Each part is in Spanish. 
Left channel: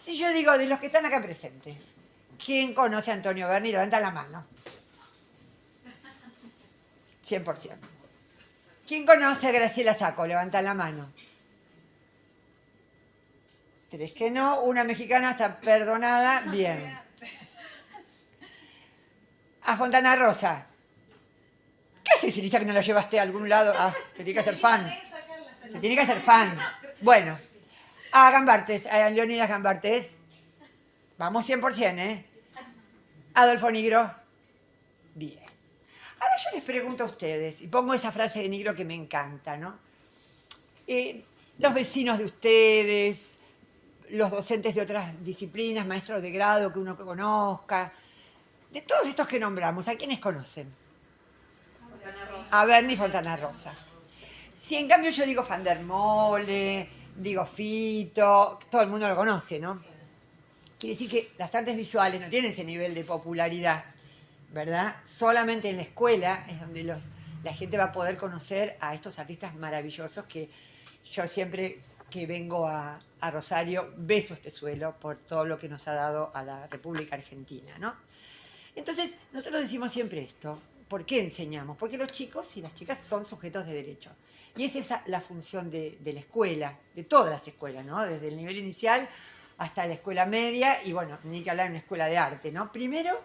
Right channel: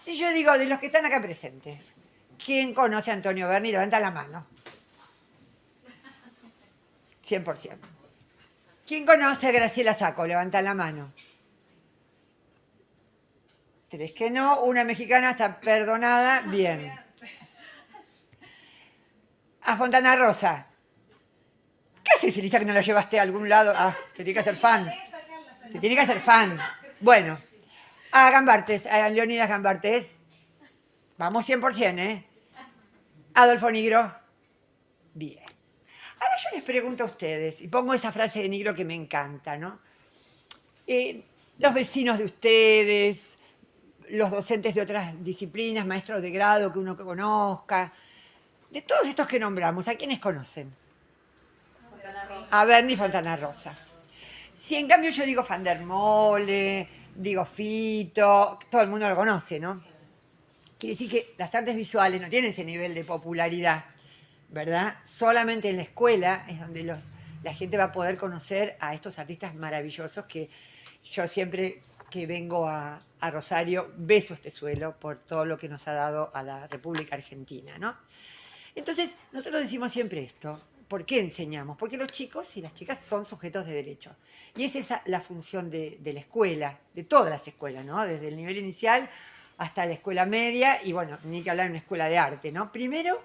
Si yo digo, de los que están acá presentes, ¿quién conoce a Antonio Berni? Levanta la mano. 100%. ¿Quién conoce a Graciela Sacco? Levanta la mano. 3 que no, una mexicana está perdonada, bien. A Fontana Rosa. ¿Qué haces, Elisa, que no la llevaste a algún lado? Ah, se tiene que hacer fan. Se tiene que hacer fan. Bueno, a Gambartes, a Leonidas Gambartes. Vamos 100%, ¿eh? Adolfo Nigro. Bien. Ahora yo les pregunto a ustedes, y pongo esa frase de Nigro que me encanta, ¿no? Los vecinos de ustedes, los docentes de otras disciplinas, maestros de grado que uno conozca, de todos estos que nombramos, ¿a quiénes conocen? A Berni Fontana Rosa. Si en cambio yo digo Van der Mole, digo Fito, todo el mundo lo conoce, ¿no? Quiere decir que las artes visuales no tienen ese nivel de popularidad, ¿verdad? Solamente en la escuela es donde la gente va a poder conocer a estos artistas maravillosos que yo siempre que vengo a Rosario beso este suelo por todo lo que nos ha dado a la República Argentina, ¿no? Entonces, nosotros decimos siempre esto. ¿Por qué enseñamos? Porque los chicos y las chicas son sujetos de derecho. Y es esa la función de la escuela, de todas las escuelas, ¿no? Desde el nivel inicial hasta la escuela media y, bueno, ni que hablar en una escuela de arte, ¿no? Primero,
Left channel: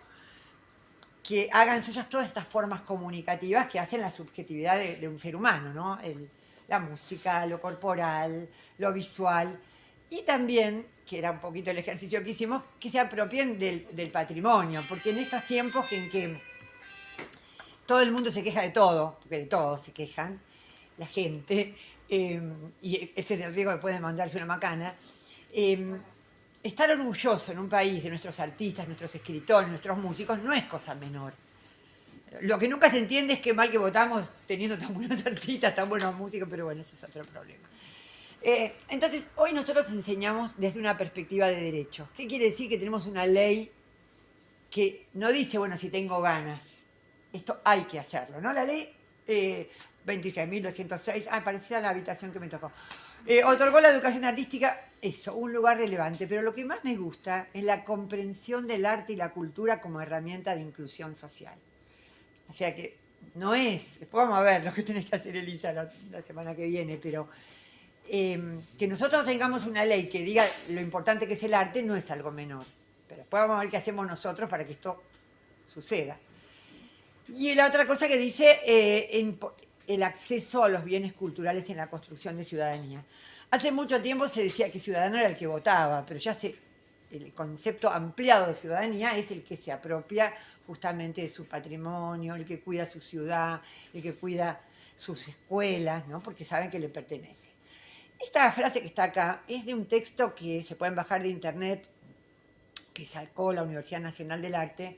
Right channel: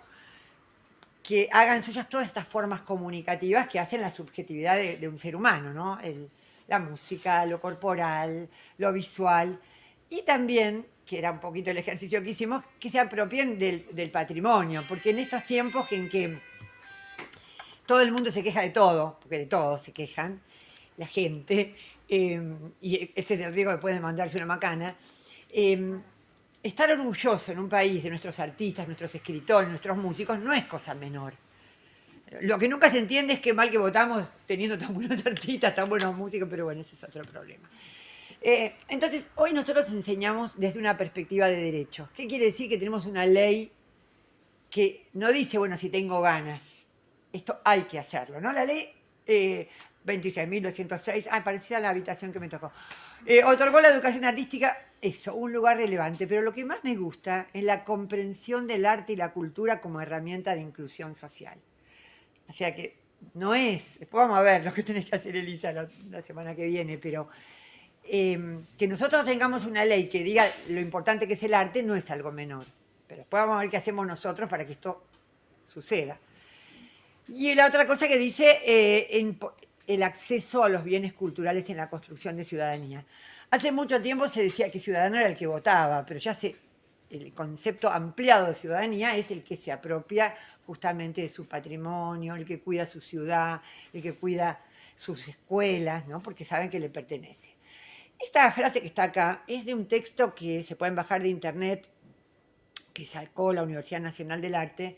que hagan suyas todas estas formas comunicativas que hacen la subjetividad de un ser humano, ¿no? La música, lo corporal, lo visual. Y también, que era un poquito el ejercicio que hicimos, que se apropien del patrimonio, porque en estos tiempos en que todo el mundo se queja de todo, porque de todo se quejan, la gente, y ese es el riesgo que puede mandarse una macana, estar orgulloso en un país de nuestros artistas, nuestros escritores, nuestros músicos, no es cosa menor. Lo que nunca se entiende es qué mal que votamos teniendo tan buenos artistas, tan buenos músicos, pero bueno, ese es otro problema. Entonces, hoy nosotros enseñamos desde una perspectiva de derecho. ¿Qué quiere decir? Que tenemos una ley que no dice, bueno, si tengo ganas, esto hay que hacerlo, ¿no? La ley 26.206, parecía la habitación que me tocó, otorgó la educación artística, eso, un lugar relevante, pero lo que más me gusta es la comprensión del arte y la cultura como herramienta de inclusión social. O sea que no es, después vamos a ver lo que tenés que hacer, Elisa, la semana que viene, pero que nosotros tengamos una ley que diga lo importante que es el arte no es algo menor. Pero después vamos a ver qué hacemos nosotros para que esto suceda. Y la otra cosa que dice, el acceso a los bienes culturales en la construcción de ciudadanía. Hace mucho tiempo se decía que ciudadano era el que votaba, pero ya el concepto ampliado de ciudadanía es el que se apropia justamente de su patrimonio, el que cuida su ciudad, el que cuida sus escuelas, ¿no? Porque saben que le pertenece. Esta frase que está acá es de un texto que se pueden bajar de internet, que sacó la Universidad Nacional del Arte,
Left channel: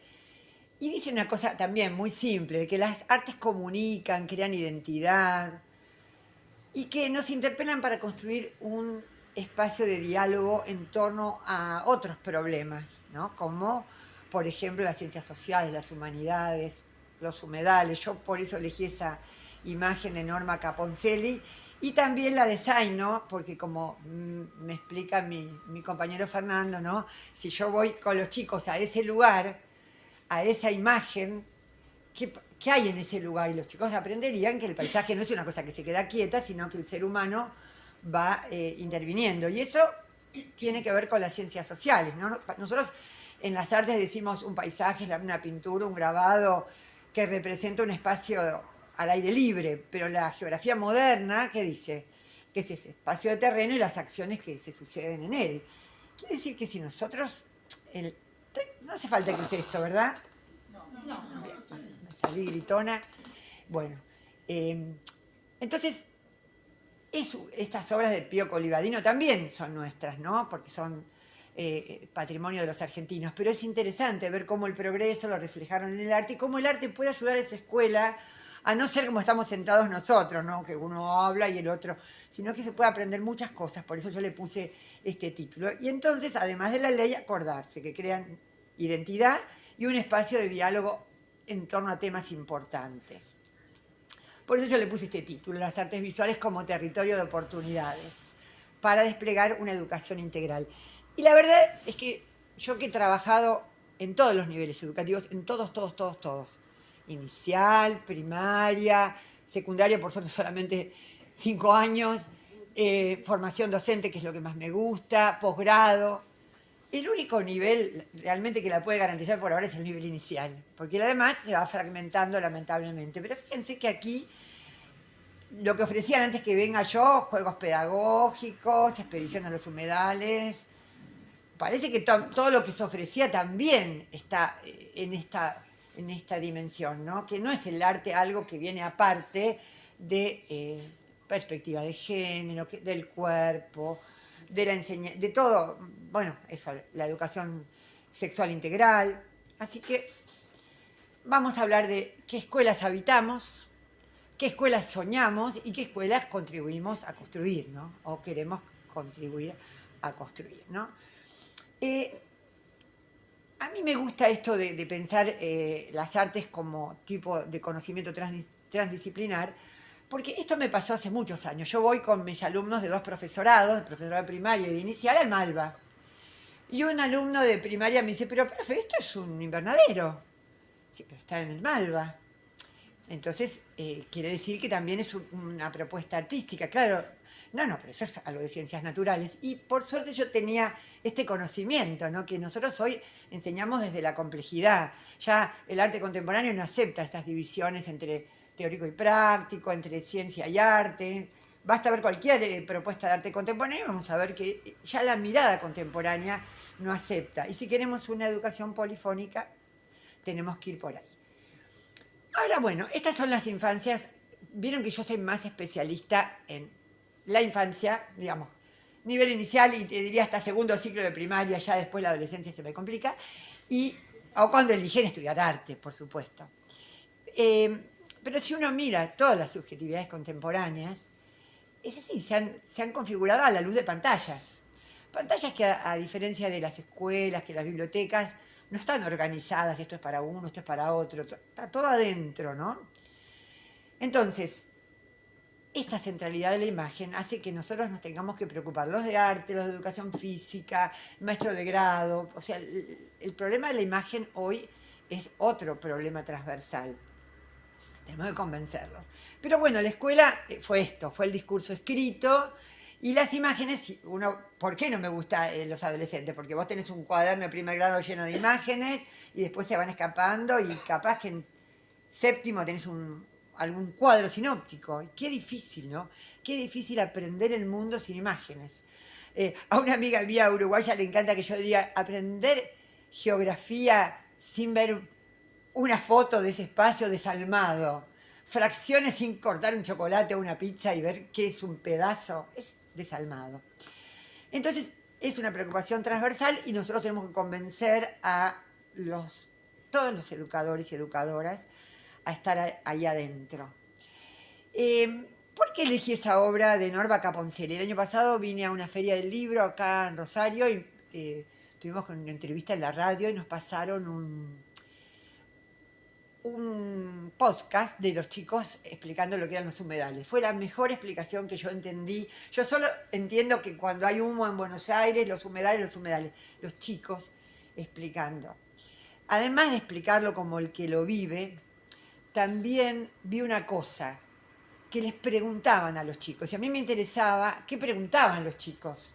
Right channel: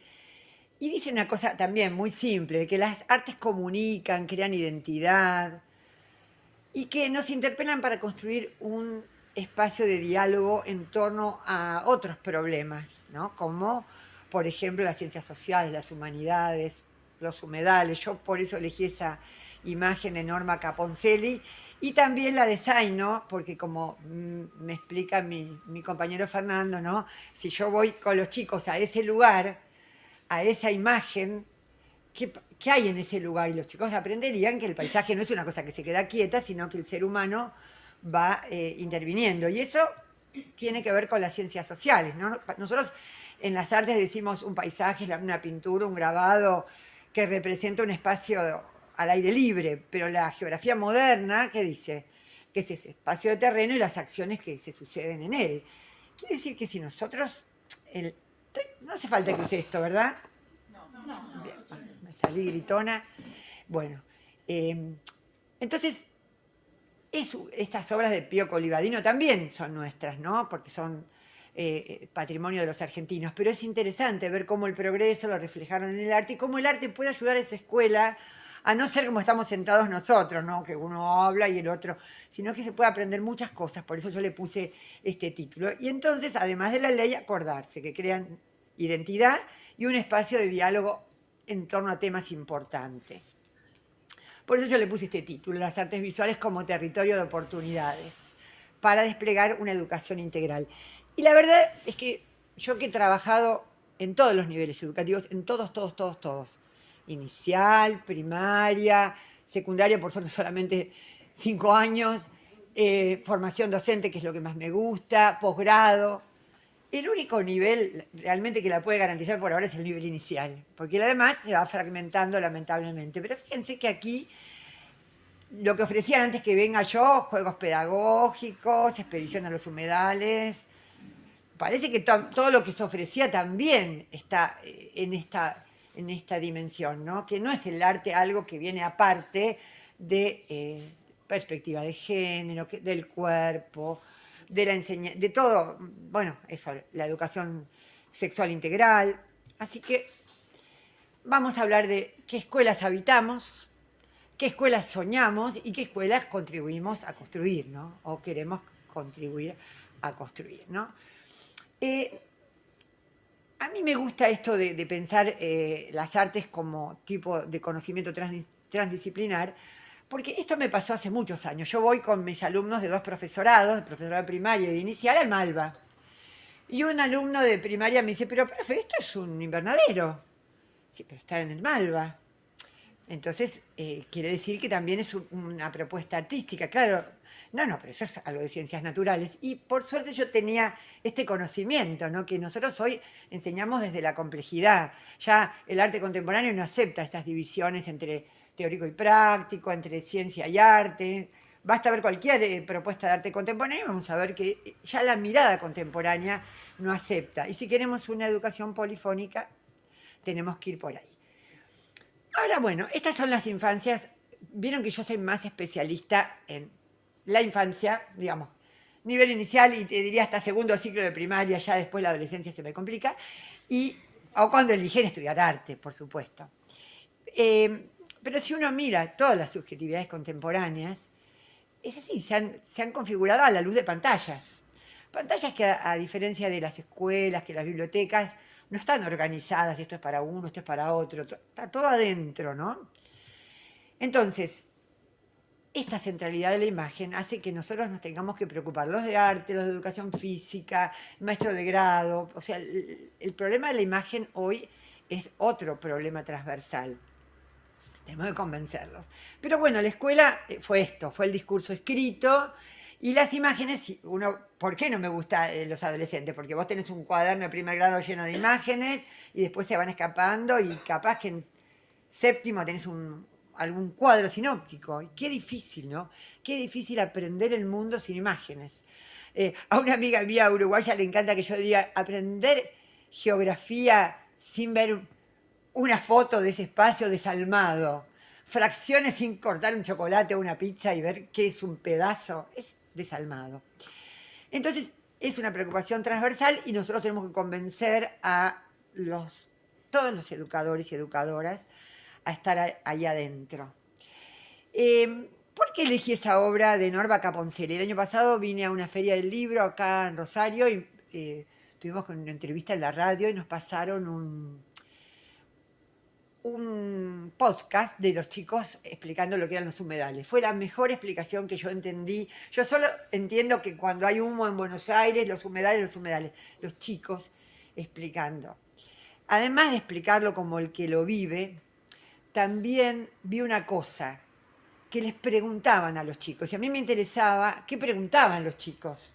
y dice una cosa también muy simple, que las artes comunican, crean identidad, y que nos interpelan para construir un espacio de diálogo en torno a otros problemas, ¿no? Como, por ejemplo, las ciencias sociales, las humanidades, los humedales. Yo por eso elegí esa imagen de Norma Caponcelli, y también la de Zaino, porque como me explica mi compañero Fernando, ¿no? Si yo voy con los chicos a ese lugar, a esa imagen, ¿qué hay en ese lugar? Y los chicos aprenderían que el paisaje no es una cosa que se queda quieta, sino que el ser humano va interviniendo. Y eso tiene que ver con las ciencias sociales, ¿no? Nosotros en las artes decimos un paisaje, una pintura, un grabado que representa un espacio al aire libre, pero la geografía moderna, ¿qué dice? Que es ese espacio de terreno y las acciones que se suceden en él. Quiere decir que si nosotros... no hace falta que sea esto, ¿verdad? No. Bien, me salí gritona. Bueno, entonces, estas obras de Pío Colivadino también son nuestras, ¿no? Porque son patrimonio de los argentinos. Pero es interesante ver cómo el progreso lo reflejaron en el arte y cómo el arte puede ayudar a esa escuela a no ser como estamos sentados nosotros, ¿no? Que uno habla y el otro, sino que se puede aprender muchas cosas. Por eso yo le puse este título. Y entonces, además de la ley, acordarse que crean identidad y un espacio de diálogo en torno a temas importantes. Por eso yo le puse este título, las artes visuales como territorio de oportunidades, para desplegar una educación integral. Y la verdad es que yo que he trabajado en todos los niveles educativos, en todos, todos, todos, todos. Inicial, primaria, secundaria, por suerte solamente 5 años, formación docente, que es lo que más me gusta, posgrado. El único nivel realmente que la puede garantizar por ahora es el nivel inicial, porque lo demás se va fragmentando lamentablemente. Pero fíjense que aquí lo que ofrecían antes que venga yo, juegos pedagógicos, expedición a los humedales, parece que todo lo que se ofrecía también está en esta dimensión, ¿no? Que no es el arte algo que viene aparte de perspectiva de género, del cuerpo, de la enseñanza, de todo, bueno, eso, la educación sexual integral. Así que vamos a hablar de qué escuelas habitamos, qué escuelas soñamos y qué escuelas contribuimos a construir, ¿no? O queremos contribuir a construir, ¿no? Eh, a mí me gusta esto de pensar las artes como tipo de conocimiento transdisciplinar, porque esto me pasó hace muchos años. Yo voy con mis alumnos de dos profesorados, de profesorado primario y de inicial, al Malva. Y un alumno de primaria me dice, pero profe, esto es un invernadero. Sí, pero está en el Malva. Entonces, quiere decir que también es una propuesta artística, claro. No, pero eso es algo de ciencias naturales. Y por suerte yo tenía este conocimiento, ¿no? Que nosotros hoy enseñamos desde la complejidad. Ya el arte contemporáneo no acepta esas divisiones entre teórico y práctico, entre ciencia y arte. Basta ver cualquier propuesta de arte contemporáneo y vamos a ver que ya la mirada contemporánea no acepta. Y si queremos una educación polifónica, tenemos que ir por ahí. Ahora, bueno, estas son las infancias. Vieron que yo soy más especialista en la infancia, digamos, nivel inicial y te diría hasta segundo ciclo de primaria, ya después la adolescencia se me complica, o cuando eligen estudiar arte, por supuesto. Pero si uno mira todas las subjetividades contemporáneas, es así, se han configurado a la luz de pantallas. Pantallas que a diferencia de las escuelas, que las bibliotecas, no están organizadas, esto es para uno, esto es para otro, está todo adentro, ¿no? Entonces, esta centralidad de la imagen hace que nosotros nos tengamos que preocupar, los de arte, los de educación física, maestro de grado, o sea, el problema de la imagen hoy es otro problema transversal. Tenemos que convencerlos. Pero bueno, la escuela fue esto, fue el discurso escrito y las imágenes. ¿Por qué no me gusta los adolescentes? Porque vos tenés un cuaderno de primer grado lleno de imágenes y después se van escapando y capaz que en séptimo tenés algún cuadro sinóptico. Y qué difícil, ¿no? Qué difícil aprender el mundo sin imágenes. A una amiga mía uruguaya le encanta que yo diga aprender geografía sin ver una foto de ese espacio desalmado, fracciones sin cortar un chocolate o una pizza y ver qué es un pedazo, es desalmado. Entonces es una preocupación transversal y nosotros tenemos que convencer a todos los educadores y educadoras a estar ahí adentro. ¿Por qué elegí esa obra de Norma Caponcelli? El año pasado vine a una feria del libro acá en Rosario y tuvimos una entrevista en la radio y nos pasaron un podcast de los chicos explicando lo que eran los humedales. Fue la mejor explicación que yo entendí. Yo solo entiendo que cuando hay humo en Buenos Aires, los humedales, los chicos explicando. Además de explicarlo como el que lo vive, también vi una cosa que les preguntaban a los chicos. Y a mí me interesaba qué preguntaban los chicos.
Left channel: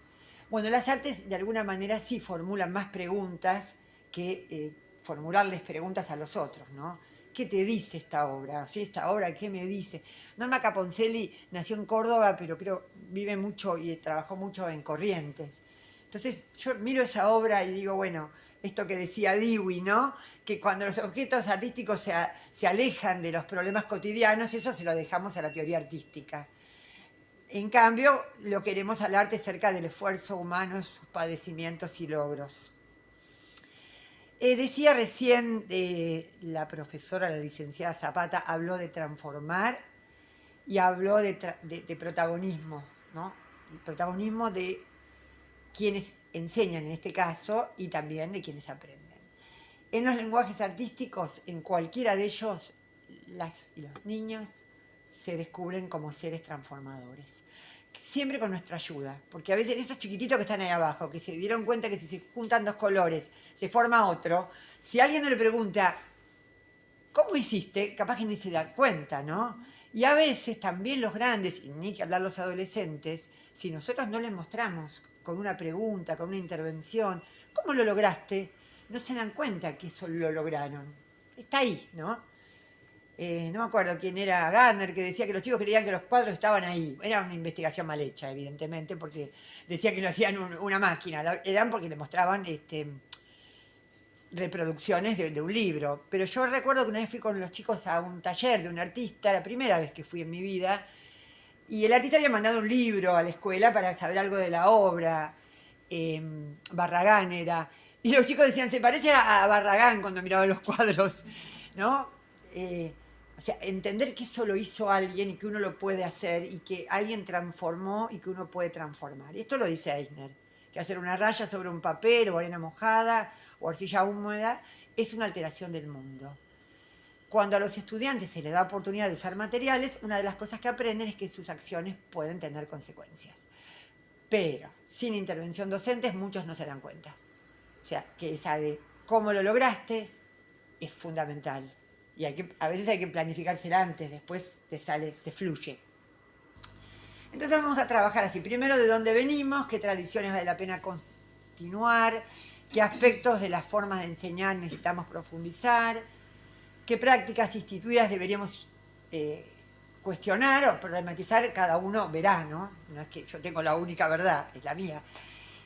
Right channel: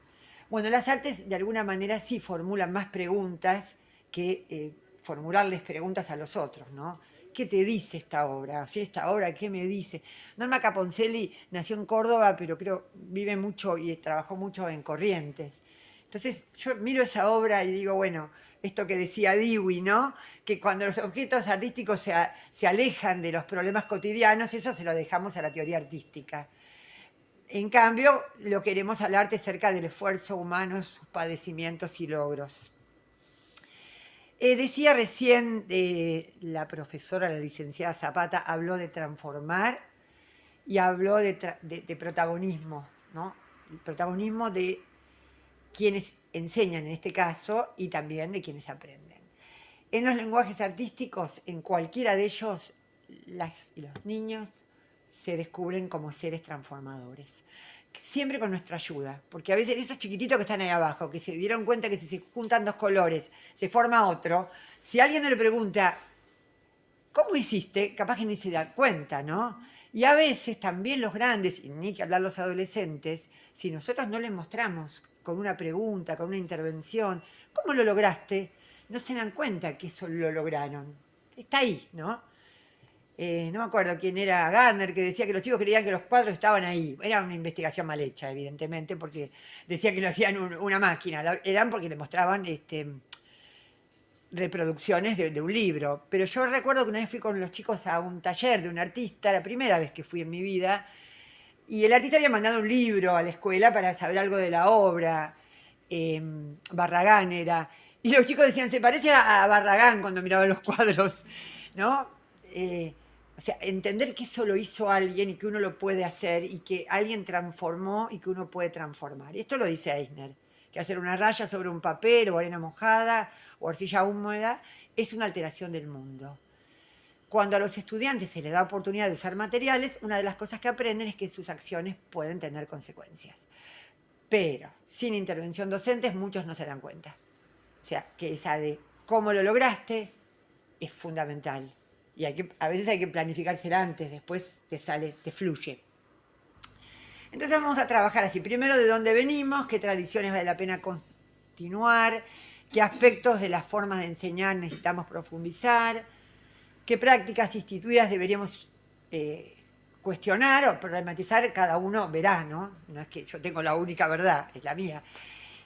Bueno, las artes de alguna manera sí formulan más preguntas que formularles preguntas a los otros, ¿no? ¿Qué te dice esta obra? ¿Sí, esta obra qué me dice? Norma Caponcelli nació en Córdoba, pero creo vive mucho y trabajó mucho en Corrientes. Entonces yo miro esa obra y digo, bueno, esto que decía Dewey, ¿no? Que cuando los objetos artísticos se alejan de los problemas cotidianos, eso se lo dejamos a la teoría artística. En cambio, lo queremos al arte cerca del esfuerzo humano, sus padecimientos y logros. Decía recién la profesora, la licenciada Zapata, habló de transformar y habló de protagonismo, ¿no? El protagonismo de quienes enseñan en este caso y también de quienes aprenden. En los lenguajes artísticos, en cualquiera de ellos, las y los niños se descubren como seres transformadores. siempre con nuestra ayuda, porque a veces esos chiquititos que están ahí abajo, que se dieron cuenta que si se juntan dos colores se forma otro, si alguien le pregunta, ¿cómo hiciste? Capaz que ni se da cuenta, ¿no? Y a veces también los grandes, y ni que hablar los adolescentes, si nosotros no les mostramos con una pregunta, con una intervención, ¿cómo lo lograste? No se dan cuenta que eso lo lograron. Está ahí, ¿no? No me acuerdo quién era Garner, que decía que los chicos creían que los cuadros estaban ahí. Era una investigación mal hecha, evidentemente, porque decía que lo hacían una máquina. Eran porque le mostraban reproducciones de un libro. Pero yo recuerdo que una vez fui con los chicos a un taller de un artista, la primera vez que fui en mi vida, y el artista había mandado un libro a la escuela para saber algo de la obra. Barragán era. Y los chicos decían, se parece a Barragán cuando miraban los cuadros, ¿no? O sea, entender que eso lo hizo alguien y que uno lo puede hacer y que alguien transformó y que uno puede transformar. Esto lo dice Eisner, que hacer una raya sobre un papel o arena mojada o arcilla húmeda es una alteración del mundo. Cuando a los estudiantes se les da oportunidad de usar materiales, una de las cosas que aprenden es que sus acciones pueden tener consecuencias. Pero sin intervención docente muchos no se dan cuenta. O sea, que esa de cómo lo lograste es fundamental. Y a veces hay que planificársela antes, después te sale, te fluye. Entonces vamos a trabajar así. Primero, de dónde venimos, qué tradiciones vale la pena continuar, qué aspectos de las formas de enseñar necesitamos profundizar, qué prácticas instituidas deberíamos cuestionar o problematizar, cada uno verá, ¿no? No es que yo tengo la única verdad, es la mía.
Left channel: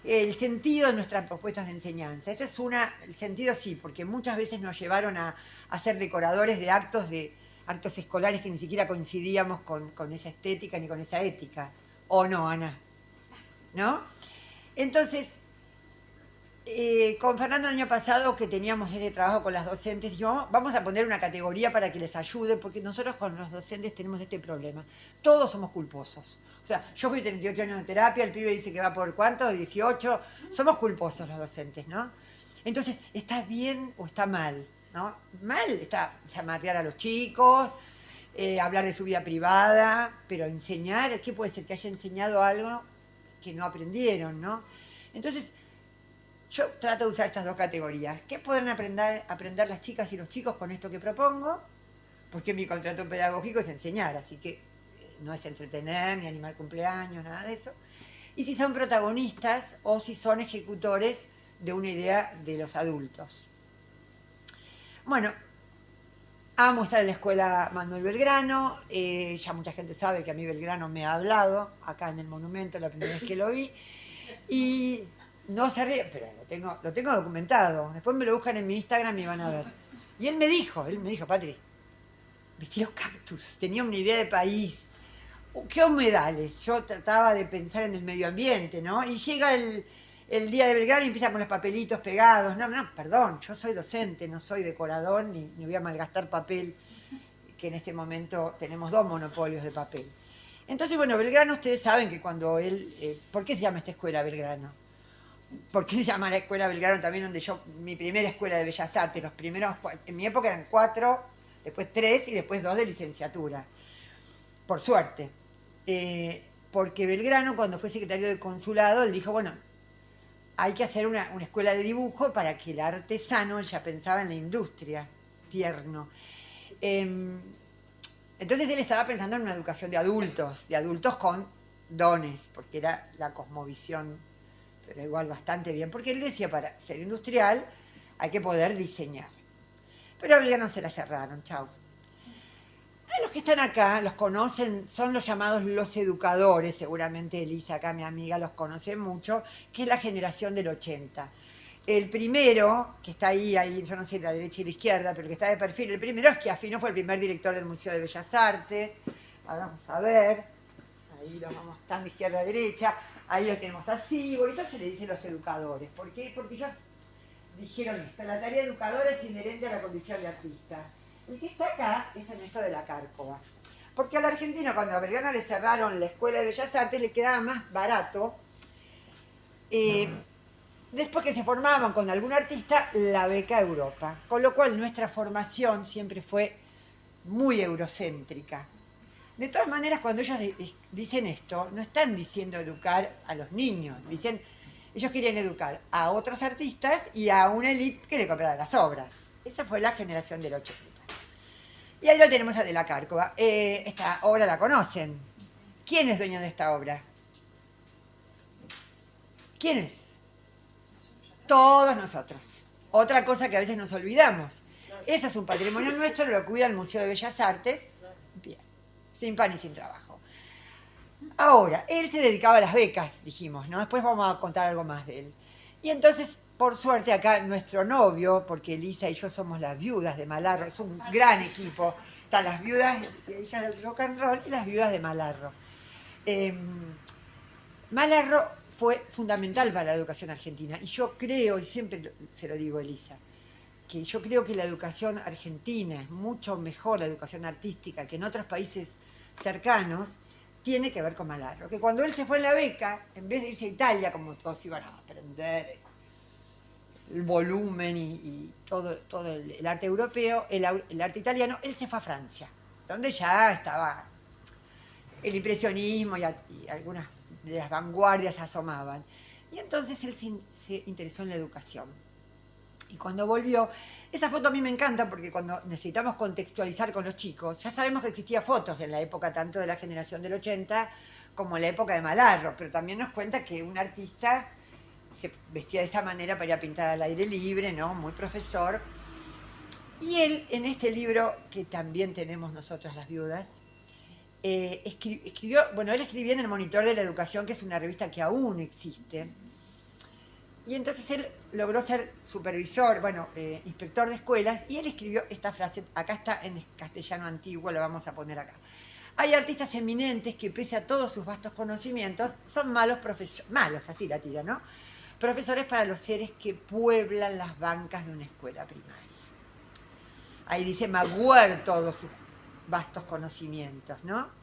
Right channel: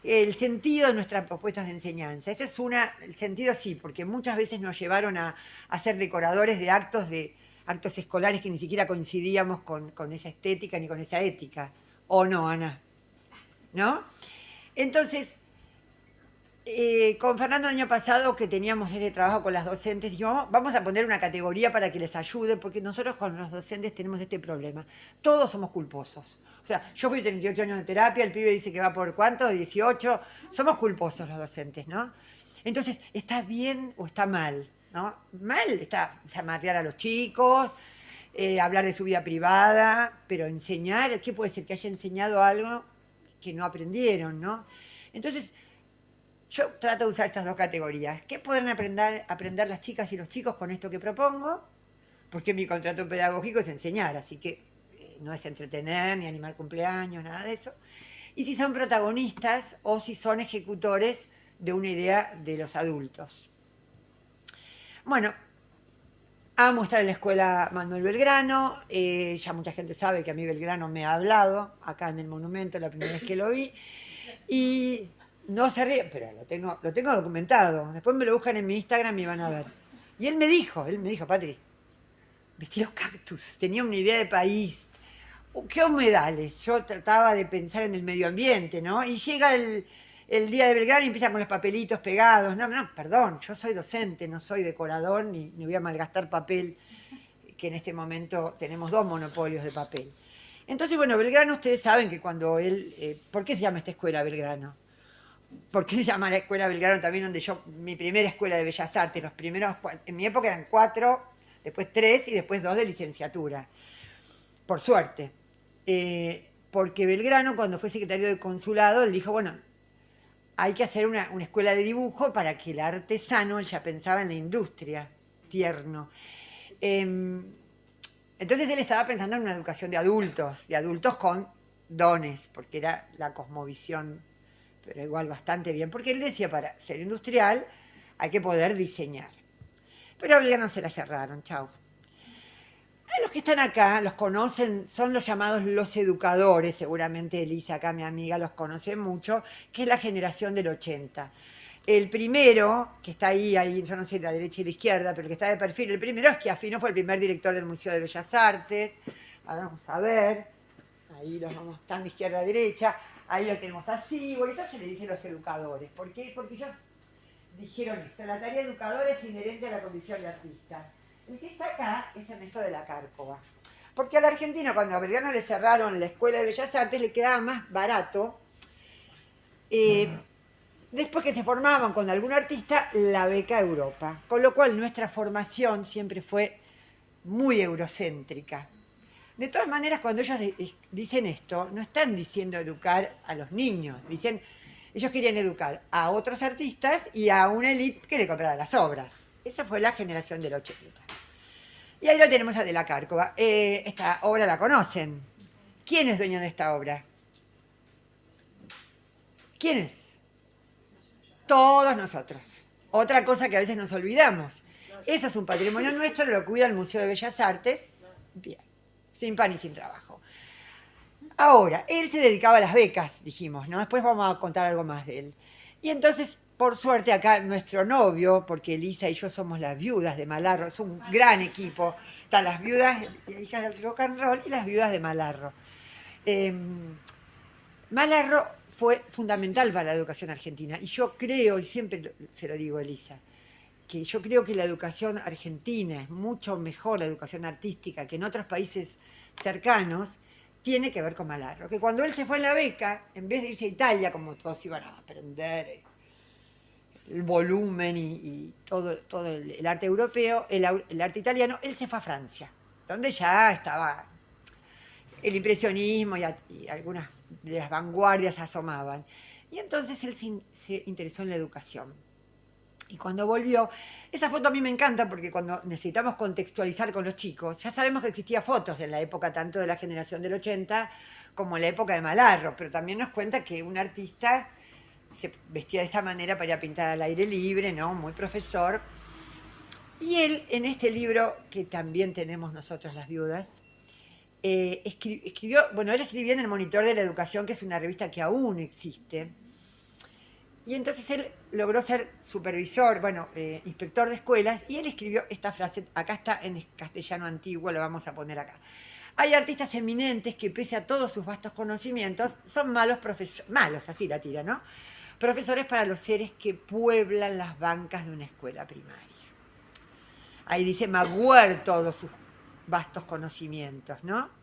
El sentido de nuestras propuestas de enseñanza. Ese es el sentido sí, porque muchas veces nos llevaron a ser decoradores de actos escolares que ni siquiera coincidíamos con esa estética ni con esa ética. ¿O no, Ana? ¿No? Entonces, con Fernando el año pasado, que teníamos este trabajo con las docentes, dijimos, vamos a poner una categoría para que les ayude, porque nosotros con los docentes tenemos este problema. Todos somos culposos. O sea, yo fui 38 años de terapia, el pibe dice que va por ¿cuánto? 18. Somos culposos los docentes, ¿no? Entonces, ¿está bien o está mal? ¿No? Mal está amarrear a los chicos, hablar de su vida privada, pero enseñar, ¿qué puede ser? Que haya enseñado algo que no aprendieron, ¿no? Entonces, yo trato de usar estas dos categorías. ¿Qué pueden aprender las chicas y los chicos con esto que propongo? Porque mi contrato pedagógico es enseñar, así que no es entretener ni animar cumpleaños, nada de eso. Y si son protagonistas o si son ejecutores de una idea de los adultos. Bueno, amo estar en la escuela Manuel Belgrano. Ya mucha gente sabe que a mí Belgrano me ha hablado acá en el monumento la primera vez que lo vi. Y no se ríe, pero lo tengo documentado. Después me lo buscan en mi Instagram y van a ver. Y él me dijo, Patri, vestí los cactus, tenía una idea de país. ¿Qué humedales? Yo trataba de pensar en el medio ambiente, ¿no? Y llega el día de Belgrano y empieza con los papelitos pegados. No, perdón, yo soy docente, no soy decorador, ni voy a malgastar papel, que en este momento tenemos 2 monopolios de papel. Entonces, bueno, Belgrano, ustedes saben que cuando él... ¿por qué se llama esta escuela Belgrano? ¿Por qué se llama la escuela Belgrano también, donde mi primera escuela de Bellas Artes, los primeros, en mi época eran 4, después 3 y después 2 de licenciatura, por suerte. Porque Belgrano, cuando fue secretario de consulado, él dijo, bueno, hay que hacer una escuela de dibujo para que el artesano, él ya pensaba en la industria, tierno. Entonces él estaba pensando en una educación de adultos con dones, porque era la cosmovisión, pero igual bastante bien, porque él decía, para ser industrial hay que poder diseñar. Pero a Belgrano se la cerraron, chau. Los que están acá los conocen, son los llamados los educadores, seguramente Elisa, acá mi amiga, los conoce mucho, que es la generación del 80. El primero, que está ahí, yo no sé la derecha y la izquierda, pero el que está de perfil, el primero es Schiaffino, fue el primer director del Museo de Bellas Artes. Ahora vamos a ver, ahí los vamos, están de izquierda a derecha, ahí lo tenemos así, bueno, entonces le dicen los educadores. ¿Por qué? Porque ellos dijeron esto, la tarea educadora es inherente a la condición de artista. El que está acá es Ernesto de la Cárcova. Porque a la Argentina, cuando a Belgrano le cerraron la Escuela de Bellas Artes, le quedaba más barato, después que se formaban con algún artista, la beca Europa. Con lo cual nuestra formación siempre fue muy eurocéntrica. De todas maneras, cuando ellos dicen esto, no están diciendo educar a los niños, dicen, ellos querían educar a otros artistas y a una élite que le comprara las obras. Esa fue la generación del 80. Y ahí lo tenemos a De la Cárcova. Esta obra la conocen. ¿Quién es dueño de esta obra? ¿Quién es? Todos nosotros. Otra cosa que a veces nos olvidamos. Eso es un patrimonio nuestro, lo cuida el Museo de Bellas Artes. Bien, sin pan y sin trabajo. Ahora, él se dedicaba a las becas, dijimos, ¿no? Después vamos a contar algo más de él. Y entonces, por suerte, acá nuestro novio, porque Elisa y yo somos las viudas de Malarro, es un gran equipo. Están las viudas, hijas del rock and roll, y las viudas de Malarro. Malarro fue fundamental para la educación argentina. Y yo creo, y siempre se lo digo a Elisa, que yo creo que la educación argentina es mucho mejor, la educación artística, que en otros países cercanos, tiene que ver con Malarro. Que cuando él se fue en la beca, en vez de irse a Italia, como todos iban a aprender el volumen y todo el arte europeo, el arte italiano, él se fue a Francia, donde ya estaba el impresionismo y algunas de las vanguardias asomaban. Y entonces él se interesó en la educación. Y cuando volvió, esa foto a mí me encanta porque cuando necesitamos contextualizar con los chicos, ya sabemos que existía fotos de la época tanto de la generación del 80 como la época de Malarro, pero también nos cuenta que un artista se vestía de esa manera para ir a pintar al aire libre, ¿no? Muy profesor. Y él, en este libro, que también tenemos nosotros las viudas, escribió, bueno, él escribía en el Monitor de la Educación, que es una revista que aún existe. Y entonces él logró ser supervisor, bueno, inspector de escuelas, y él escribió esta frase, acá está en castellano antiguo, la vamos a poner acá. Hay artistas eminentes que pese a todos sus vastos conocimientos, son malos profesores, malos, así la tira, ¿no? Profesores para los seres que pueblan las bancas de una escuela primaria. Ahí dice Magüer todos sus vastos conocimientos, ¿no?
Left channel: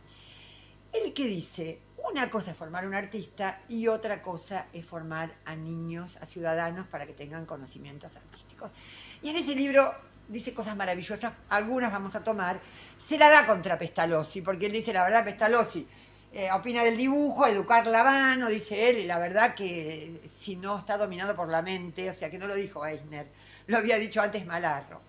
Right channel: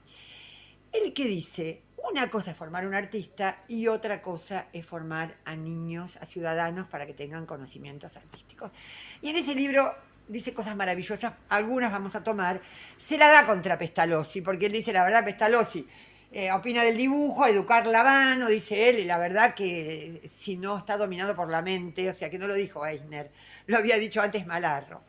Él que dice, una cosa es formar un artista y otra cosa es formar a niños, a ciudadanos para que tengan conocimientos artísticos. Y en ese libro dice cosas maravillosas, algunas vamos a tomar, se la da contra Pestalozzi, porque él dice, la verdad, Pestalozzi opina del dibujo, educar la mano, dice él, y la verdad que si no está dominado por la mente, o sea que no lo dijo Eisner, lo había dicho antes Malarro,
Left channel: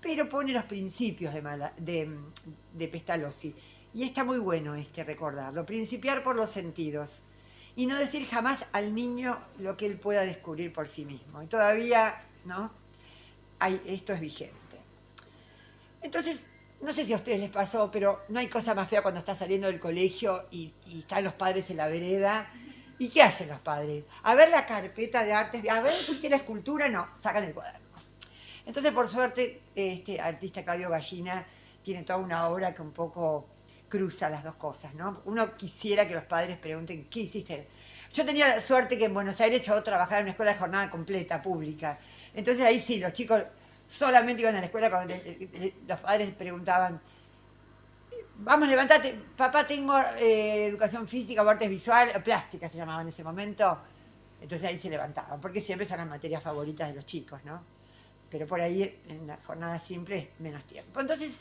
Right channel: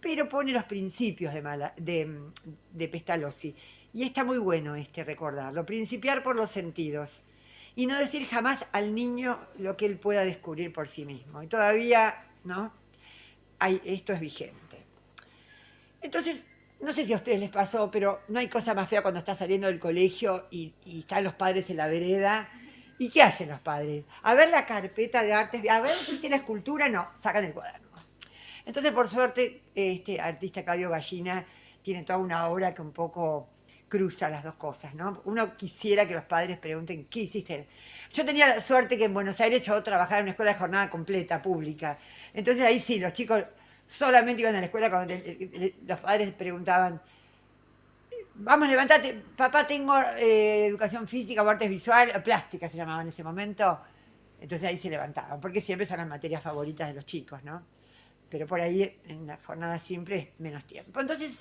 pero pone los principios de Pestalozzi. Y está muy bueno recordarlo, principiar por los sentidos y no decir jamás al niño lo que él pueda descubrir por sí mismo. Y todavía, ¿no? Esto es vigente. Entonces, no sé si a ustedes les pasó, pero no hay cosa más fea cuando estás saliendo del colegio y están los padres en la vereda. ¿Y qué hacen los padres? A ver la carpeta de artes, a ver si tiene escultura, no, sacan el cuaderno. Entonces, por suerte, este artista Claudio Gallina tiene toda una obra que un poco cruza las dos cosas, ¿no? Uno quisiera que los padres pregunten, ¿qué hiciste? Yo tenía la suerte que en Buenos Aires yo trabajaba en una escuela de jornada completa, pública. Entonces ahí sí, los chicos solamente iban a la escuela cuando los padres preguntaban, vamos, levantate, papá, tengo educación física o artes visual, plástica se llamaba en ese momento. Entonces ahí se levantaban, porque siempre son las materias favoritas de los chicos, ¿no? Pero por ahí en la jornada simple es menos tiempo. Entonces,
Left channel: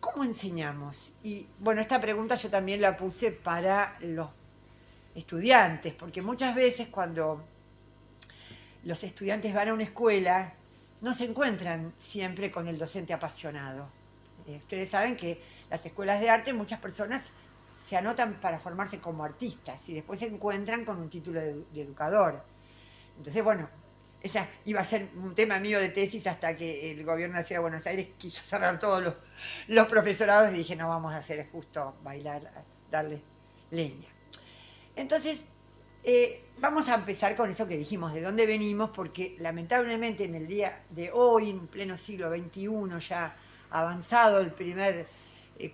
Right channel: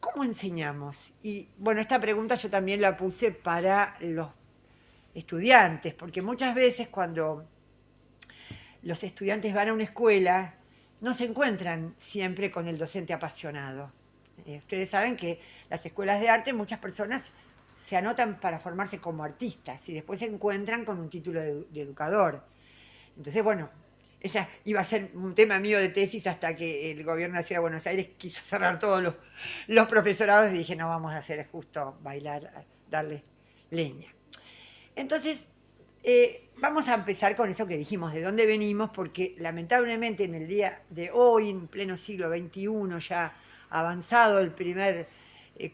¿cómo enseñamos? Y bueno, esta pregunta yo también la puse para los estudiantes, porque muchas veces cuando los estudiantes van a una escuela, no se encuentran siempre con el docente apasionado. Ustedes saben que las escuelas de arte, muchas personas se anotan para formarse como artistas y después se encuentran con un título de educador. Entonces, bueno, esa iba a ser un tema mío de tesis hasta que el gobierno de la Ciudad de Buenos Aires quiso cerrar todos los profesorados y dije, no, vamos a hacer justo bailar, darle leña. Entonces, vamos a empezar con eso que dijimos, de dónde venimos, porque lamentablemente en el día de hoy, en pleno siglo XXI, ya avanzado el primer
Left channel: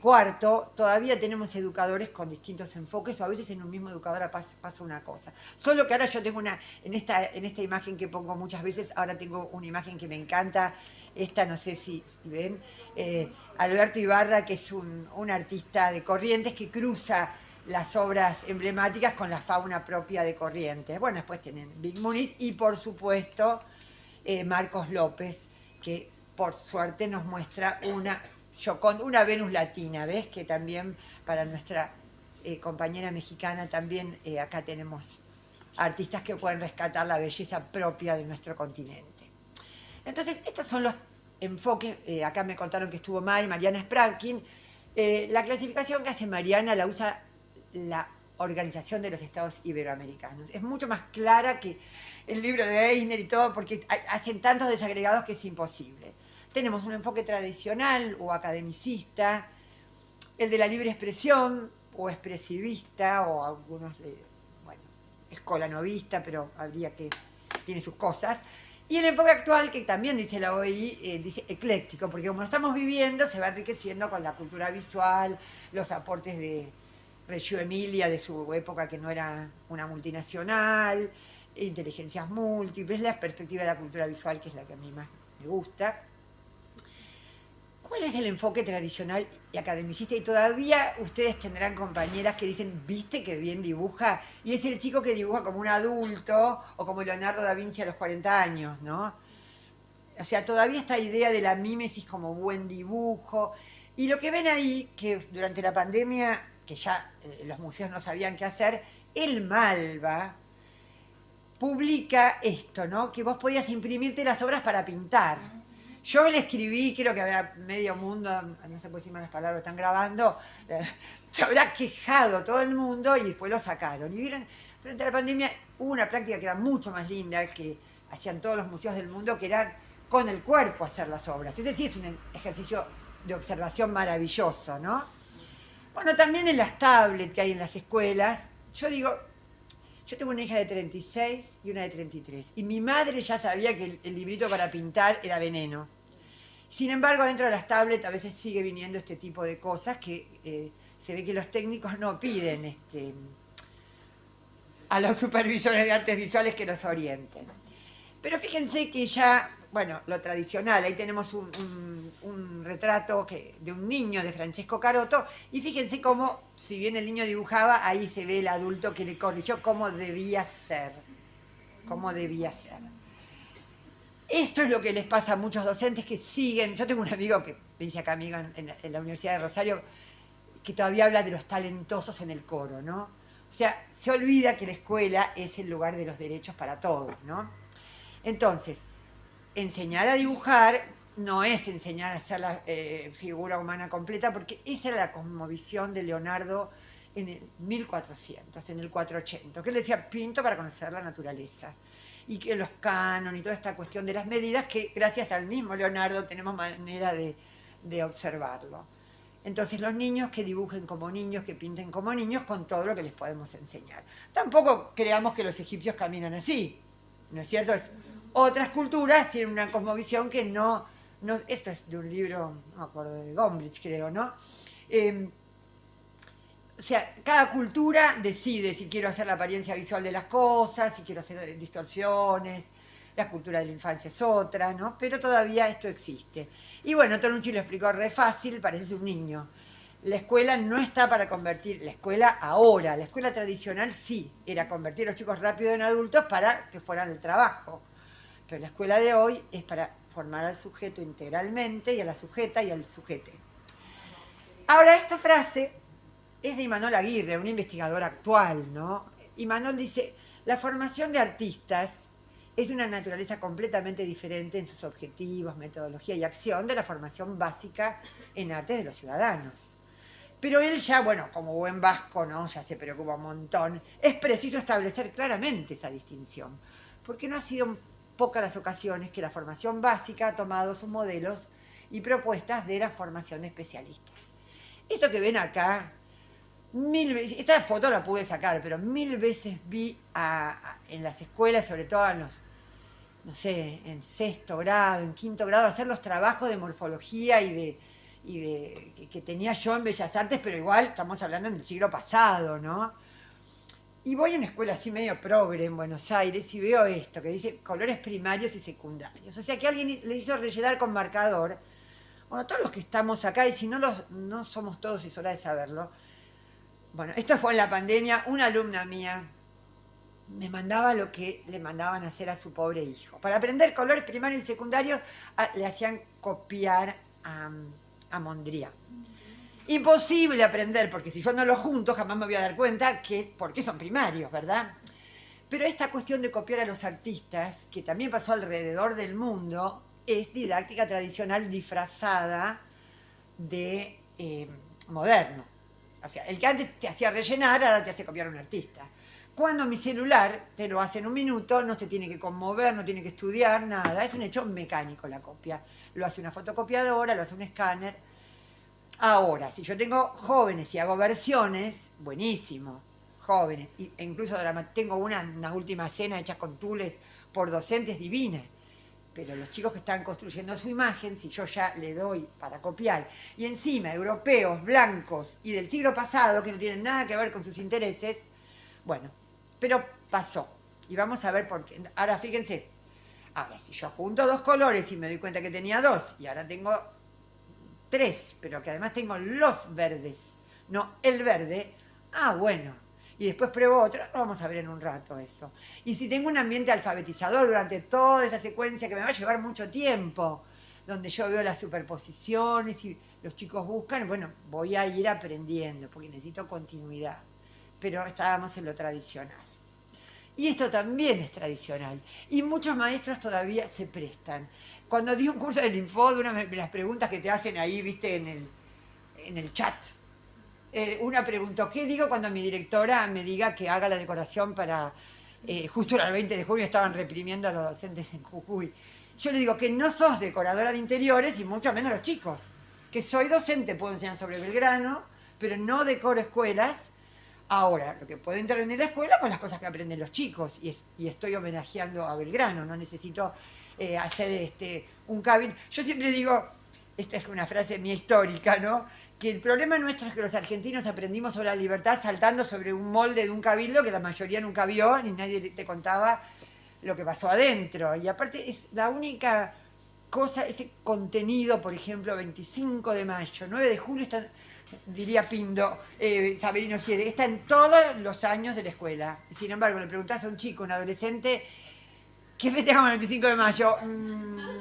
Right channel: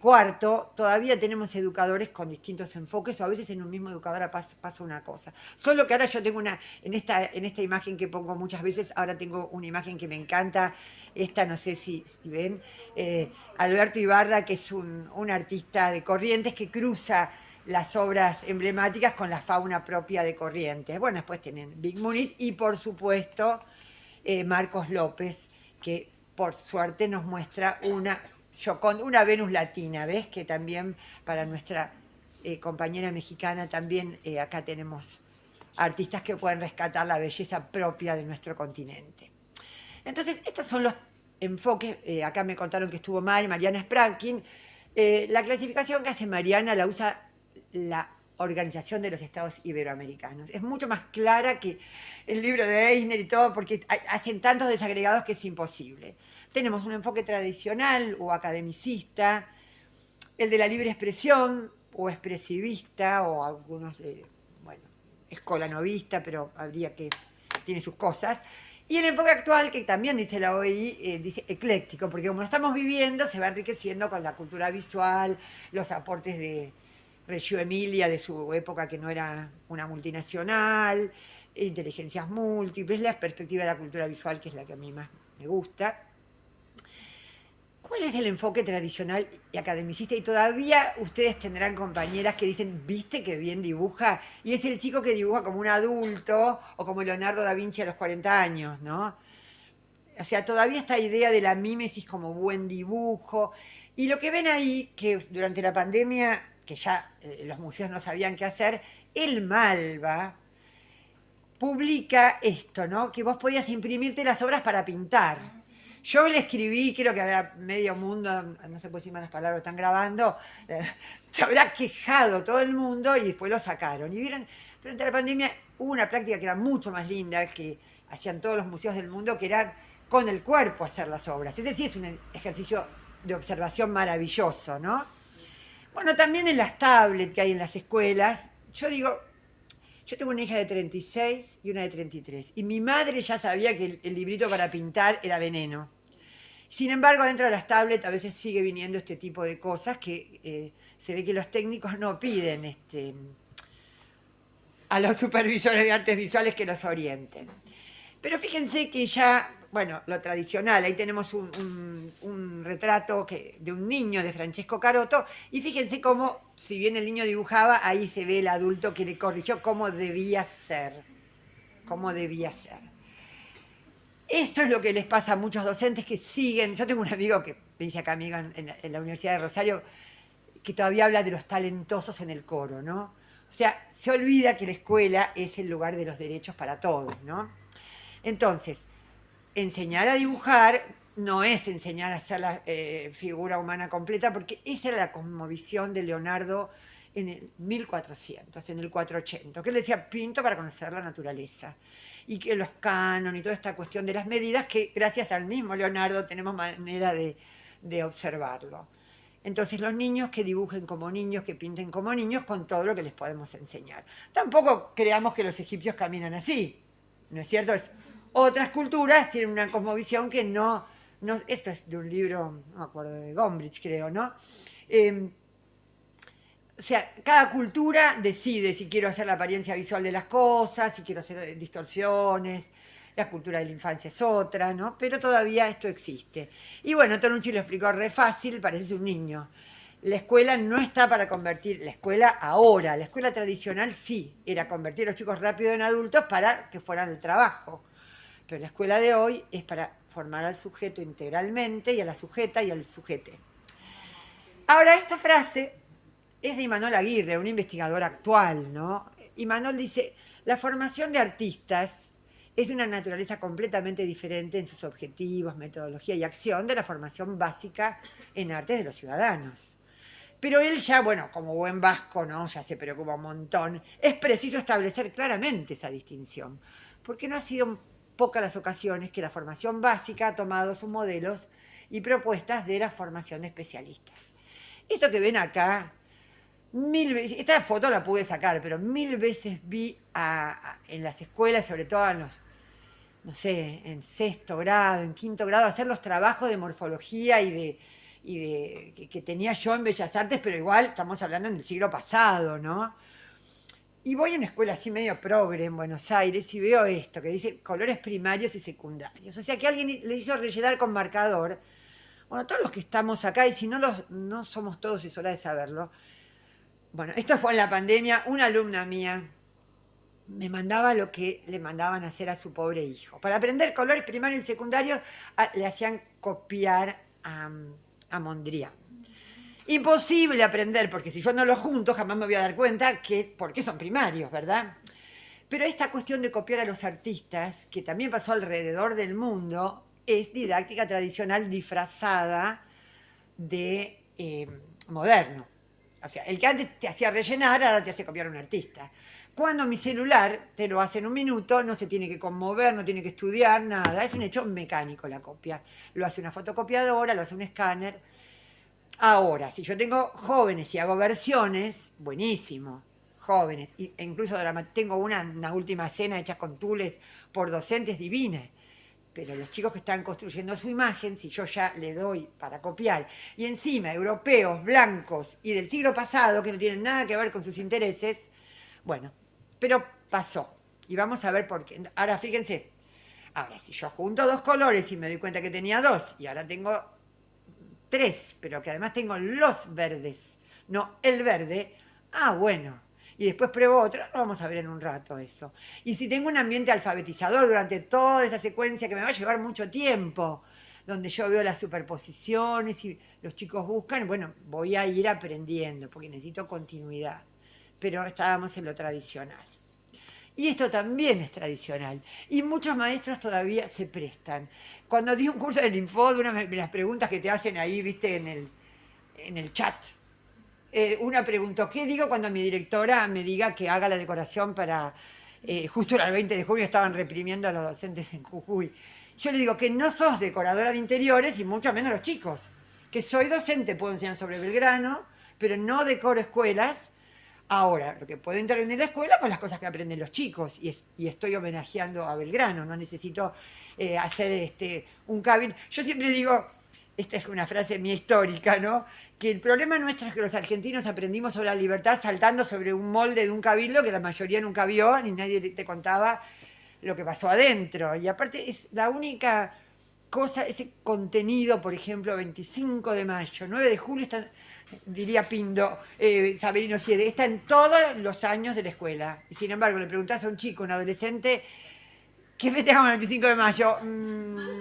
cuarto, todavía tenemos educadores con distintos enfoques, o a veces en un mismo educador pasa una cosa. Solo que ahora yo tengo en esta imagen que pongo muchas veces, ahora tengo una imagen que me encanta, esta no sé si ven, Alberto Ibarra, que es un artista de Corrientes que cruza las obras emblemáticas con la fauna propia de Corrientes. Bueno, después tienen Big Muniz y por supuesto Marcos López, que por suerte nos muestra una Gioconda, una Venus latina, ¿ves? Que también para nuestra compañera mexicana también acá tenemos artistas que pueden rescatar la belleza propia de nuestro continente. Entonces, estos son los enfoques. Acá me contaron que estuvo mal Mariana Sprankin. La clasificación que hace Mariana la usa la Organización de los Estados Iberoamericanos. Es mucho más clara que el libro de Eisner y todo, porque hacen tantos desagregados que es imposible. Tenemos un enfoque tradicional o academicista, el de la libre expresión o expresivista, o algunos, bueno, escolanovista, pero habría que, tiene sus cosas. Y el enfoque actual, que también dice la OEI, dice ecléctico, porque como lo estamos viviendo, se va enriqueciendo con la cultura visual, los aportes de Reggio Emilia de su época, que no era una multinacional, inteligencias múltiples, la perspectiva de la cultura visual, que es la que a mí más me gusta. ¿Cuál es el enfoque tradicional y academicista? Y todavía ustedes tendrán compañeras que dicen, ¿viste qué bien dibuja? Y es el chico que dibuja como un adulto o como Leonardo da Vinci a los 40 años, ¿no? O sea, todavía esta idea de la mímesis como buen dibujo. Y lo que ven ahí, que durante la pandemia, que ya los museos no sabían qué hacer, el Malva publica esto, ¿no? Que vos podías imprimirte las obras para pintar. Yo le escribí, creo que había medio mundo, no sé por si las palabras están grabando, se habrá quejado todo el mundo y después lo sacaron. Y vieron, durante la pandemia hubo una práctica que era mucho más linda, que hacían todos los museos del mundo, que era con el cuerpo hacer las obras. Ese sí es un ejercicio de observación maravilloso, ¿no? Bueno, también en las tablets que hay en las escuelas, yo digo, yo tengo una hija de 36 y una de 33. Y mi madre ya sabía que el librito para pintar era veneno. Sin embargo, dentro de las tablets a veces sigue viniendo este tipo de cosas que se ve que los técnicos no piden a los supervisores de artes visuales que los orienten. Pero fíjense que ya, bueno, lo tradicional, ahí tenemos un retrato de un niño de Francesco Carotto, y fíjense cómo, si bien el niño dibujaba, ahí se ve el adulto que le corrigió cómo debía ser, cómo debía ser. Esto es lo que les pasa a muchos docentes que siguen. Yo tengo un amigo que me dice acá, amigo, en la Universidad de Rosario, que todavía habla de los talentosos en el coro, ¿no? O sea, se olvida que la escuela es el lugar de los derechos para todos, ¿no? Entonces, enseñar a dibujar no es enseñar a hacer la figura humana completa, porque esa era la cosmovisión de Leonardo en el 1400, en el 480, que él decía, pinto para conocer la naturaleza. Y que los cánones y toda esta cuestión de las medidas, que gracias al mismo Leonardo tenemos manera de observarlo. Entonces los niños que dibujen como niños, que pinten como niños, con todo lo que les podemos enseñar. Tampoco creamos que los egipcios caminan así, ¿no es cierto? Otras culturas tienen una cosmovisión que no, esto es de un libro, no me acuerdo, de Gombrich creo, ¿no? O sea, cada cultura decide si quiero hacer la apariencia visual de las cosas, si quiero hacer distorsiones, la cultura de la infancia es otra, ¿no? Pero todavía esto existe. Y bueno, Tonucci lo explicó re fácil, parece un niño. La escuela no está para convertir, la escuela ahora, la escuela tradicional sí, era convertir a los chicos rápido en adultos para que fueran al trabajo. Pero la escuela de hoy es para formar al sujeto integralmente y a la sujeta y al sujete. Ahora, esta frase es de Imanol Aguirre, un investigador actual, ¿no? Imanol dice, la formación de artistas es de una naturaleza completamente diferente en sus objetivos, metodología y acción de la formación básica en artes de los ciudadanos. Pero él ya, bueno, como buen vasco, ¿no? Ya se preocupa un montón. Es preciso establecer claramente esa distinción, porque no ha sido pocas las ocasiones que la formación básica ha tomado sus modelos y propuestas de la formación de especialistas. Esto que ven acá, mil veces, esta foto la pude sacar, pero mil veces vi en las escuelas, sobre todo en los, no sé, en sexto grado, en quinto grado, hacer los trabajos de morfología que tenía yo en Bellas Artes, pero igual estamos hablando del siglo pasado, ¿no? Y voy a una escuela así medio progre en Buenos Aires y veo esto, que dice colores primarios y secundarios. O sea que alguien le hizo rellenar con marcador. Bueno, todos los que estamos acá, y si no somos todos, es hora de saberlo. Bueno, esto fue en la pandemia, una alumna mía me mandaba lo que le mandaban a hacer a su pobre hijo. Para aprender colores primarios y secundarios le hacían copiar a Mondrian. Imposible aprender, porque si yo no los junto jamás me voy a dar cuenta por qué son primarios, ¿verdad? Pero esta cuestión de copiar a los artistas, que también pasó alrededor del mundo, es didáctica tradicional disfrazada de moderno. O sea, el que antes te hacía rellenar, ahora te hace copiar a un artista. Cuando mi celular te lo hace en un minuto, no se tiene que conmover, no tiene que estudiar, nada. Es un hecho mecánico la copia. Lo hace una fotocopiadora, lo hace un escáner. Ahora, si yo tengo jóvenes y hago versiones, buenísimo. Jóvenes. E incluso tengo unas últimas cenas hechas con tules por docentes divinas. Pero los chicos que están construyendo su imagen, si yo ya le doy para copiar, y encima europeos, blancos y del siglo pasado, que no tienen nada que ver con sus intereses, bueno, pero pasó. Y vamos a ver por qué. Ahora fíjense, ahora si yo junto dos colores y me doy cuenta que tenía dos, y ahora tengo tres, pero que además tengo los verdes, no el verde, bueno. Y después pruebo otro, lo vamos a ver en un rato eso. Y si tengo un ambiente alfabetizador durante toda esa secuencia que me va a llevar mucho tiempo, donde yo veo las superposiciones y los chicos buscan, bueno, voy a ir aprendiendo, porque necesito continuidad. Pero estábamos en lo tradicional. Y esto también es tradicional. Y muchos maestros todavía se prestan. Cuando di un curso del Infod, una de las preguntas que te hacen ahí, viste, en el chat, una preguntó, ¿qué digo cuando mi directora me diga que haga la decoración para... justo el 20 de junio estaban reprimiendo a los docentes en Jujuy. Yo le digo que no sos decoradora de interiores y mucho menos los chicos. Que soy docente, puedo enseñar sobre Belgrano, pero no decoro escuelas. Ahora, lo que puedo entrar en la escuela con las cosas que aprenden los chicos. Y estoy homenajeando a Belgrano, no necesito hacer un cabildo. Yo siempre digo, esta es una frase mía histórica, ¿no? Que el problema nuestro es que los argentinos aprendimos sobre la libertad saltando sobre un molde de un cabildo que la mayoría nunca vio, ni nadie te contaba lo que pasó adentro. Y aparte es la única cosa, ese contenido, por ejemplo, 25 de mayo, 9 de julio, diría Pindo, Saberino Siede, está en todos los años de la escuela. Y sin embargo, le preguntás a un chico, un adolescente, ¿qué festejamos el 25 de mayo?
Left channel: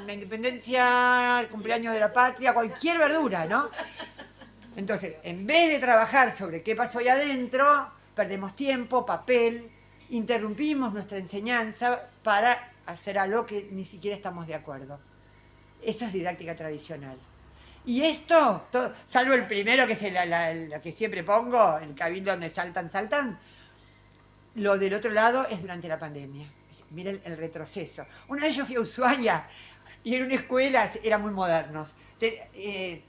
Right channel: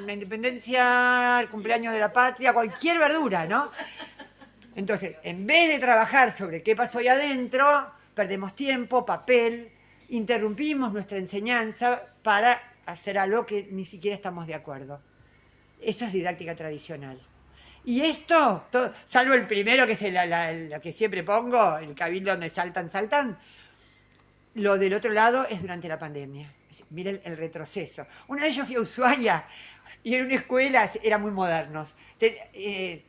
La independencia, el cumpleaños de la patria, cualquier verdura, ¿no? Entonces, en vez de trabajar sobre qué pasó ahí adentro, perdemos tiempo, papel, interrumpimos nuestra enseñanza para hacer algo que ni siquiera estamos de acuerdo. Eso es didáctica tradicional. Y esto, salvo el primero, que es lo que siempre pongo, el cabildo donde saltan, lo del otro lado es durante la pandemia. Miren el retroceso. Una vez yo fui a Ushuaia y en una escuela, eran muy modernos.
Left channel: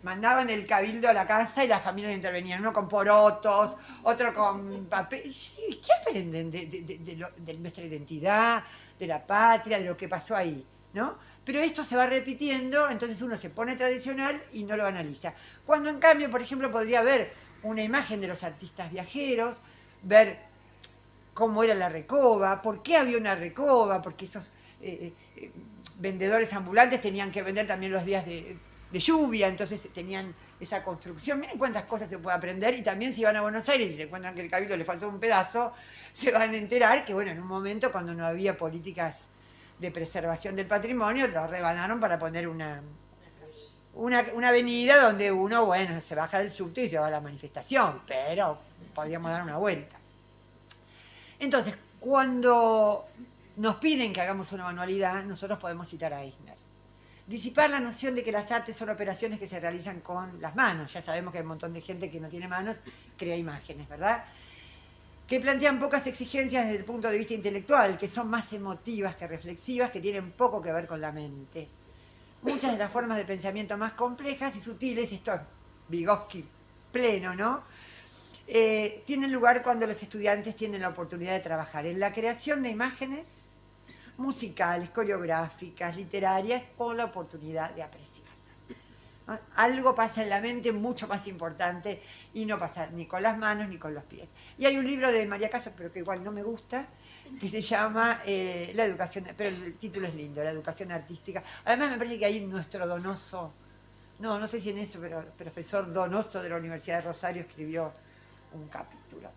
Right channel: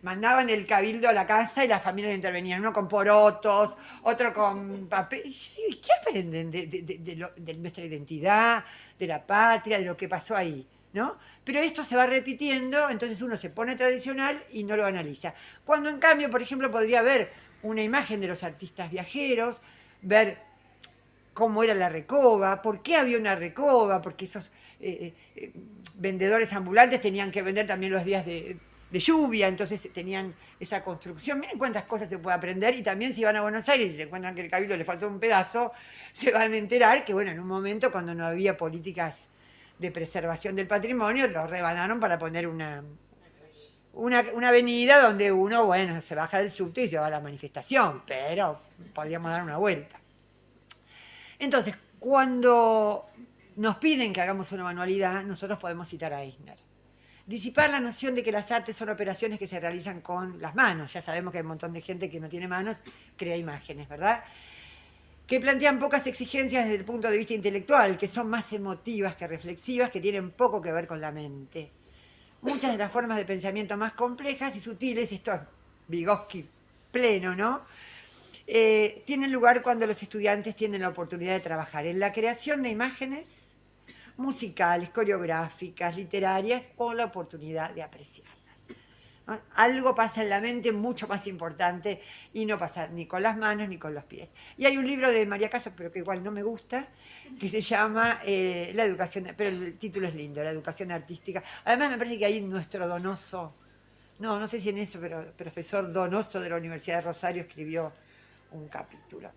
Mandaban el cabildo a la casa y las familias intervenían, uno con porotos, otro con papel. ¿Qué aprenden de nuestra identidad, de la patria, de lo que pasó ahí? ¿No? Pero esto se va repitiendo, entonces uno se pone tradicional y no lo analiza. Cuando en cambio, por ejemplo, podría ver una imagen de los artistas viajeros, ver cómo era la recoba, por qué había una recoba, porque esos vendedores ambulantes tenían que vender también los días de lluvia, entonces tenían esa construcción. Miren cuántas cosas se puede aprender, y también si van a Buenos Aires y se encuentran que el cabildo le faltó un pedazo, se van a enterar que, bueno, en un momento cuando no había políticas de preservación del patrimonio, lo rebanaron para poner una avenida donde uno, bueno, se baja del subte y lleva a la manifestación, pero podríamos dar una vuelta. Entonces, cuando nos piden que hagamos una manualidad, nosotros podemos citar a Eisner. Disipar la noción de que las artes son operaciones que se realizan con las manos. Ya sabemos que hay un montón de gente que no tiene manos, crea imágenes, ¿verdad? Que plantean pocas exigencias desde el punto de vista intelectual, que son más emotivas que reflexivas, que tienen poco que ver con la mente. Muchas de las formas de pensamiento más complejas y sutiles, esto es Vygotsky pleno, ¿no? Tienen lugar cuando los estudiantes tienen la oportunidad de trabajar en la creación de imágenes musicales, coreográficas, literarias, o la oportunidad de apreciarlas. ¿No? Algo pasa en la mente mucho más importante y no pasa ni con las manos ni con los pies. Y hay un libro de María Casas, pero que igual no me gusta, que se llama La educación, pero el título es lindo, La educación artística. Además me parece que ahí nuestro Donoso, no sé si en eso, pero el profesor Donoso de la Universidad de Rosario escribió un capítulo.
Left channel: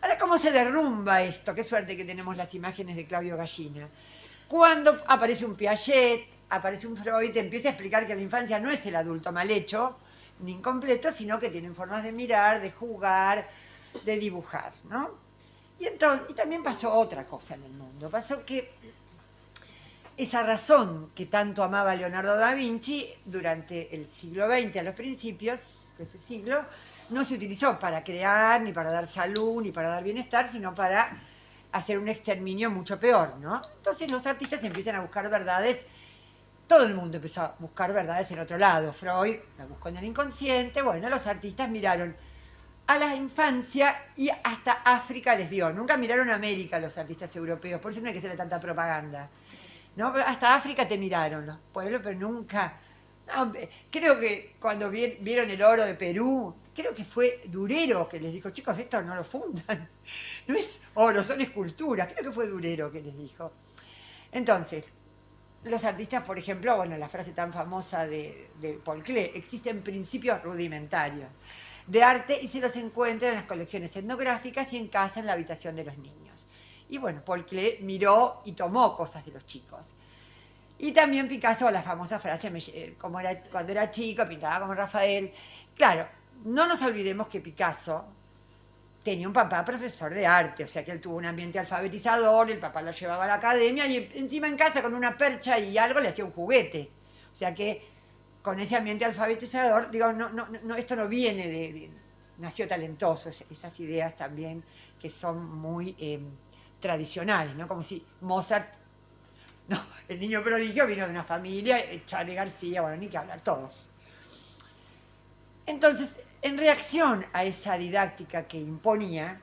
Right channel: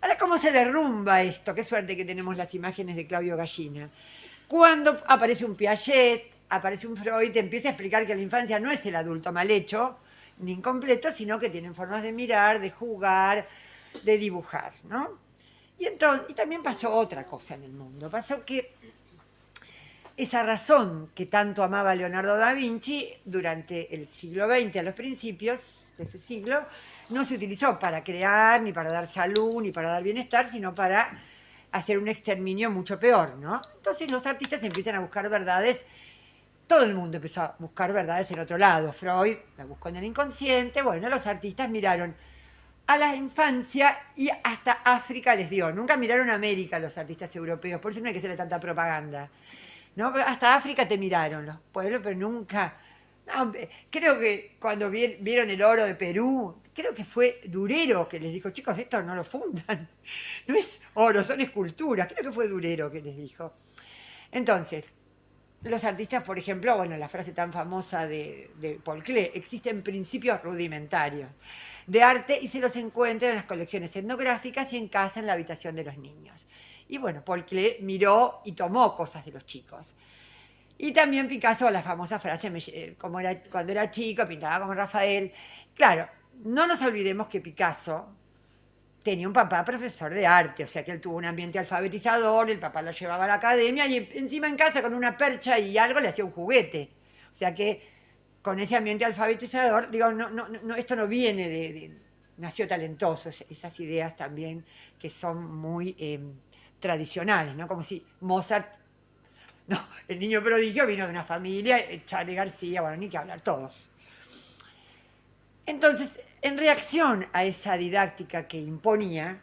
Ahora, ¿cómo se derrumba esto? Qué suerte que tenemos las imágenes de Claudio Gallina. Cuando aparece un Piaget, aparece un Freud, te empieza a explicar que la infancia no es el adulto mal hecho, ni incompletos, sino que tienen formas de mirar, de jugar, de dibujar, ¿no? Y también pasó otra cosa en el mundo. Pasó que esa razón que tanto amaba Leonardo da Vinci durante el siglo XX, a los principios de ese siglo, no se utilizó para crear, ni para dar salud, ni para dar bienestar, sino para hacer un exterminio mucho peor, ¿no? Entonces los artistas empiezan a buscar verdades. Todo el mundo empezó a buscar verdades en otro lado. Freud la buscó en el inconsciente. Bueno, los artistas miraron a la infancia y hasta África les dio. Nunca miraron a América los artistas europeos, por eso no hay que hacerle tanta propaganda. ¿No? Hasta África te miraron los pueblos, pero nunca... No, creo que cuando vieron el oro de Perú, creo que fue Durero que les dijo, chicos, esto no lo fundan. No es oro, son esculturas. Creo que fue Durero que les dijo. Entonces, los artistas, por ejemplo, bueno, la frase tan famosa de Paul Klee, existen principios rudimentarios de arte y se los encuentra en las colecciones etnográficas y en casa en la habitación de los niños. Y bueno, Paul Klee miró y tomó cosas de los chicos. Y también Picasso, la famosa frase, como cuando era chico, pintaba como Rafael. Claro, no nos olvidemos que Picasso tenía un papá profesor de arte, o sea que él tuvo un ambiente alfabetizador, el papá lo llevaba a la academia y encima en casa con una percha y algo le hacía un juguete. O sea que con ese ambiente alfabetizador, digo, esto no viene nació talentoso, esas ideas también que son muy tradicionales, ¿no? Como si Mozart, no, el niño prodigio vino de una familia, Charly García, bueno, ni que hablar, todos. Entonces, en reacción a esa didáctica que imponía,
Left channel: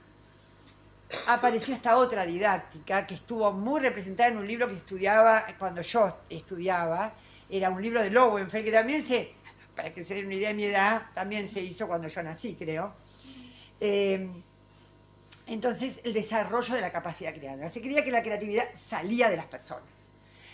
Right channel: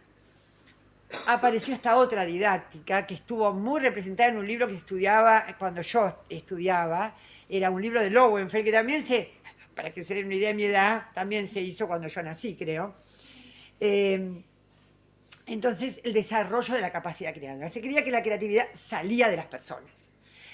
apareció esta otra didáctica que estuvo muy representada en un libro que se estudiaba cuando yo estudiaba, era un libro de Lowenfeld, que también para que se den una idea de mi edad, también se hizo cuando yo nací, creo. Entonces, el desarrollo de la capacidad creadora. Se creía que la creatividad salía de las personas.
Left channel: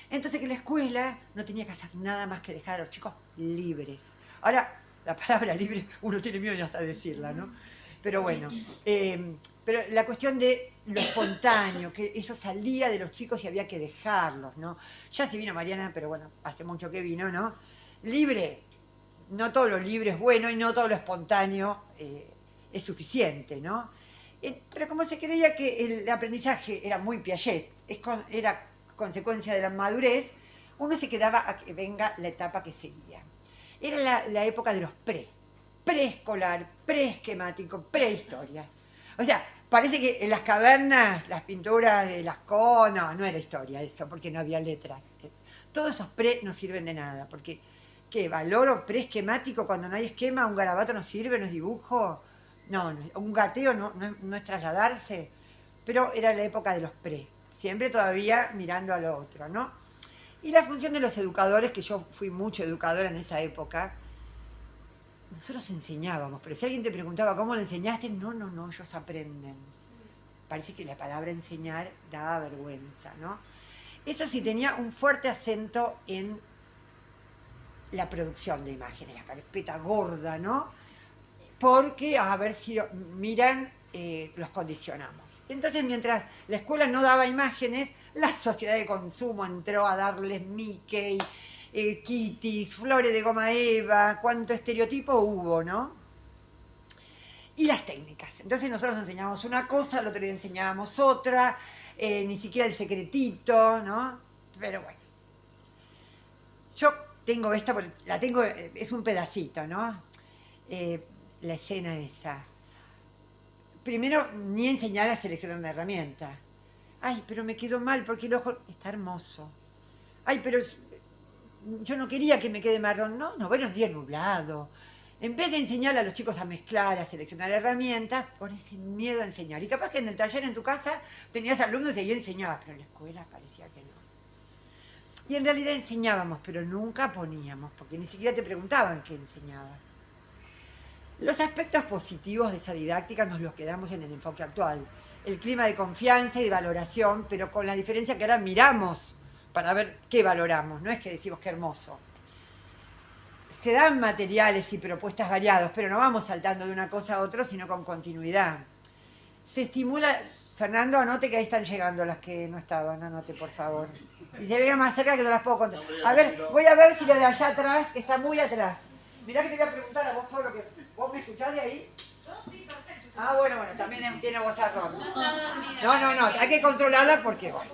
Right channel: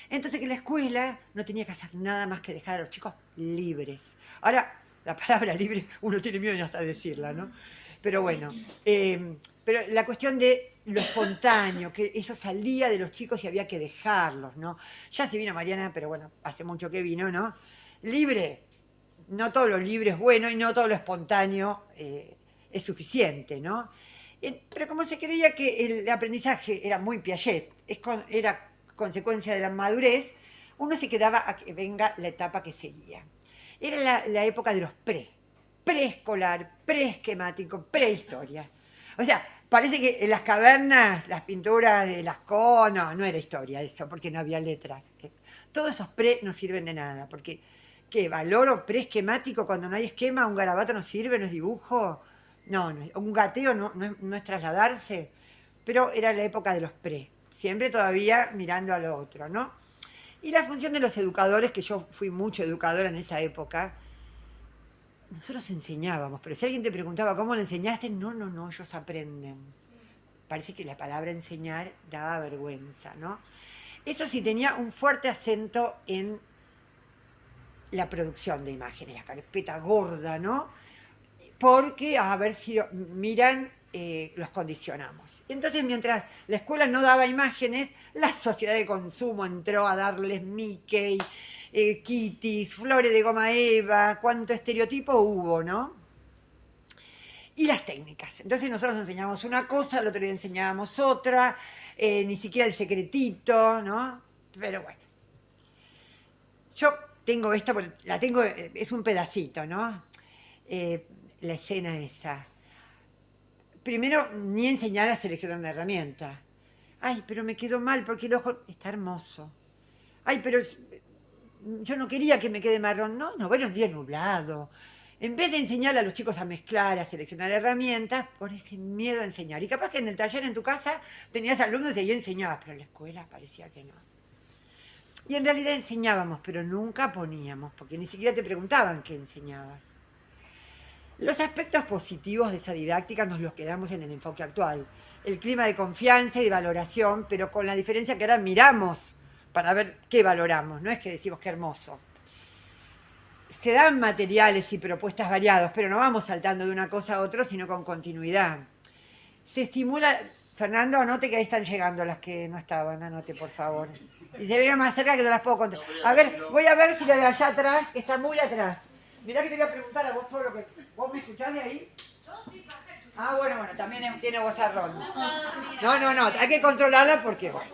Entonces, que la escuela no tenía que hacer nada más que dejar a los chicos libres. Ahora, la palabra libre, uno tiene miedo de hasta decirla, ¿no? Pero bueno, pero la cuestión de lo espontáneo, que eso salía de los chicos y había que dejarlos, ¿no? Ya se vino Mariana, pero bueno, hace mucho que vino, ¿no? Libre, no todo lo libre es bueno y no todo lo espontáneo es suficiente, ¿no? Pero como se creía que el aprendizaje era muy Piaget, era consecuencia de la madurez, uno se quedaba a que venga la etapa que seguía. Era la época de los preescolar, preesquemático, prehistoria. O sea, parece que en las cavernas, las pinturas de Lascaux, no era historia eso, porque no había letras. Todos esos no sirven de nada, porque ¿qué? ¿Valoro preesquemático cuando no hay esquema? ¿Un garabato no sirve, no es dibujo? No, un gateo no es trasladarse, pero era la época de los siempre todavía mirando a lo otro, ¿no? Y la función de los educadores, que yo fui mucho educadora en esa época, nosotros enseñábamos, pero si alguien te preguntaba cómo lo enseñaste, no, ellos aprenden. Parece que la palabra enseñar daba vergüenza, ¿no? Eso sí, tenía un fuerte acento en la producción de imágenes, la carpeta gorda, ¿no? Porque, a ver si miran, los condicionamos. Y entonces, mientras la escuela no daba imágenes, la sociedad de consumo entró a darles Mickey, Kitties, flores de goma eva, cuánto estereotipo hubo, ¿no? Y las técnicas. Entonces nosotros enseñábamos una cosa, al otro día enseñábamos otra, ni siquiera el secretito, ¿no? Pero bueno. Yo tengo esta, la tengo, es un pedacito, ¿no? La escena esa. Primero, ni enseñar a seleccionar una herramienta. Ay, pero me quedó mal porque el ojo está hermoso. Ay, pero yo no quería que me quede marrón. No, bueno, es bien nublado. En vez de enseñar a los chicos a mezclar, a seleccionar herramientas, por ese miedo a enseñar. Y capaz que en el taller en tu casa tenías alumnos y ahí enseñabas, pero en la escuela parecía que no. Y en realidad enseñábamos, pero nunca poníamos, porque ni siquiera te preguntaban qué enseñabas. Los aspectos positivos de esa didáctica nos los quedamos en el enfoque actual. El clima de confianza y de valoración, pero con la diferencia que ahora miramos para ver qué valoramos, no es que decimos qué hermoso. Se dan materiales y propuestas variados, pero no vamos saltando de una cosa a otra, sino con continuidad. Se estimula... Fernando, anote que ahí están llegando las que no estaban, anote por favor. Y se ven más cerca que no las puedo contar. A ver, voy a ver si la de allá atrás, que está muy atrás. Mirá que te voy a preguntar a vos todo lo que... ¿Vos me escuchás de ahí? Yo sí, perfecto. Ah, bueno, también tiene vozarrón. No, hay que controlarla porque, bueno,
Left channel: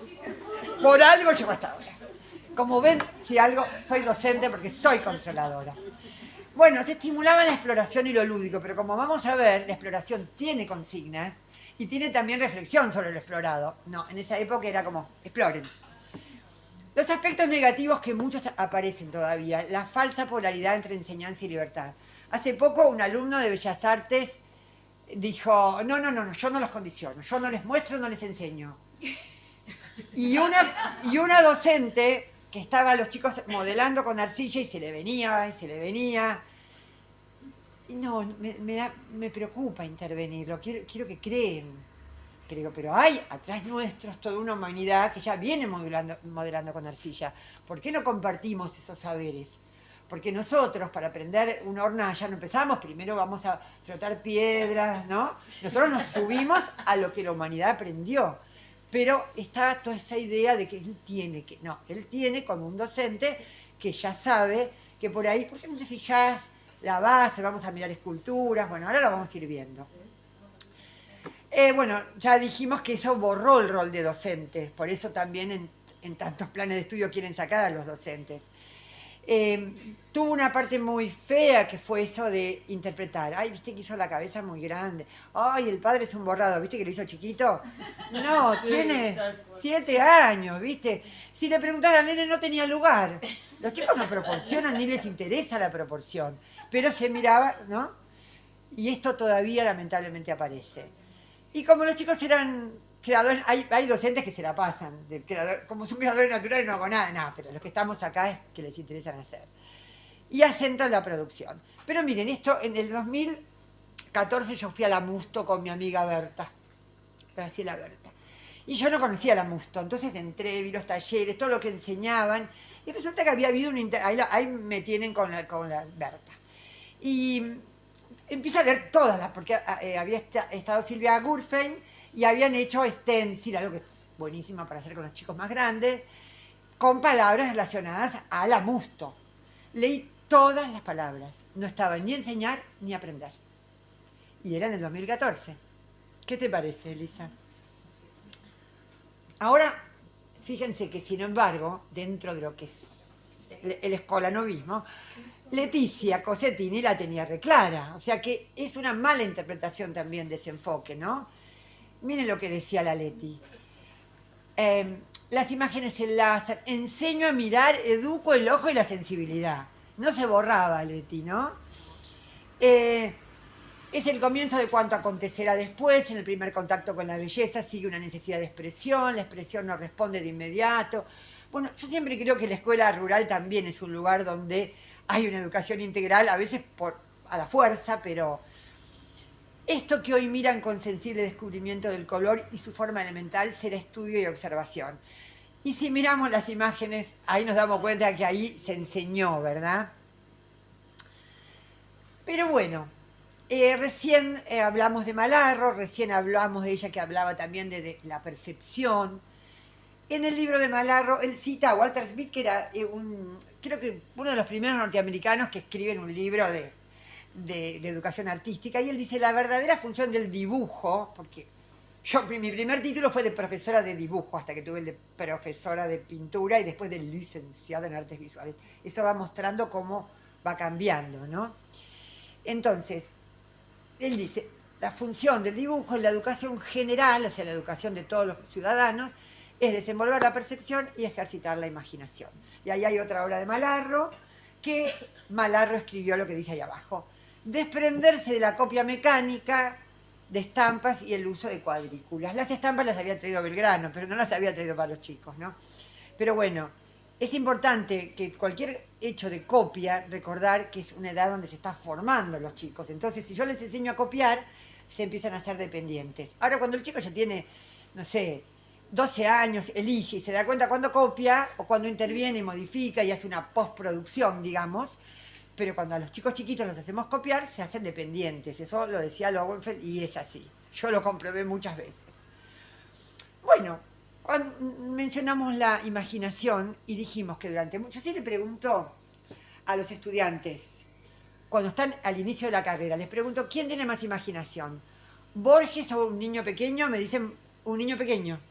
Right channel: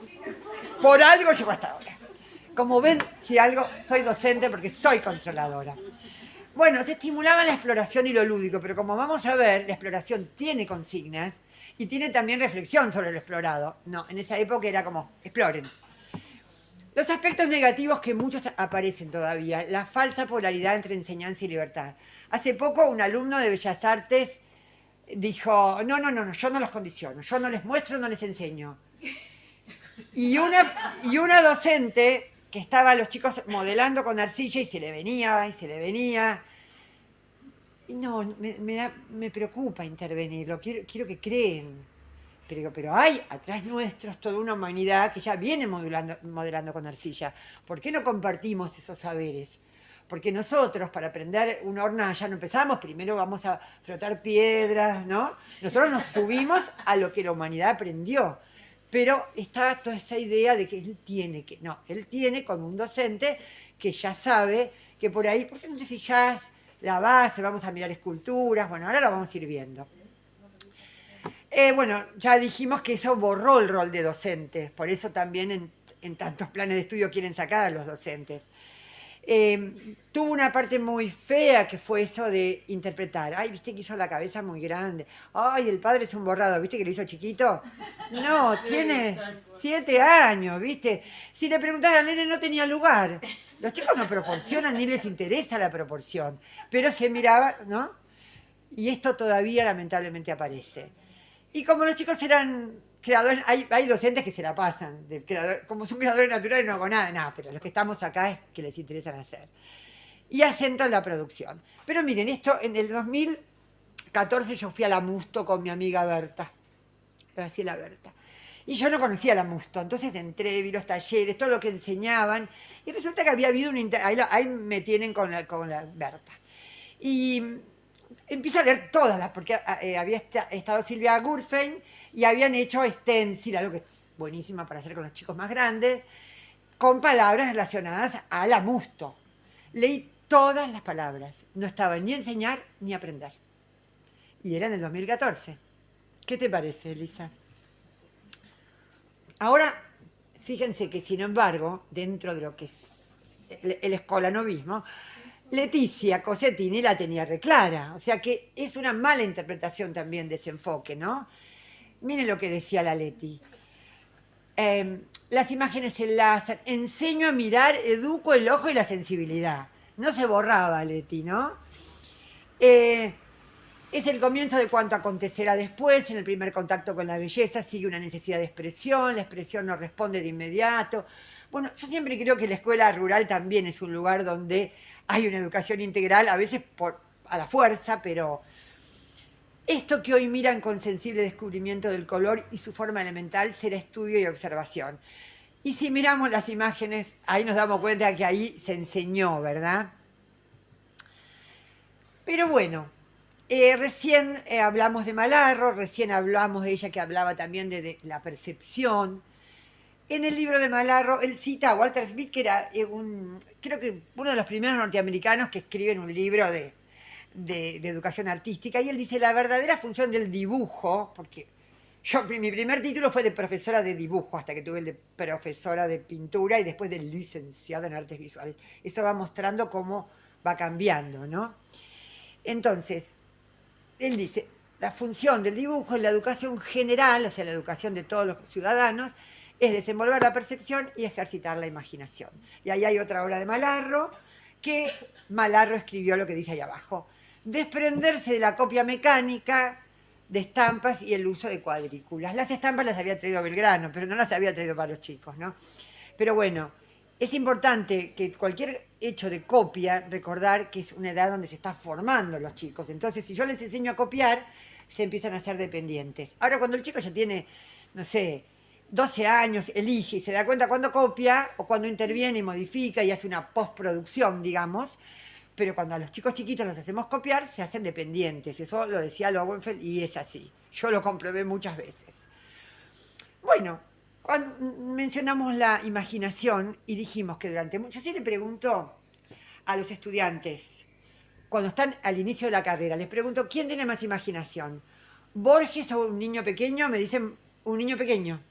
por algo llegó hasta ahora. Como ven, si algo, soy docente porque soy controladora. Bueno, se estimulaba la exploración y lo lúdico, pero como vamos a ver, la exploración tiene consignas y tiene también reflexión sobre lo explorado. No, en esa época era como, exploren. Los aspectos negativos que muchos aparecen todavía, la falsa polaridad entre enseñanza y libertad. Hace poco un alumno de Bellas Artes dijo, no, yo no los condiciono, yo no les muestro, no les enseño. Y una docente que estaba a los chicos modelando con arcilla y se le venía, y se le venía. Y no, me preocupa intervenirlo, quiero que creen. Pero hay atrás nuestros toda una humanidad que ya viene modelando con arcilla. ¿Por qué no compartimos esos saberes? Porque nosotros, para aprender una hornalla, no empezamos, primero vamos a frotar piedras, ¿no? Nosotros nos subimos a lo que la humanidad aprendió. Pero está toda esa idea de que él tiene como un docente que ya sabe que por ahí, ¿por qué no te fijás la base? Vamos a mirar esculturas, bueno, ahora la vamos a ir viendo. Bueno, ya dijimos que eso borró el rol de docentes, por eso también en tantos planes de estudio quieren sacar a los docentes. Tuvo una parte muy fea que fue eso de interpretar. Ay, viste que hizo la cabeza muy grande. Ay, el padre es un borrado, viste que lo hizo chiquito. No, sí, tiene 7 años, viste. Si le preguntara al nene no tenía lugar. Los chicos no proporcionan ni les interesa la proporción. Pero se miraba, ¿no? Y esto todavía lamentablemente aparece. Y como los chicos eran creadores, hay docentes que se la pasan, como son creadores naturales no hago nada, no, pero los que estamos acá es que les interesa hacer. Y acento en la producción. Pero miren, esto en el 2014 yo fui a la Musto con mi amiga Berta, Graciela Berta. Y yo no conocía la Musto, entonces entré, vi los talleres, todo lo que enseñaban, y resulta que había habido ahí me tienen con la Berta. Y empiezo a leer todas porque había estado Silvia Gurfein y habían hecho stencil, algo que es buenísima para hacer con los chicos más grandes, con palabras relacionadas a la Musto. Leí todas las palabras, no estaba ni enseñar ni aprender. Y era en el 2014. ¿Qué te parece, Elisa? Ahora, fíjense que sin embargo, dentro de lo que es el escolanovismo, Leticia Cossettini la tenía reclara, o sea que es una mala interpretación también de ese enfoque, ¿no? Miren lo que decía la Leti. Las imágenes se enlazan, enseño a mirar, educo el ojo y la sensibilidad. No se borraba Leti, ¿no? Es el comienzo de cuanto acontecerá después, en el primer contacto con la belleza sigue una necesidad de expresión, la expresión no responde de inmediato. Bueno, yo siempre creo que la escuela rural también es un lugar donde hay una educación integral, a veces a la fuerza, pero esto que hoy miran con sensible descubrimiento del color y su forma elemental será estudio y observación. Y si miramos las imágenes, ahí nos damos cuenta que ahí se enseñó, ¿verdad? Pero bueno, recién hablamos de Malarro, recién hablamos de ella que hablaba también de la percepción. En el libro de Malarro, él cita a Walter Smith, que era creo que uno de los primeros norteamericanos que escriben un libro de educación artística, y él dice, la verdadera función del dibujo, porque mi primer título fue de profesora de dibujo, hasta que tuve el de profesora de pintura y después de licenciada en artes visuales. Eso va mostrando cómo va cambiando, ¿no? Entonces, él dice, la función del dibujo en la educación general, o sea, la educación de todos los ciudadanos, es desenvolver la percepción y ejercitar la imaginación. Y ahí hay otra obra de Malarro, que Malarro escribió lo que dice ahí abajo. Desprenderse de la copia mecánica de estampas y el uso de cuadrículas. Las estampas las había traído Belgrano, pero no las había traído para los chicos, ¿no? Pero bueno, es importante que cualquier hecho de copia, recordar que es una edad donde se están formando los chicos. Entonces, si yo les enseño a copiar, se empiezan a ser dependientes. Ahora, cuando el chico ya tiene, no sé, 12 años, elige y se da cuenta cuando copia o cuando interviene y modifica y hace una postproducción, digamos, pero cuando a los chicos chiquitos los hacemos copiar, se hacen dependientes. Eso lo decía Lowenfeld y es así. Yo lo comprobé muchas veces. Bueno, cuando mencionamos la imaginación y dijimos que durante mucho... Yo sí le pregunto a los estudiantes, cuando están al inicio de la carrera, les pregunto, ¿quién tiene más imaginación? ¿Borges o un niño pequeño? Me dicen, un niño pequeño.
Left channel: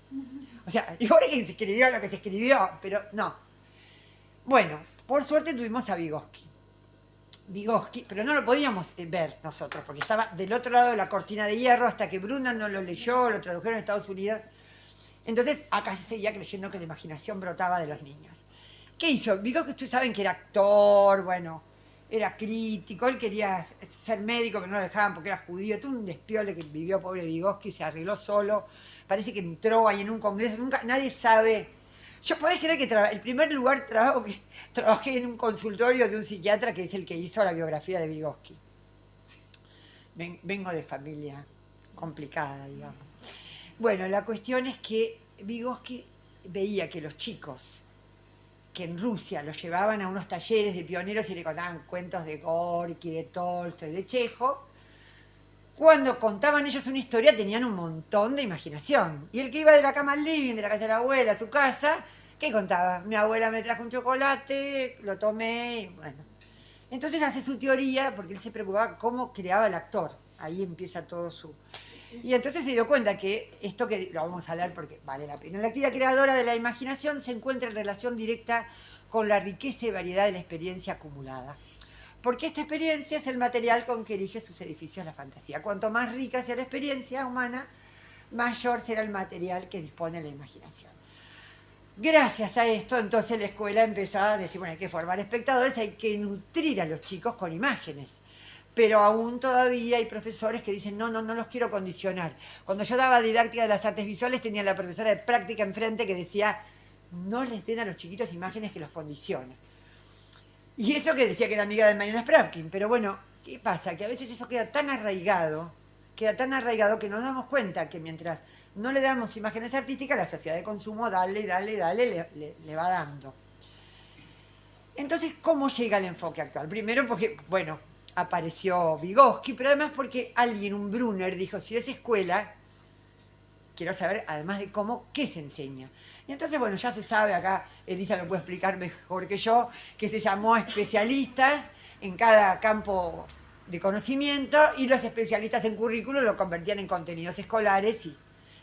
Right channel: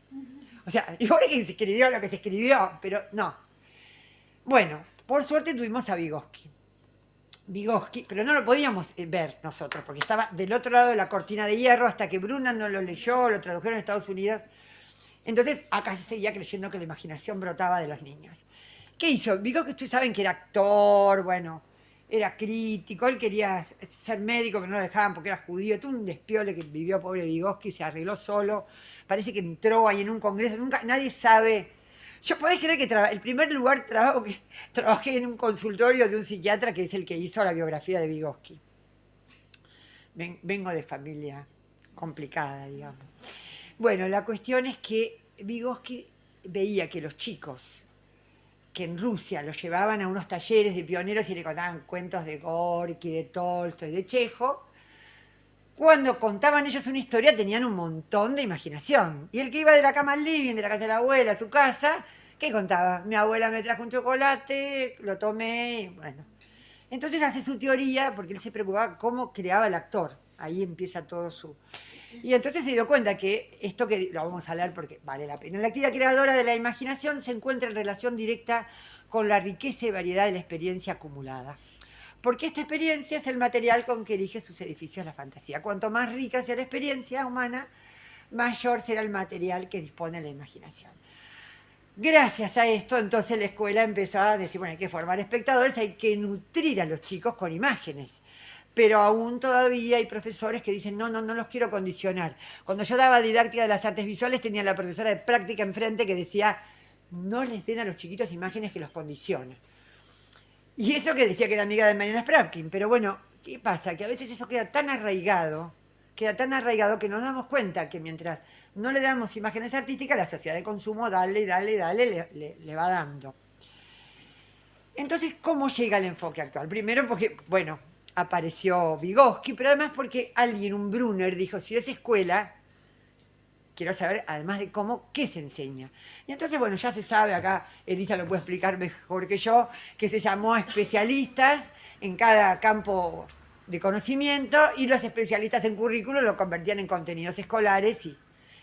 O sea, y Borges se escribió lo que se escribió, pero no. Bueno, por suerte tuvimos a Vygotsky, pero no lo podíamos ver nosotros, porque estaba del otro lado de la cortina de hierro hasta que Bruna no lo leyó, lo tradujeron en Estados Unidos. Entonces acá se seguía creyendo que la imaginación brotaba de los niños. ¿Qué hizo? Vygotsky, ustedes saben que era actor, bueno, era crítico, él quería ser médico, pero no lo dejaban porque era judío, tuvo un despiole que vivió pobre Vygotsky, se arregló solo, parece que entró ahí en un congreso, nunca, nadie sabe. Yo podés creer que el primer lugar trabajo que trabajé en un consultorio de un psiquiatra que es el que hizo la biografía de Vygotsky. Vengo de familia complicada, digamos. Bueno, la cuestión es que Vygotsky veía que los chicos que en Rusia los llevaban a unos talleres de pioneros y le contaban cuentos de Gorky, de Tolstoy, de Chekhov, cuando contaban ellos una historia tenían un montón de imaginación. Y el que iba de la cama al living, de la casa de la abuela, a su casa, ¿qué contaba? Mi abuela me trajo un chocolate, lo tomé, bueno. Entonces hace su teoría, porque él se preocupaba cómo creaba el actor. Ahí empieza todo su... Y entonces se dio cuenta que esto que lo vamos a hablar porque vale la pena. La actividad creadora de la imaginación se encuentra en relación directa con la riqueza y variedad de la experiencia acumulada. Porque esta experiencia es el material con que erige sus edificios la fantasía. Cuanto más rica sea la experiencia humana, mayor será el material que dispone la imaginación. Gracias a esto, entonces la escuela empezó a decir, bueno, hay que formar espectadores, hay que nutrir a los chicos con imágenes. Pero aún todavía hay profesores que dicen, no los quiero condicionar. Cuando yo daba didáctica de las artes visuales, tenía la profesora de práctica enfrente que decía, no les den a los chiquitos imágenes que los condicionen. Y eso que decía que era amiga de Mariana Sprapkin. Pero bueno, ¿qué pasa? Que a veces eso queda tan arraigado que nos damos cuenta que mientras no le damos imágenes artísticas, la sociedad de consumo, dale, le va dando. Entonces, ¿cómo llega el enfoque actual? Primero porque, bueno, apareció Vygotsky, pero además porque alguien, un Brunner, dijo, si es escuela, quiero saber, además de cómo, qué se enseña. Y entonces, bueno, ya se sabe, acá Elisa lo puede explicar mejor que yo, que se llamó a especialistas en cada campo de conocimiento y los especialistas en currículum lo convertían en contenidos escolares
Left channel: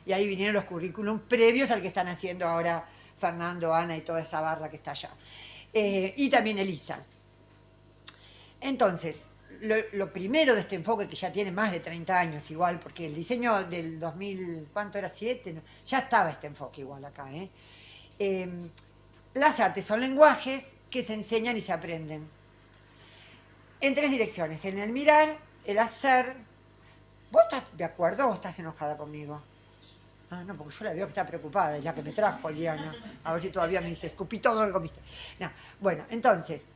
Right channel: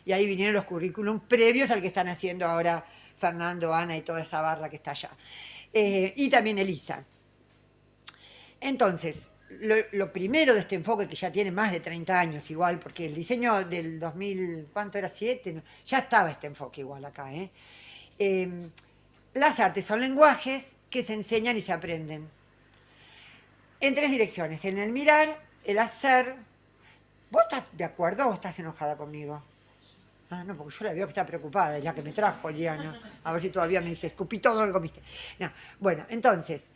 y ahí vinieron los currículum previos al que están haciendo ahora Fernando, Ana y toda esa barra que está allá. Y también Elisa. Entonces, lo primero de este enfoque, que ya tiene más de 30 años igual, porque el diseño del 2000, ¿cuánto era? 7, no, ya estaba este enfoque igual acá. Las artes son lenguajes que se enseñan y se aprenden. En 3 direcciones, en el mirar, el hacer. ¿Vos estás de acuerdo o estás enojada conmigo? Ah, no, porque yo la veo que está preocupada, ya que me trajo, Liana. A ver si todavía me dice, escupí todo lo que comiste. No. Bueno, entonces,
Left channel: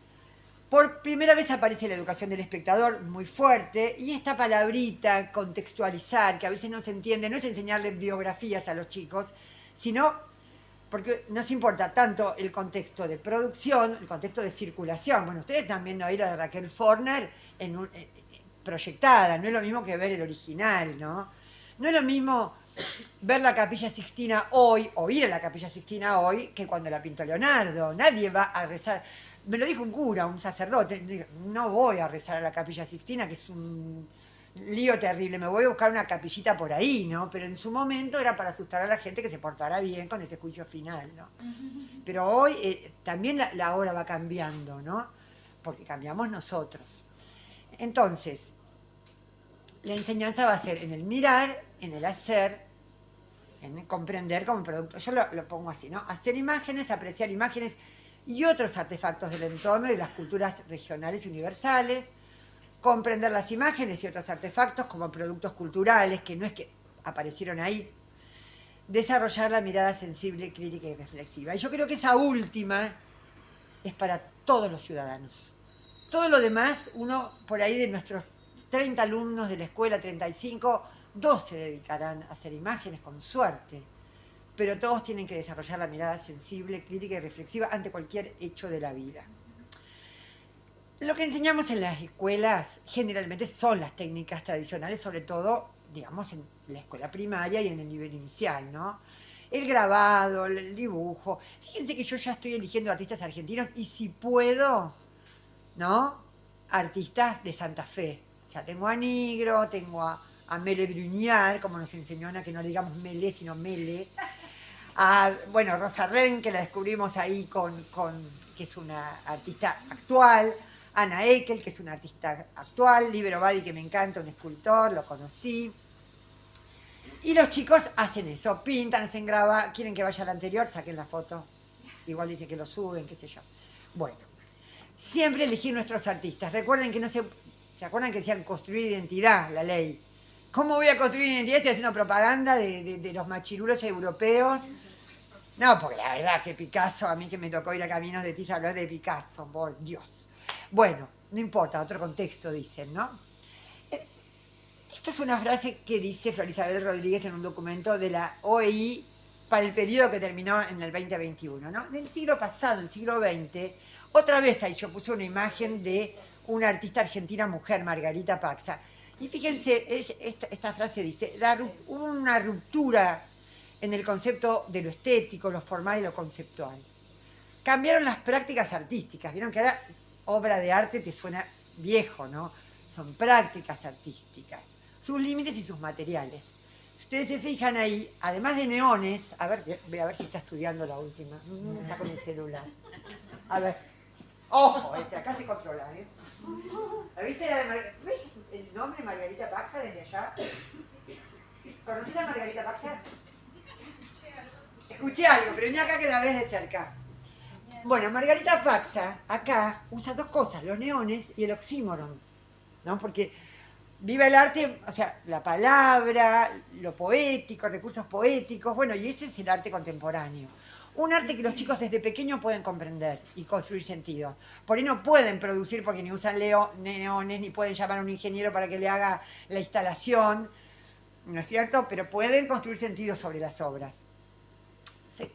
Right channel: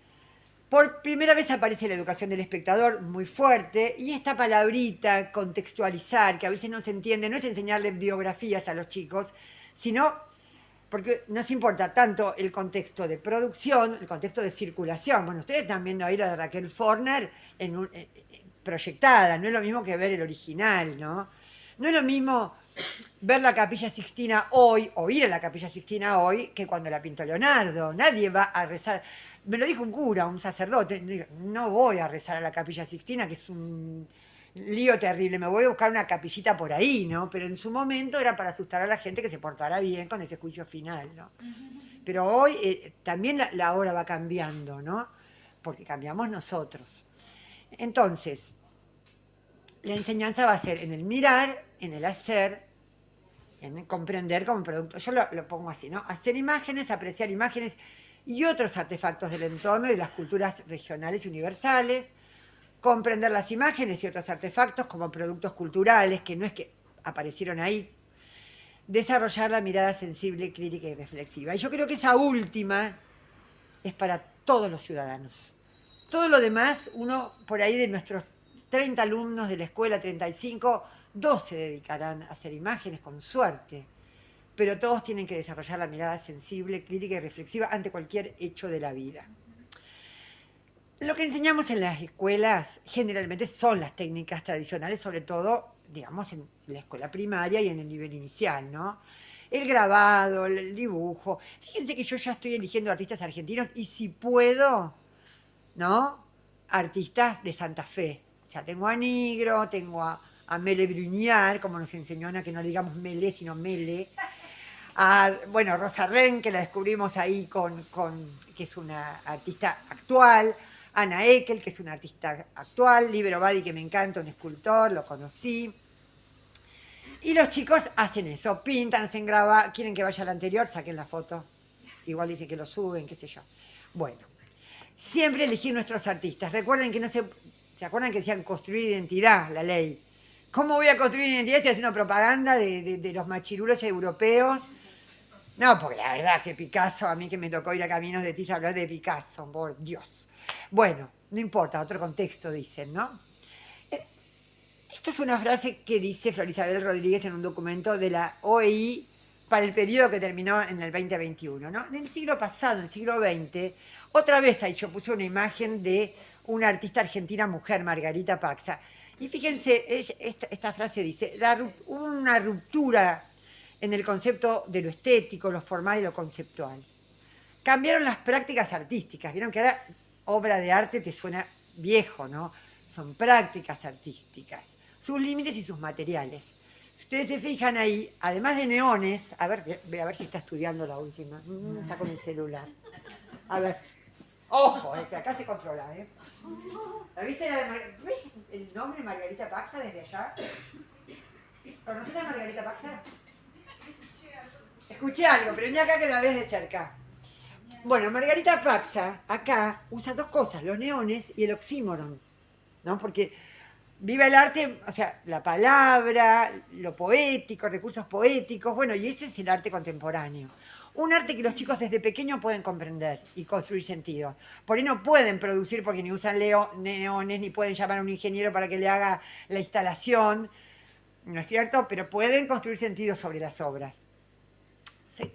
por primera vez aparece la educación del espectador muy fuerte y esta palabrita, contextualizar, que a veces no se entiende, no es enseñarles biografías a los chicos, sino porque nos importa tanto el contexto de producción, el contexto de circulación. Bueno, ustedes también oíron de Raquel Forner proyectada, no es lo mismo que ver el original, ¿no? No es lo mismo ver la Capilla Sixtina hoy, o ir a la Capilla Sixtina hoy, que cuando la pintó Leonardo. Nadie va a rezar. Me lo dijo un cura, un sacerdote, no voy a rezar a la Capilla Sixtina, que es un lío terrible, me voy a buscar una capillita por ahí, ¿no? Pero en su momento era para asustar a la gente que se portara bien con ese juicio final, ¿no? Pero hoy también la hora va cambiando, ¿no? Porque cambiamos nosotros. Entonces, la enseñanza va a ser en el mirar, en el hacer, en comprender como producto. Yo lo pongo así, ¿no? Hacer imágenes, apreciar imágenes y otros artefactos del entorno y de las culturas regionales y universales, comprender las imágenes y otros artefactos como productos culturales, que no es que aparecieron ahí, desarrollar la mirada sensible, crítica y reflexiva. Y yo creo que esa última es para todos los ciudadanos. Todo lo demás, uno por ahí de nuestros 30 alumnos de la escuela, 35, 2 se dedicarán a hacer imágenes con suerte, pero todos tienen que desarrollar la mirada sensible, crítica y reflexiva ante cualquier hecho de la vida. Lo que enseñamos en las escuelas generalmente son las técnicas tradicionales, sobre todo, digamos, en la escuela primaria y en el nivel inicial, ¿no? El grabado, el dibujo. Fíjense que yo ya estoy eligiendo artistas argentinos y si puedo, ¿no? artistas de Santa Fe. O sea, tengo a Nigro, tengo a Mele Bruniar, como nos enseñó Ana, que no le digamos Mele, sino Mele. Bueno, Rosa Ren, que la descubrimos ahí que es una artista actual. Ana Eckel, que es una artista actual. Libero Badi, que me encanta, un escultor, lo conocí. Y los chicos hacen eso, pintan, hacen grabar, quieren que vaya al anterior, saquen la foto. Igual dice que lo suben, qué sé yo. Bueno, siempre elegir nuestros artistas. Recuerden que no ¿se acuerdan que decían construir identidad, la ley? ¿Cómo voy a construir identidad? Estoy haciendo propaganda de los machirulos europeos. No, porque la verdad que Picasso, a mí que me tocó ir a Caminos de Tiza a hablar de Picasso, por Dios. Bueno, no importa, otro contexto dicen, ¿no? Esta es una frase que dice Flor Isabel Rodríguez en un documento de la OEI para el periodo que terminó en el 2021, ¿no? Del siglo pasado, en el siglo XX, otra vez ahí yo puse una imagen de una artista argentina mujer, Margarita Paxa. Y fíjense, esta frase dice, hubo una ruptura en el concepto de lo estético, lo formal y lo conceptual. Cambiaron las prácticas artísticas. Vieron que ahora obra de arte te suena viejo, ¿no? Son prácticas artísticas, sus límites y sus materiales. Si ustedes se fijan ahí, además de neones, a ver, voy a ver si está estudiando la última. Está con el celular. A ver. Ojo, que acá se controla, ¿eh? ¿La viste ¿ves el nombre Margarita Paxa desde allá? ¿Conoces a Margarita Paxa? Escuché algo, pero ni acá que la ves de cerca. Bueno, Margarita Paxa acá usa dos cosas, los neones y el oxímoron, ¿no? Porque viva el arte, o sea, la palabra, lo poético, recursos poéticos, bueno, y ese es el arte contemporáneo. Un arte que los chicos desde pequeños pueden comprender y construir sentido. Por ahí no pueden producir porque ni usan neones, ni pueden llamar a un ingeniero para que le haga la instalación, ¿no es cierto? Pero pueden construir sentido sobre las obras. Sí.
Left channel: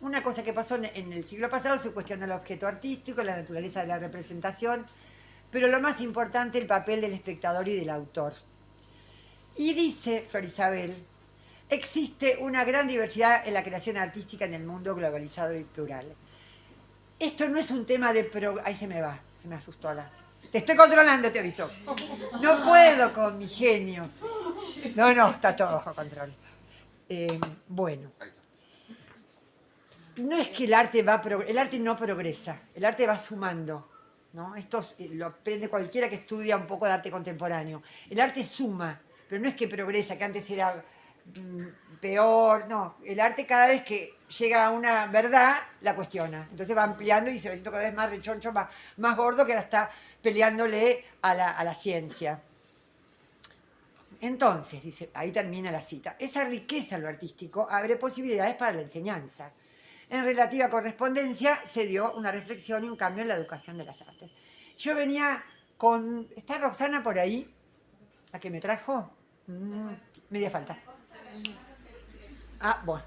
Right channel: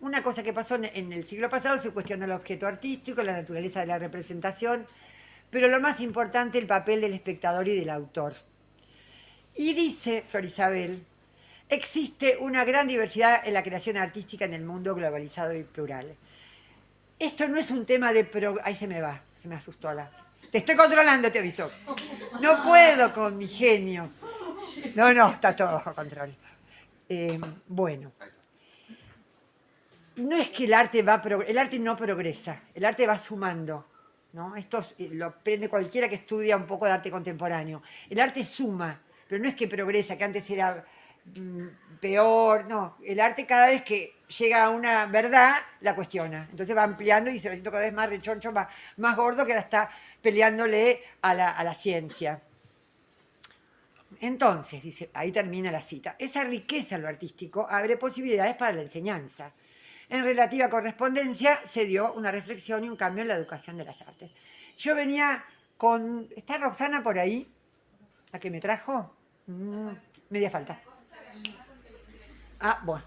Una cosa que pasó en el siglo pasado se cuestionó el objeto artístico, la naturaleza de la representación, pero lo más importante, el papel del espectador y del autor. Y dice Flor Isabel, existe una gran diversidad en la creación artística en el mundo globalizado y plural. Esto no es un tema de... Ahí se me va, se me asustó la... Te estoy controlando, te aviso. No puedo con mi genio. No, está todo bajo control. Bueno. No es que el arte el arte no progresa, el arte va sumando, ¿no? Esto lo aprende cualquiera que estudia un poco de arte contemporáneo. El arte suma, pero no es que progresa, que antes era peor, no. El arte cada vez que llega a una verdad, la cuestiona. Entonces va ampliando y se va haciendo cada vez más rechoncho, más gordo, que ahora está peleándole a la ciencia. Entonces, dice, ahí termina la cita, esa riqueza en lo artístico abre posibilidades para la enseñanza. En relativa correspondencia se dio una reflexión y un cambio en la educación de las artes. Yo venía con... ¿Está Roxana por ahí? ¿La que me trajo? Media falta. Bueno.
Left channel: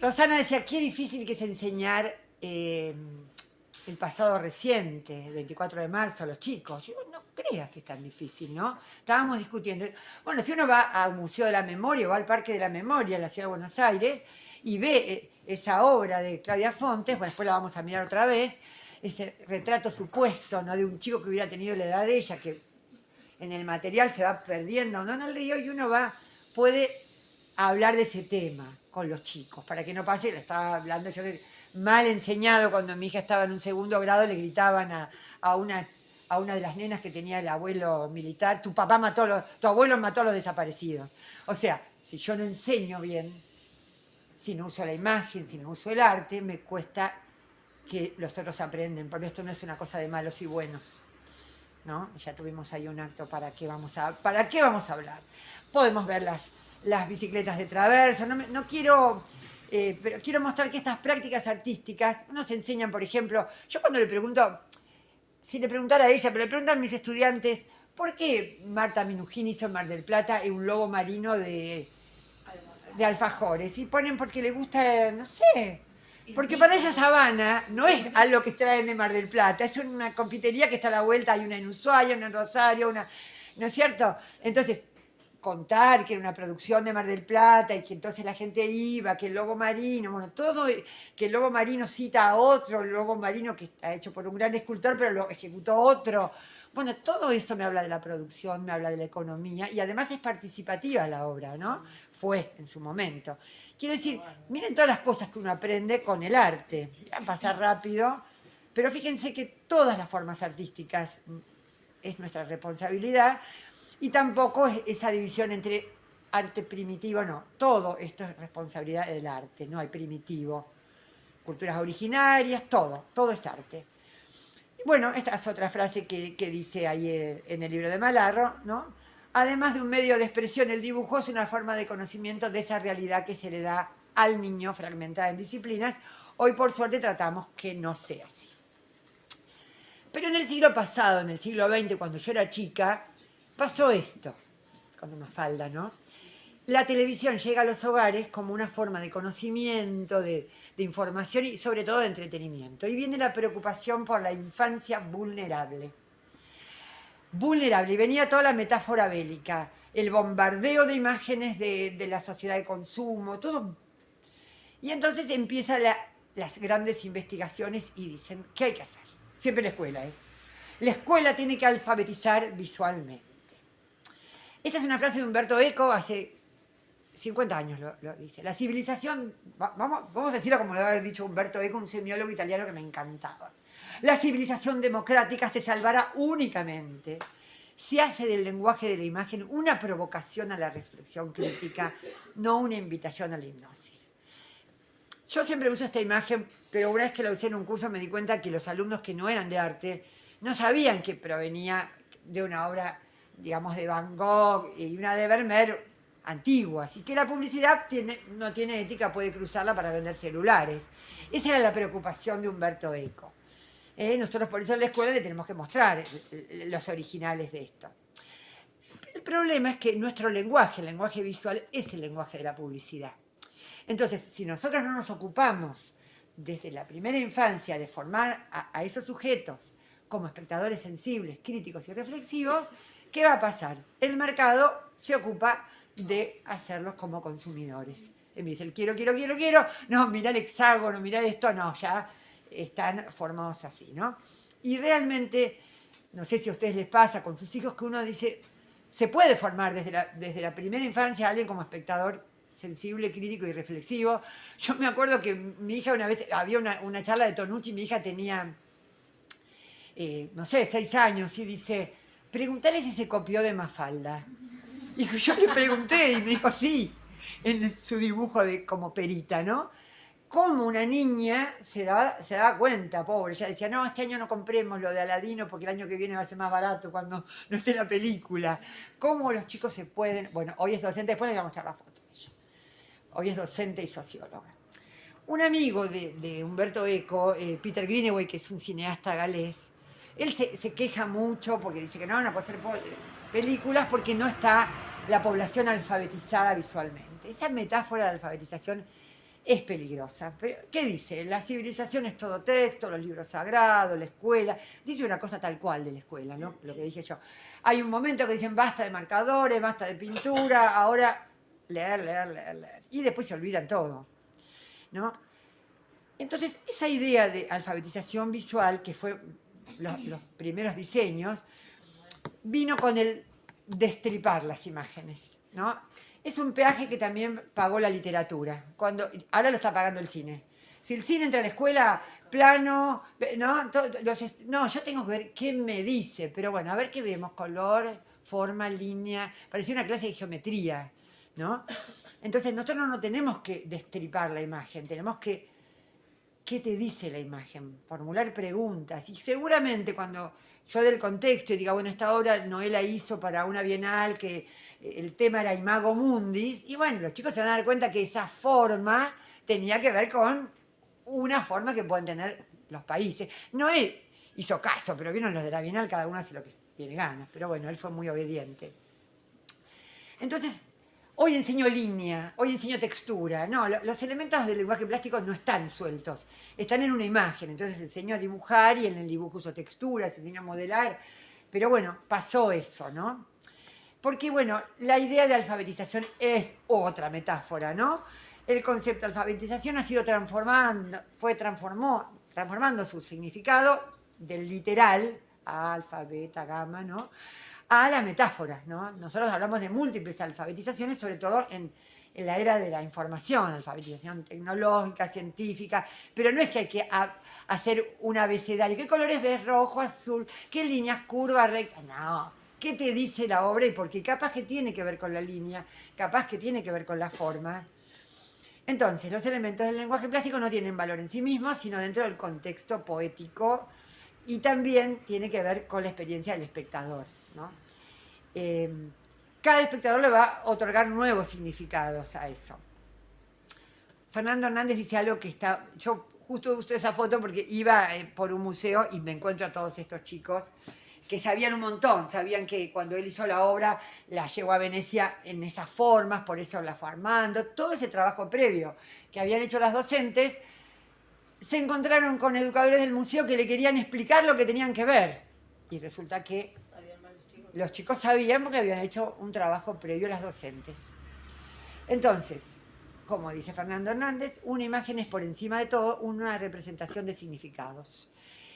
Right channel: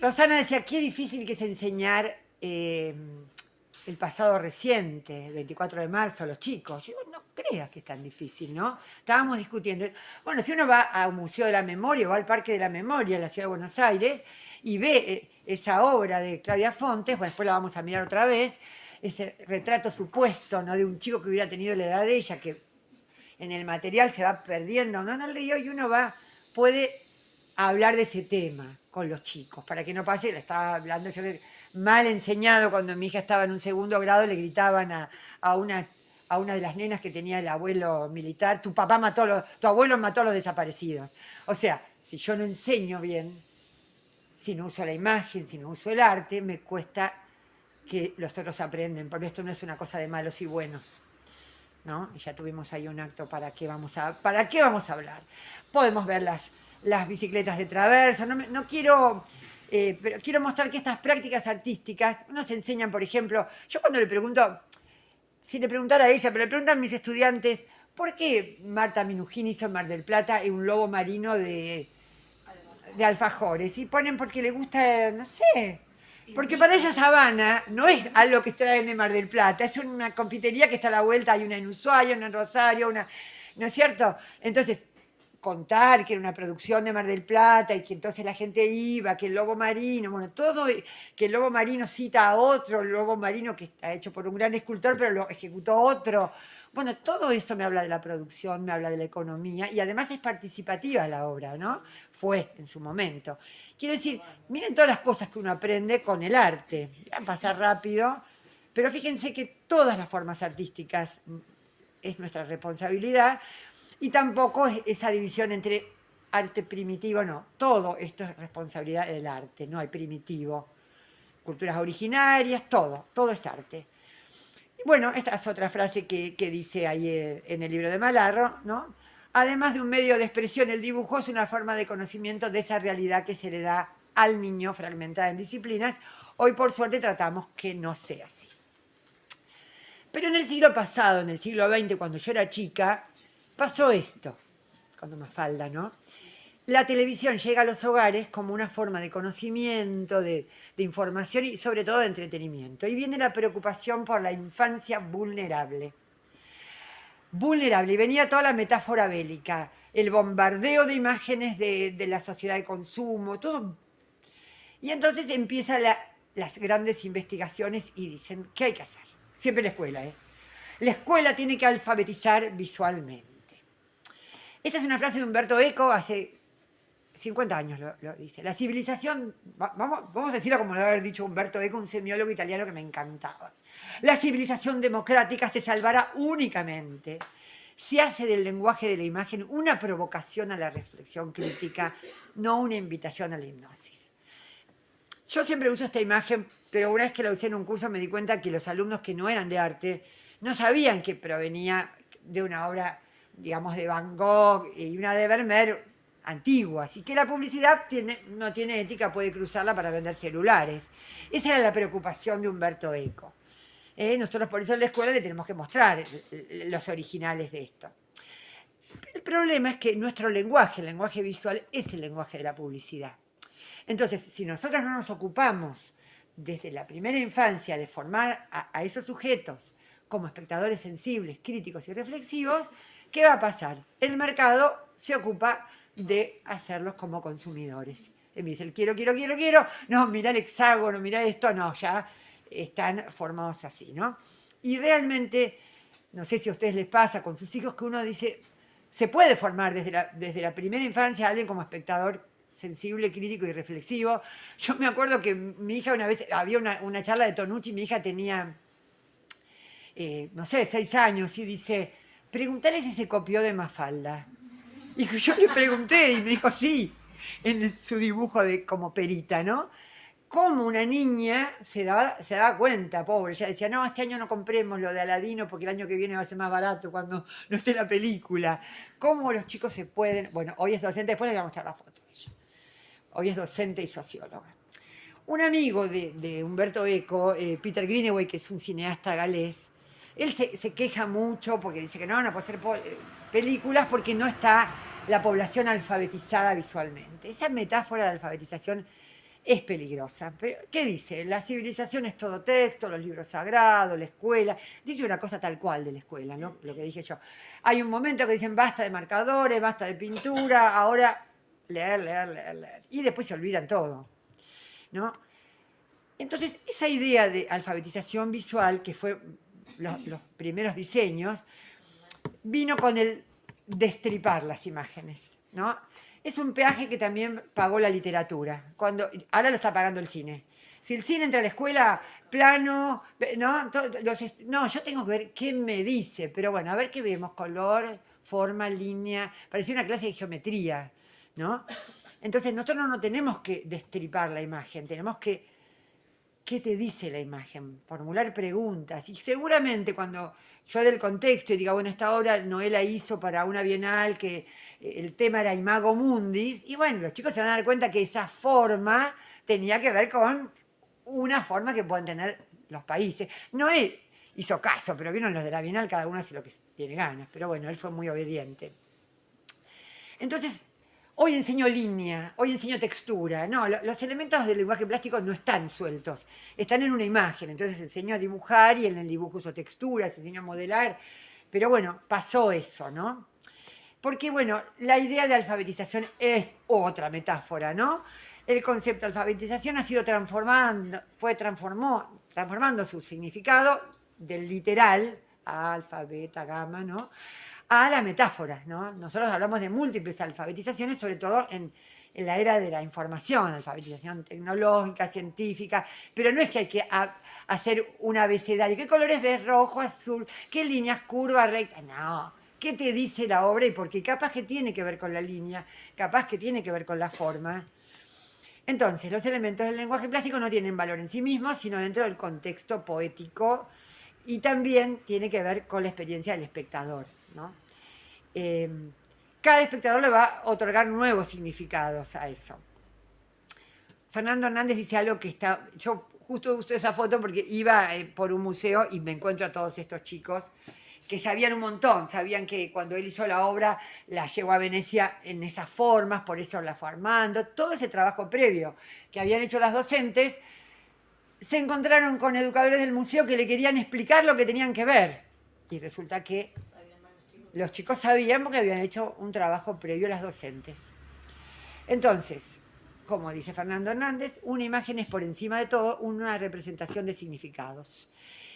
Roxana decía, qué difícil que es enseñar el pasado reciente, el 24 de marzo, a los chicos. Yo no creas que es tan difícil, ¿no? Estábamos discutiendo. Bueno, si uno va a un Museo de la Memoria o va al Parque de la Memoria en la Ciudad de Buenos Aires y ve esa obra de Claudia Fontes, bueno, después la vamos a mirar otra vez, ese retrato supuesto, ¿no? De un chico que hubiera tenido la edad de ella, que en el material se va perdiendo, ¿no? En el río, y uno puede hablar de ese tema con los chicos, para que no pase, le estaba hablando yo mal enseñado cuando mi hija estaba en un segundo grado, le gritaban a una de las nenas que tenía el abuelo militar, tu abuelo mató a los desaparecidos. O sea, si yo no enseño bien, si no uso la imagen, si no uso el arte, me cuesta que los otros aprenden, porque esto no es una cosa de malos y buenos, ¿no? Ya tuvimos ahí un acto, ¿para qué vamos a hablar? Podemos ver las bicicletas de traverso, no quiero... pero quiero mostrar que estas prácticas artísticas nos enseñan, por ejemplo, yo cuando le pregunto, si le preguntara a ella, pero le preguntan a mis estudiantes, ¿por qué Marta Minujín hizo en Mar del Plata un lobo marino de alfajores? Y ponen porque le gusta, no sé, porque para ella Sabana no es algo que traen de Mar del Plata, es una confitería que está a la vuelta, hay una en Ushuaia, una en Rosario, ¿no es cierto? Entonces, contar que era una producción de Mar del Plata y que entonces la gente iba, que el lobo marino, bueno, todo, que el lobo marino cita a otro lobo marino que está hecho por un gran escultor, pero lo ejecutó otro. Bueno, todo eso me habla de la producción, me habla de la economía y además es participativa la obra, ¿no? Fue en su momento. Quiero decir, miren todas las cosas que uno aprende con el arte. Van a pasar rápido, pero fíjense que todas las formas artísticas es nuestra responsabilidad y tampoco es esa división entre arte primitivo, no. Todo esto es responsabilidad del arte, no hay primitivo. Culturas originarias, todo es arte. Bueno, esta es otra frase que dice ahí en el libro de Malarro, ¿no? Además de un medio de expresión, el dibujo es una forma de conocimiento de esa realidad que se le da al niño fragmentada en disciplinas. Hoy, por suerte, tratamos que no sea así. Pero en el siglo pasado, en el siglo XX, cuando yo era chica, pasó esto, cuando Mafalda, ¿no? La televisión llega a los hogares como una forma de conocimiento, de información y sobre todo de entretenimiento. Y viene la preocupación por la infancia vulnerable. Vulnerable, y venía toda la metáfora bélica, el bombardeo de imágenes de la sociedad de consumo, todo. Y entonces empiezan las grandes investigaciones y dicen, ¿qué hay que hacer? Siempre la escuela, ¿eh? La escuela tiene que alfabetizar visualmente. Esta es una frase de Umberto Eco hace 50 años lo dice. La civilización, vamos a decirlo como lo había dicho Umberto Eco, un semiólogo italiano que me encantaba. La civilización democrática se salvará únicamente si hace del lenguaje de la imagen una provocación a la reflexión crítica, no una invitación a la hipnosis. Yo siempre uso esta imagen, pero una vez que la usé en un curso me di cuenta que los alumnos que no eran de arte no sabían que provenía de una obra, digamos, de Van Gogh y una de Vermeer antiguas, y que la publicidad no tiene ética, puede cruzarla para vender celulares. Esa era la preocupación de Umberto Eco. Nosotros por eso en la escuela le tenemos que mostrar los originales de esto. El problema es que nuestro lenguaje, el lenguaje visual, es el lenguaje de la publicidad. Entonces, si nosotros no nos ocupamos desde la primera infancia de formar a esos sujetos como espectadores sensibles, críticos y reflexivos, ¿qué va a pasar? El mercado se ocupa de hacerlos como consumidores. Me dice el quiero, no, mirá el hexágono, mirá esto, no, ya están formados así, ¿no? Y realmente, no sé si a ustedes les pasa con sus hijos que uno dice, se puede formar desde la primera infancia a alguien como espectador sensible, crítico y reflexivo. Yo me acuerdo que mi hija una vez, había una charla de Tonucci, mi hija tenía, no sé, 6 años, y dice, preguntale si se copió de Mafalda. Y yo le pregunté y me dijo sí, en su dibujo de como perita, ¿no? Como una niña se daba cuenta, pobre, ella decía, no, este año no compremos lo de Aladino porque el año que viene va a ser más barato cuando no esté la película. Cómo los chicos se pueden, bueno, hoy es docente, después les voy a mostrar la foto de ella. Hoy es docente y socióloga. Un amigo de Umberto Eco, Peter Greenaway, que es un cineasta galés, él se queja mucho porque dice que no van a poder hacer películas porque no está la población alfabetizada visualmente. Esa metáfora de alfabetización es peligrosa. ¿Qué dice? La civilización es todo texto, los libros sagrados, la escuela. Dice una cosa tal cual de la escuela, ¿no? Lo que dije yo. Hay un momento que dicen basta de marcadores, basta de pintura, ahora leer. Y después se olvidan todo, ¿no? Entonces, esa idea de alfabetización visual, que fue los primeros diseños, vino con el destripar las imágenes, ¿no? Es un peaje que también pagó la literatura, ahora lo está pagando el cine. Si el cine entra a la escuela, plano, ¿no? No, yo tengo que ver qué me dice, pero bueno, a ver qué vemos, color, forma, línea, parecía una clase de geometría, ¿no? Entonces nosotros no tenemos que destripar la imagen, tenemos que, ¿qué te dice la imagen? Formular preguntas, y seguramente cuando yo del contexto y diga, bueno, esta obra Noela hizo para una bienal que el tema era Imago Mundis, y bueno, los chicos se van a dar cuenta que esa forma tenía que ver con una forma que pueden tener los países. Noé hizo caso, pero vieron los de la bienal, cada uno hace lo que tiene ganas, pero bueno, él fue muy obediente. Entonces, hoy enseño línea, hoy enseño textura. No, los elementos del lenguaje plástico no están sueltos, están en una imagen. Entonces enseño a dibujar y en el dibujo uso texturas, enseño a modelar. Pero bueno, pasó eso, ¿no? Porque bueno, la idea de alfabetización es otra metáfora, ¿no? El concepto de alfabetización ha sido transformando su significado del literal alfa, beta, gamma, ¿no? A la metáfora, ¿no? Nosotros hablamos de múltiples alfabetizaciones, sobre todo en la era de la información, alfabetización tecnológica, científica, pero no es que hay que hacer un abecedario. ¿Qué colores ves? Rojo, azul, qué líneas curvas, rectas. No. ¿Qué te dice la obra? Y porque capaz que tiene que ver con la línea, capaz que tiene que ver con la forma. Entonces, los elementos del lenguaje plástico no tienen valor en sí mismos, sino dentro del contexto poético y también tiene que ver con la experiencia del espectador, ¿no? Cada espectador le va a otorgar nuevos significados a eso. Fernando Hernández dice algo que está... Yo justo usé esa foto porque iba por un museo y me encuentro a todos estos chicos que sabían un montón, sabían que cuando él hizo la obra la llevó a Venecia en esas formas, por eso la fue armando, todo ese trabajo previo que habían hecho las docentes, se encontraron con educadores del museo que le querían explicar lo que tenían que ver. Y resulta que los chicos sabían porque habían hecho un trabajo previo a las docentes. Entonces, como dice Fernando Hernández, una imagen es por encima de todo una representación de significados.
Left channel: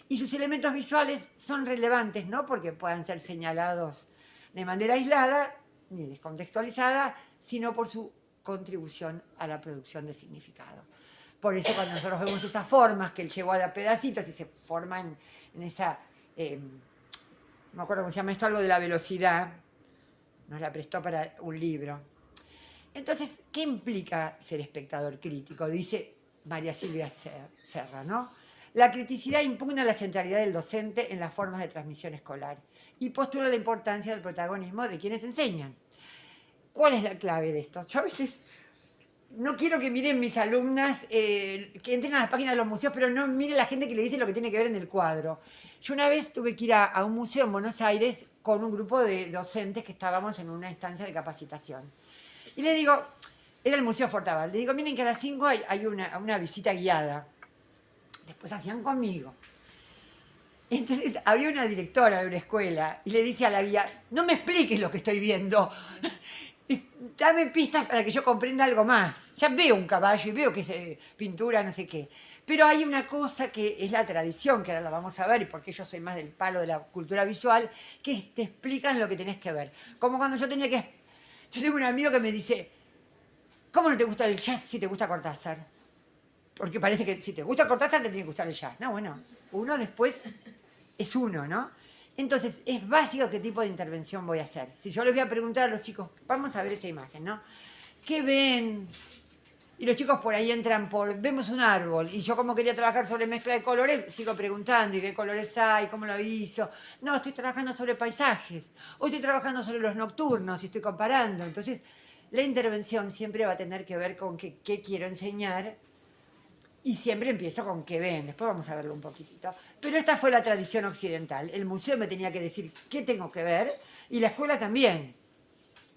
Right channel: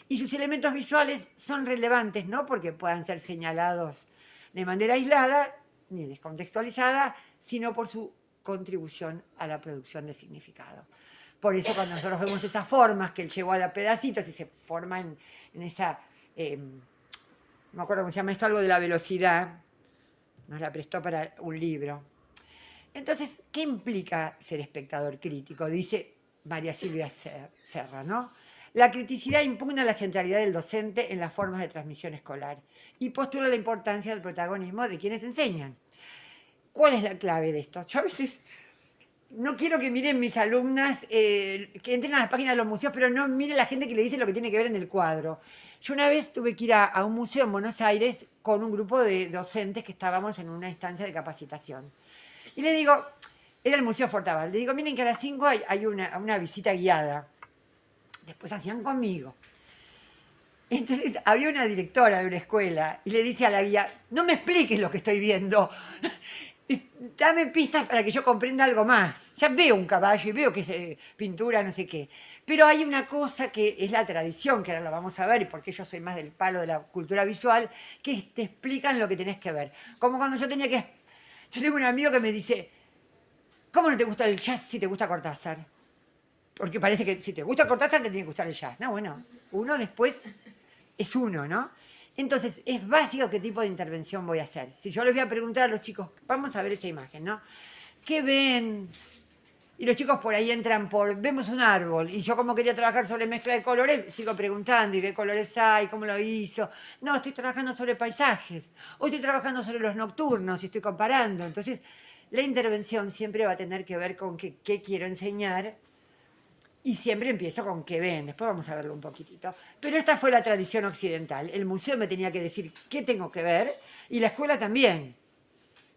Y sus elementos visuales son relevantes, no porque puedan ser señalados de manera aislada ni descontextualizada, sino por su contribución a la producción de significado. Por eso cuando nosotros vemos esas formas que él llevó a dar pedacitos y se forman en esa... no me acuerdo cómo se llama esto, algo de la velocidad, nos la prestó para un libro. Entonces, ¿qué implica ser espectador crítico? Dice María Silvia Serra, ¿no? La criticidad impugna la centralidad del docente en las formas de transmisión escolar y postula la importancia del protagonismo de quienes enseñan. ¿Cuál es la clave de esto? Yo a veces no quiero que miren mis alumnas, que entren a las páginas de los museos, pero no miren la gente que le dice lo que tiene que ver en el cuadro. Yo una vez tuve que ir a un museo en Buenos Aires con un grupo de docentes que estábamos en una instancia de capacitación. Y le digo, era el Museo Fortabat, le digo, miren que a las 5 hay una visita guiada. Después hacían conmigo. Entonces había una directora de una escuela y le dice a la guía, no me expliques lo que estoy viendo, dame pistas para que yo comprenda algo más. Ya veo un caballo y veo que es pintura, no sé qué. Pero hay una cosa que es la tradición, que ahora la vamos a ver, y porque yo soy más del palo de la cultura visual, que te explican lo que tenés que ver. Como cuando yo tenía que... Yo tengo un amigo que me dice, ¿cómo no te gusta el jazz si te gusta Cortázar? Porque parece que si te gusta Cortázar te tiene que gustar el jazz. No, bueno, uno después es uno, ¿no? Entonces, es básico qué tipo de intervención voy a hacer. Si yo les voy a preguntar a los chicos, vamos a ver esa imagen, ¿no? ¿Qué ven? Y los chicos por ahí entran por, vemos un árbol, y yo como quería trabajar sobre mezcla de colores, sigo preguntando, ¿y qué colores hay? ¿Cómo lo hizo? No, estoy trabajando sobre paisajes, o estoy trabajando sobre los nocturnos, y estoy comparando. Entonces, la intervención siempre va a tener que ver con qué quiero enseñar, y siempre empiezo con qué ven, después vamos a verlo un poquitito. Pero esta fue la tradición occidental. El museo me tenía que decir qué tengo que ver, y la escuela también.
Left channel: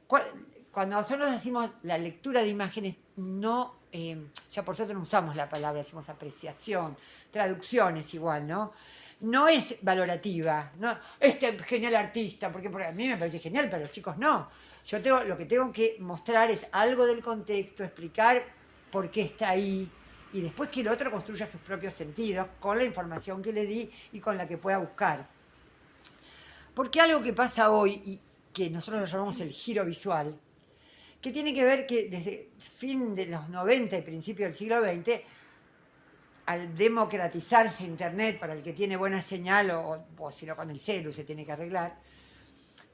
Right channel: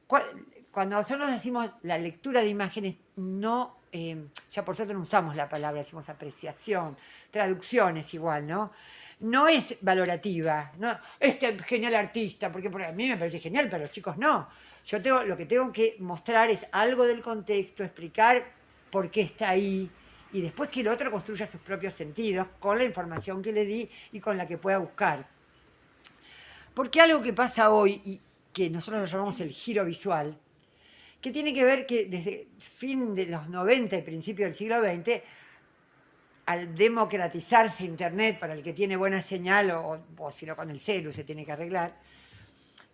Cuando nosotros decimos la lectura de imágenes, no, ya por suerte no usamos la palabra, decimos apreciación, traducciones igual, ¿no? No es valorativa, ¿no? Este genial artista, porque a mí me parece genial, pero a los chicos no. Lo que tengo que mostrar es algo del contexto, explicar por qué está ahí, y después que el otro construya sus propios sentidos con la información que le di y con la que pueda buscar. Porque algo que pasa hoy, y que nosotros lo llamamos el giro visual, que tiene que ver que desde fin de los 90 y principio del siglo XX, al democratizarse Internet para el que tiene buena señal, o si no con el celu se tiene que arreglar,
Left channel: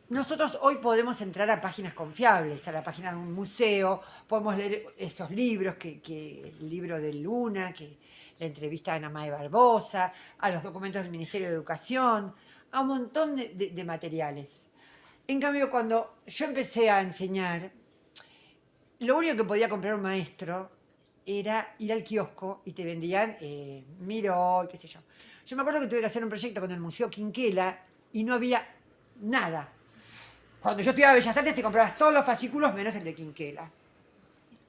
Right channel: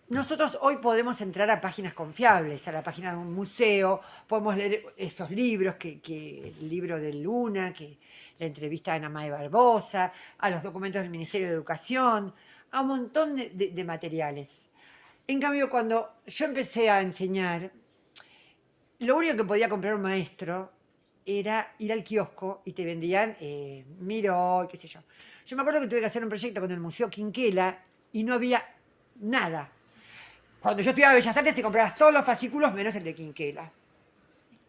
nosotros hoy podemos entrar a páginas confiables, a la página de un museo, podemos leer esos libros, el libro de Luna, la entrevista de Ana Mae Barbosa, a los documentos del Ministerio de Educación, a un montón de materiales. En cambio, cuando yo empecé a enseñar, lo único que podía comprar un maestro era ir al kiosco y te vendían Miró, qué sé yo. Yo me acuerdo que tuve que hacer un proyecto con el Museo Quinquela y no había nada. Cuando yo estudiaba Bellas Artes te comprabas todos los fascículos menos el de Quinquela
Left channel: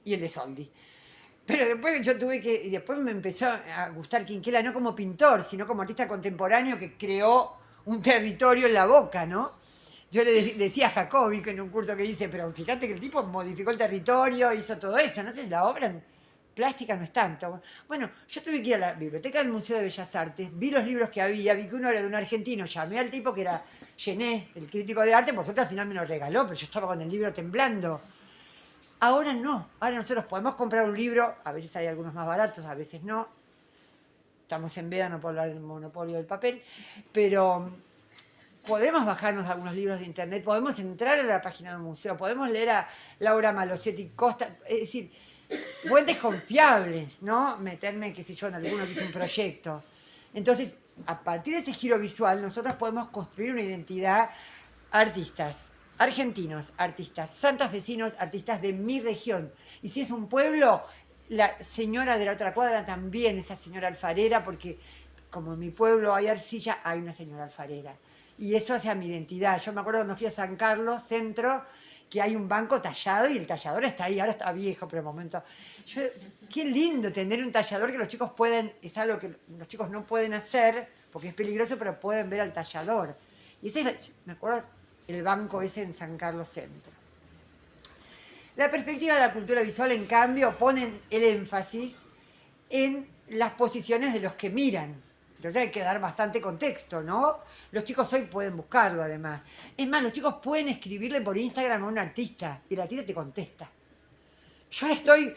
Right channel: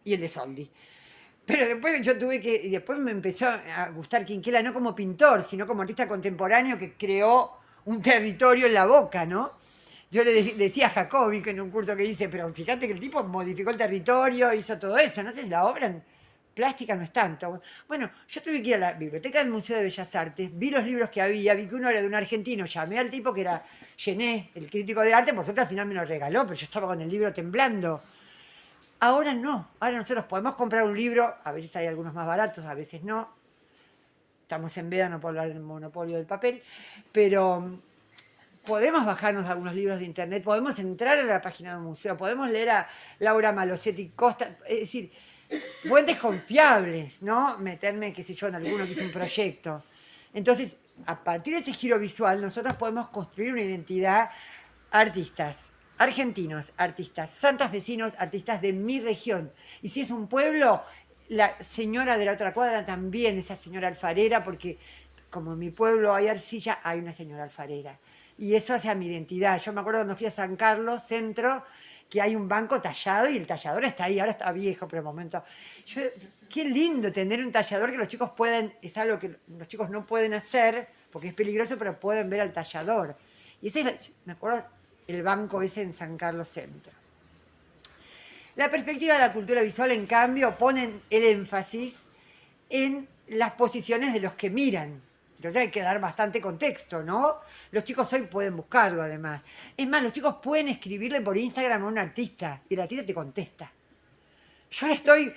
y el de Soldi. Pero después y después me empezó a gustar Quinquela no como pintor, sino como artista contemporáneo que creó un territorio en la Boca, ¿no? Yo le decía a Jacobi, que en un curso que hice, pero fíjate que el tipo modificó el territorio, hizo todo eso, no sé si la obra plástica no es tanto. Bueno, yo tuve que ir a la biblioteca del Museo de Bellas Artes, vi los libros que había, vi que uno era de un argentino, llamé al tipo que era Gené, el crítico de arte, por suerte al final me lo regaló, pero yo estaba con el libro temblando. Ahora no, ahora nosotros podemos comprar un libro, a veces hay algunos más baratos, a veces no. Estamos en veda, no puedo hablar del monopolio del papel, pero podemos bajarnos algunos libros de internet, podemos entrar a la página del museo, podemos leer a Laura Malosetti Costa, es decir, fuentes confiables, ¿no? Meterme, qué sé yo, en alguno que hizo un proyecto. Entonces, a partir de ese giro visual, nosotros podemos construir una identidad artistas argentinos, artistas santafesinos, artistas de mi región. Y si es un pueblo, la señora de la otra cuadra también, esa señora alfarera, porque como en mi pueblo hay arcilla, hay una señora alfarera. Y eso hace a mi identidad. Yo me acuerdo cuando fui a San Carlos, centro, que hay un banco tallado y el tallador está ahí, ahora está viejo, pero de momento. Qué lindo tener un tallador que los chicos pueden, es algo que los chicos no pueden hacer, porque es peligroso, pero pueden ver al tallador. Y ese es, me acuerdo, el banco ese en San Carlos Centro. La perspectiva de la cultura visual, en cambio, pone el énfasis en las posiciones de los que miran. Entonces hay que dar bastante contexto, ¿no? Los chicos hoy pueden buscarlo, además. Es más, los chicos pueden escribirle por Instagram a un artista y el artista te contesta. Yo estoy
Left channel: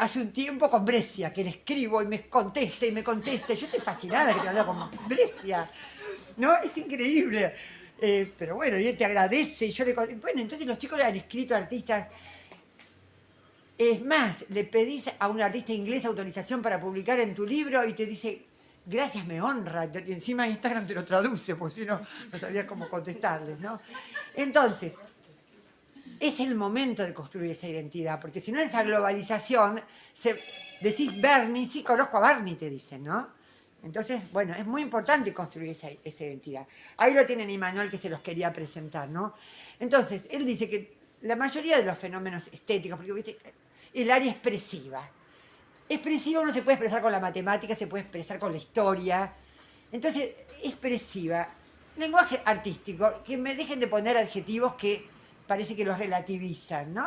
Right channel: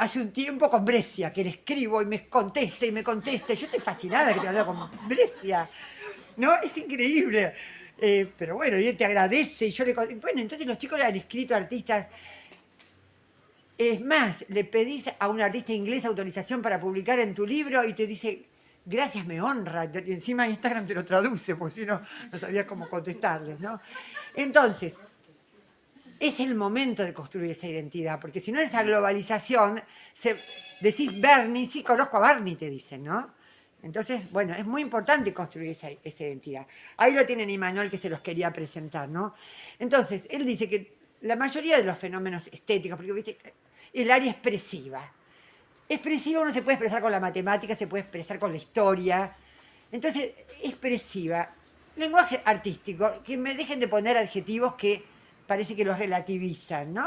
hace un tiempo con Brescia, que le escribo y me contesta y me contesta. Yo estoy fascinada de que hablo con Brescia. ¿No? Es increíble. Pero bueno, y él te agradece. Y yo le bueno, entonces los chicos le han escrito a artistas. Es más, le pedís a un artista inglés autorización para publicar en tu libro y te dice, gracias, me honra. Y encima Instagram te lo traduce, porque si no, no sabías cómo contestarles, ¿no? Entonces, es el momento de construir esa identidad, porque si no, esa globalización, decís Bernie, sí conozco a Bernie, te dicen, ¿no? Entonces, bueno, es muy importante construir esa identidad. Ahí lo tienen Immanuel, que se los quería presentar, ¿no? Entonces, él dice que la mayoría de los fenómenos estéticos, porque viste, el área expresiva. Expresiva uno se puede expresar con la matemática, se puede expresar con la historia. Entonces, expresiva. Lenguaje artístico, que me dejen de poner adjetivos que parece que los relativizan, ¿no?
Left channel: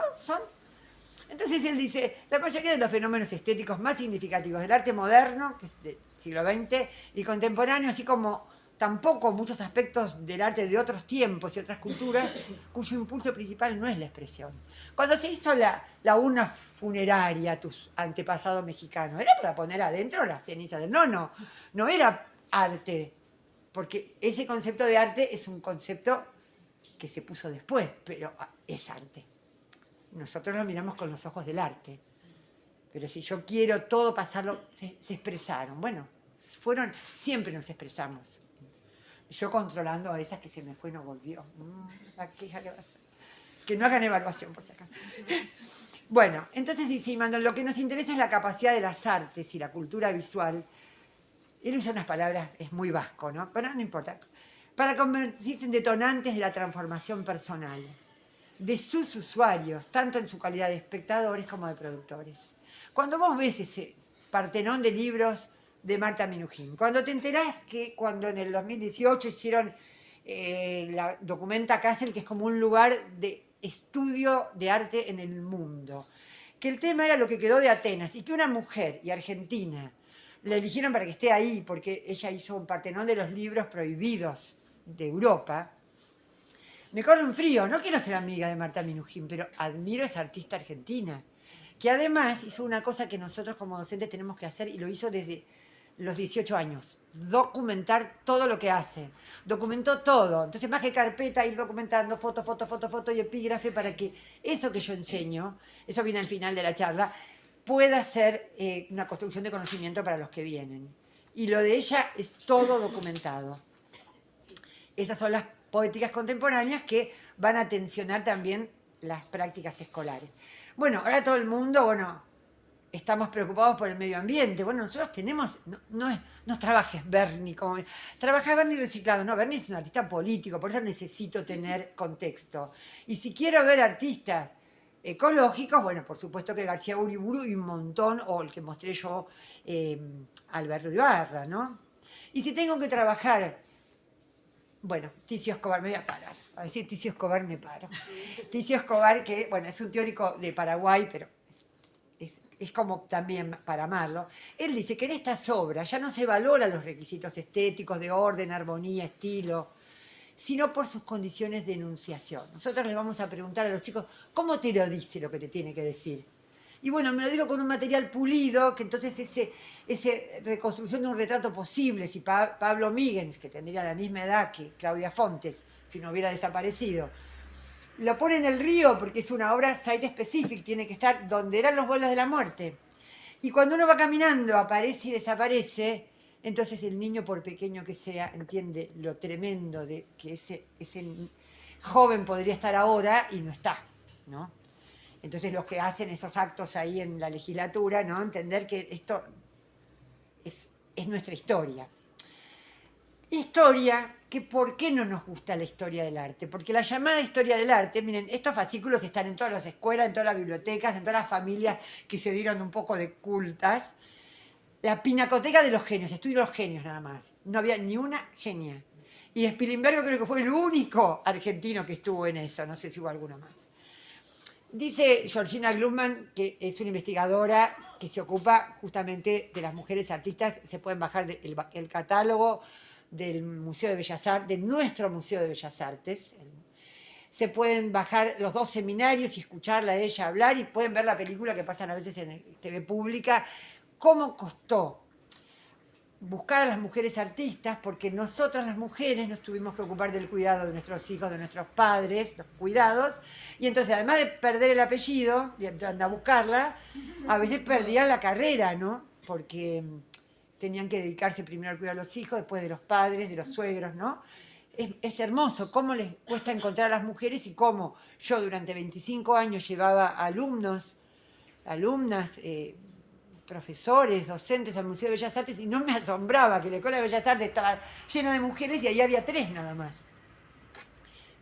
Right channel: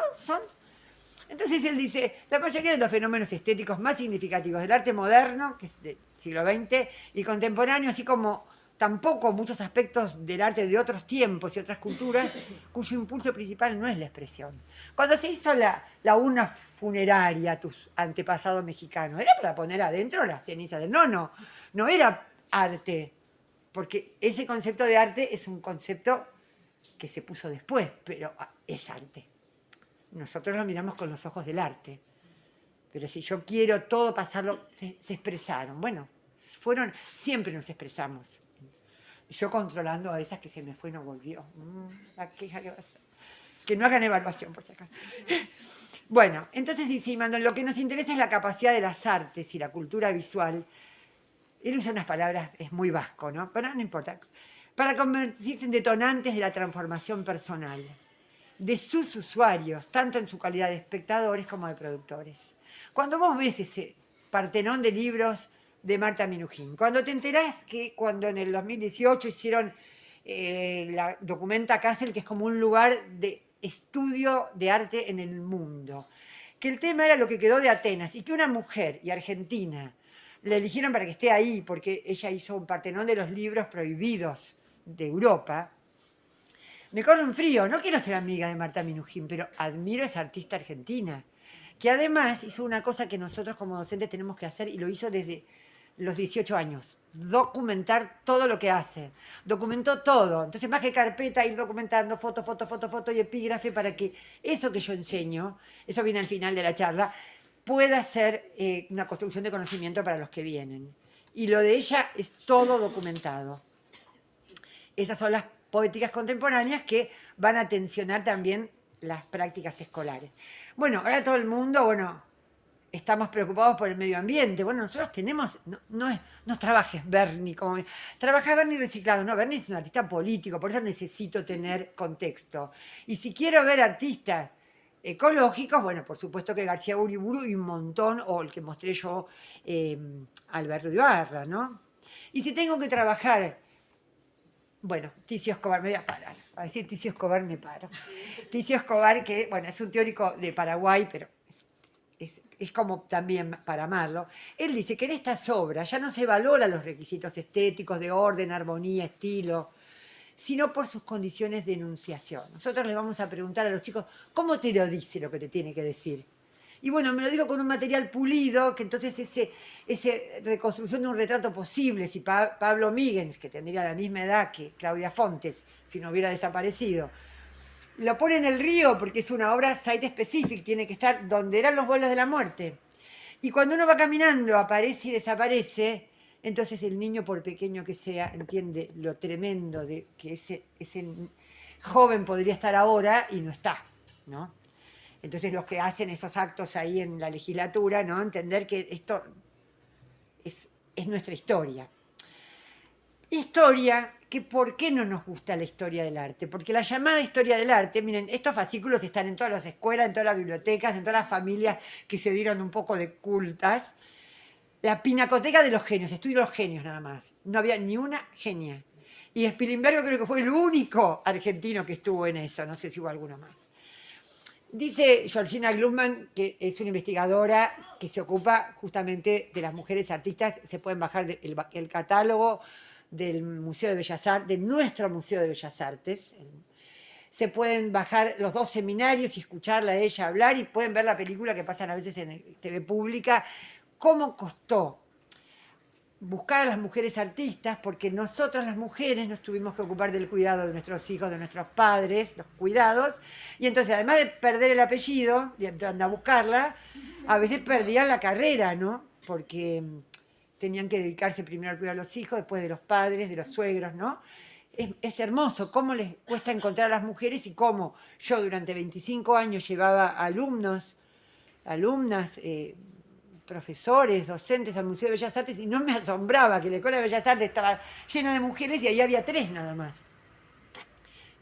Entonces él dice, la mayoría de los fenómenos estéticos más significativos del arte moderno, que es del siglo XX, y contemporáneo, así como tampoco muchos aspectos del arte de otros tiempos y otras culturas, cuyo impulso principal no es la expresión. Cuando se hizo la urna funeraria a tus antepasados mexicanos, era para poner adentro la ceniza del no era arte, porque ese concepto de arte es un concepto que se puso después, pero es arte. Nosotros lo miramos con los ojos del arte. Pero si yo quiero todo pasarlo, se expresaron. Bueno, siempre nos expresamos. Yo controlando a esas que se me fue y no volvió. La queja que va a hacer. Que no hagan evaluación, por si acaso. Bueno, entonces dice Immanuel, lo que nos interesa es la capacidad de las artes y la cultura visual. Él usa unas palabras, es muy vasco, ¿no? Pero no importa. Para convertirse en detonantes de la transformación personal de sus usuarios, tanto en su calidad de espectadores como de productores. Cuando vos ves ese Partenón de libros de Marta Minujín, cuando te enterás que cuando en el 2018 hicieron la Documenta Kassel, que es como un lugar de estudio de arte en el mundo, que el tema era lo que quedó de Atenas y que una mujer y argentina la eligieron para que esté ahí porque ella hizo un Partenón de los libros prohibidos de Europa. Me corre un frío, no quiero ser amiga de Marta Minujín, pero admiro a esa artista argentina, que además hizo una cosa que nosotros como docentes tenemos que hacer y lo hizo desde los 18 años, documentar todo lo que hace. Documentó todo, entonces más que carpeta, ir documentando foto y epígrafe para que eso que yo enseño, eso viene al final de la charla, pueda ser una construcción de conocimiento para los que vienen. Y lo de ella es todo documentado. Esas son las poéticas contemporáneas que van a tensionar también las prácticas escolares. Bueno, ahora todo el mundo, estamos preocupados por el medio ambiente. Bueno, nosotros tenemos, no trabajes Bernie, trabaja Bernie reciclado. No, Bernie es un artista político, por eso necesito tener contexto. Y si quiero ver artistas ecológicos, bueno, por supuesto que García Uriburu y un montón, o el que mostré yo, Alberto Ibarra, ¿no? Y si tengo que trabajar, bueno, Ticio Escobar, me voy a parar. A decir Ticio Escobar me paro. Ticio Escobar, que, bueno, es un teórico de Paraguay, pero es es como también para amarlo, él dice que en estas obras ya no se valoran los requisitos estéticos de orden, armonía, estilo, sino por sus condiciones de enunciación. Nosotros les vamos a preguntar a los chicos, ¿cómo te lo dice lo que te tiene que decir? Y bueno, me lo digo con un material pulido, que entonces ese reconstrucción de un retrato posible, si Pablo Míguez, que tendría la misma edad que Claudia Fontes, si no hubiera desaparecido, lo pone en el río porque es una obra site specific, tiene que estar donde eran los vuelos de la muerte. Y cuando uno va caminando, aparece y desaparece, entonces el niño, por pequeño que sea, entiende lo tremendo de que ese joven podría estar ahora y no está, ¿no? Entonces los que hacen esos actos ahí en la legislatura, ¿no? Entender que esto es nuestra historia. Historia, que ¿por qué no nos gusta la historia del arte? Porque la llamada historia del arte, miren, estos fascículos están en todas las escuelas, en todas las bibliotecas, en todas las familias que se dieron un poco de cultas. La pinacoteca de los genios, estudio los genios nada más. No había ni una genia. Y Spilimbergo creo que fue el único argentino que estuvo en eso, no sé si hubo alguno más. Dice Georgina Glumman, que es una investigadora que se ocupa justamente de las mujeres artistas, se pueden bajar el catálogo del Museo de Bellas Artes, de nuestro Museo de Bellas Artes. Se pueden bajar los 2 seminarios y escucharla a ella hablar y pueden ver la película que pasan a veces en TV Pública. ¿Cómo costó buscar a las mujeres artistas? Porque nosotras las mujeres nos tuvimos que ocupar del cuidado de nuestros hijos, de nuestros padres, los cuidados, y entonces además de perder el apellido y andar a buscarla, a veces perdían la carrera, ¿no? Porque tenían que dedicarse primero al cuidado de los hijos, después de los padres, de los suegros, ¿no? Es hermoso cómo les cuesta encontrar a las mujeres y cómo yo durante 25 años llevaba alumnas, profesores, docentes al Museo de Bellas Artes y no me asombraba que la Escuela de Bellas Artes estaba llena de mujeres y ahí había 3 nada más.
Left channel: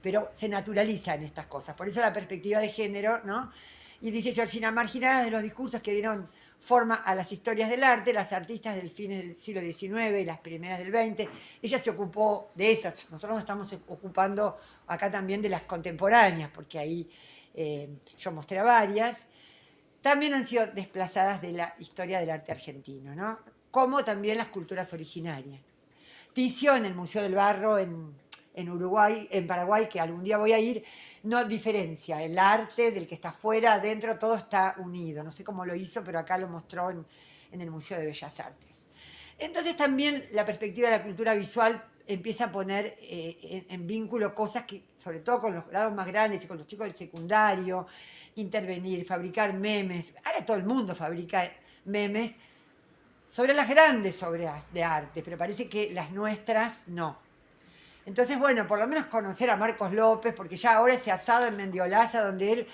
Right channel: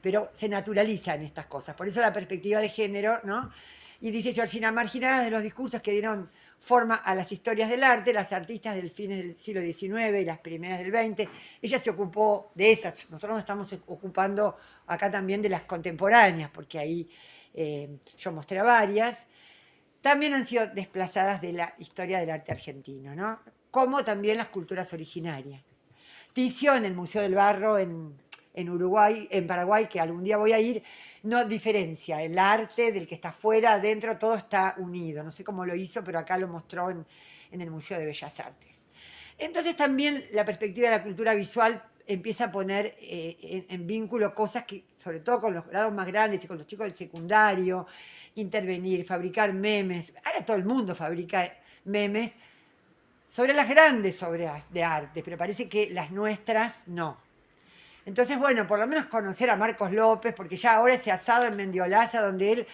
Pero se naturalizan estas cosas, por eso la perspectiva de género, ¿no? Y dice Georgina, marginadas de los discursos que dieron forma a las historias del arte, las artistas del fines del siglo XIX y las primeras del XX, ella se ocupó de esas, nosotros nos estamos ocupando acá también de las contemporáneas, porque ahí yo mostré varias, también han sido desplazadas de la historia del arte argentino, ¿no? Como también las culturas originarias. Ticio en el Museo del Barro en Uruguay, en Paraguay, que algún día voy a ir, no diferencia el arte del que está afuera, adentro, todo está unido. No sé cómo lo hizo, pero acá lo mostró en el Museo de Bellas Artes. Entonces también la perspectiva de la cultura visual empieza a poner en vínculo cosas que, sobre todo con los grados más grandes y con los chicos del secundario, intervenir, fabricar memes. Ahora todo el mundo fabrica memes sobre las grandes obras de arte, pero parece que las nuestras no. Entonces, bueno, por lo menos conocer a Marcos López, porque ya ahora ese asado en Mendiolaza, donde él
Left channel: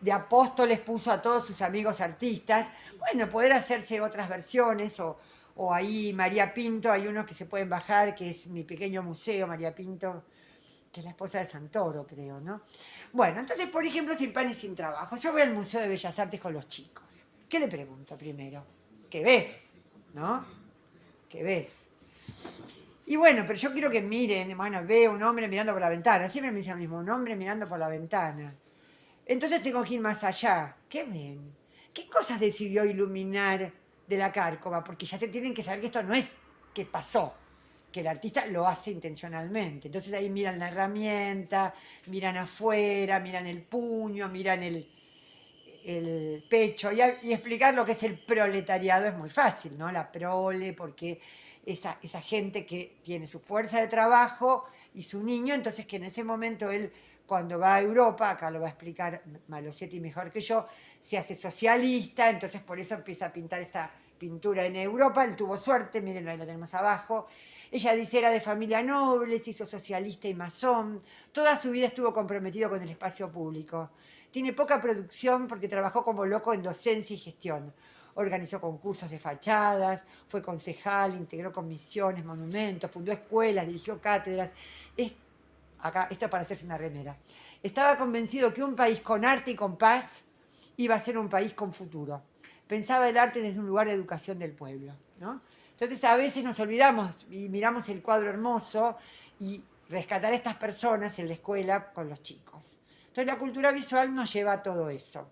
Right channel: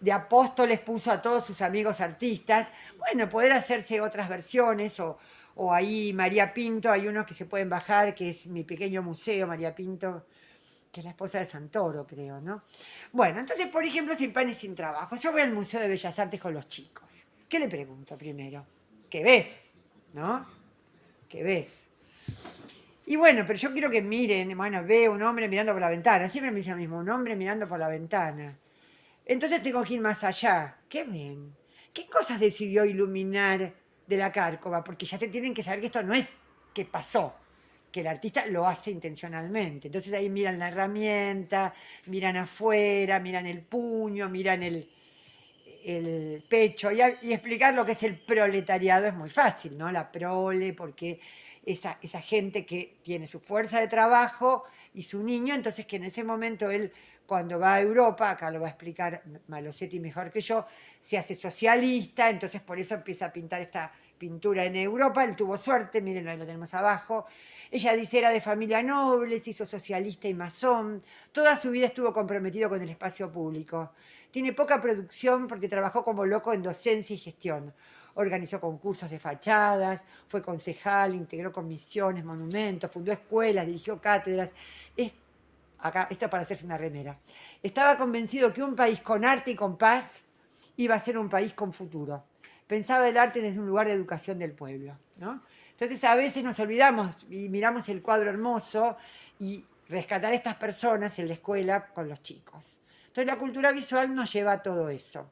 de Apóstoles puso a todos sus amigos artistas, bueno, poder hacerse otras versiones, o ahí María Pinto, hay unos que se pueden bajar, que es Mi Pequeño Museo, María Pinto, que es la esposa de Santoro, creo, ¿no? Bueno, entonces, por ejemplo, Sin Pan y Sin Trabajo. Yo voy al Museo de Bellas Artes con los chicos. ¿Qué le pregunto primero? ¿Qué ves? ¿No? ¿Qué ves? Y bueno, pero yo quiero que miren, bueno, veo un hombre mirando por la ventana, siempre me dice lo mismo, un hombre mirando por la ventana. Entonces tengo que ir más allá. ¿Qué ven? ¿Qué cosas decidió iluminar de la Cárcova? Porque ya te tienen que saber que esto no es que pasó, que el artista lo hace intencionalmente. Entonces ahí miran la herramienta, miran afuera, miran el puño, miran el pecho y explicar lo que es el proletariado es muy fácil, ¿no? La prole, porque esa gente que tiene su fuerza de trabajo y su niño, entonces que en ese momento él, cuando va a Europa, acá lo va a explicar Malosetti mejor que yo, se hace socialista, entonces por eso empieza a pintar esta pintura en Europa, él tuvo suerte, miren, ahí lo tenemos abajo. Ella dice era de familia noble, se hizo socialista y masón, toda su vida estuvo comprometido con el espacio público. Tiene poca producción porque trabajó como loco en docencia y gestión. Organizó concursos de fachadas, fue concejal, integró comisiones, monumentos, fundó escuelas, dirigió cátedras. Acá está para hacerse una remera. Estaba convencido que un país con arte y con paz iba a ser un país con futuro. Pensaba el arte desde un lugar de educación del pueblo, ¿no? Entonces a veces nos olvidamos y miramos el cuadro hermoso y rescatar a estas personas en la escuela con los chicos. Entonces la cultura visual nos lleva a todo eso.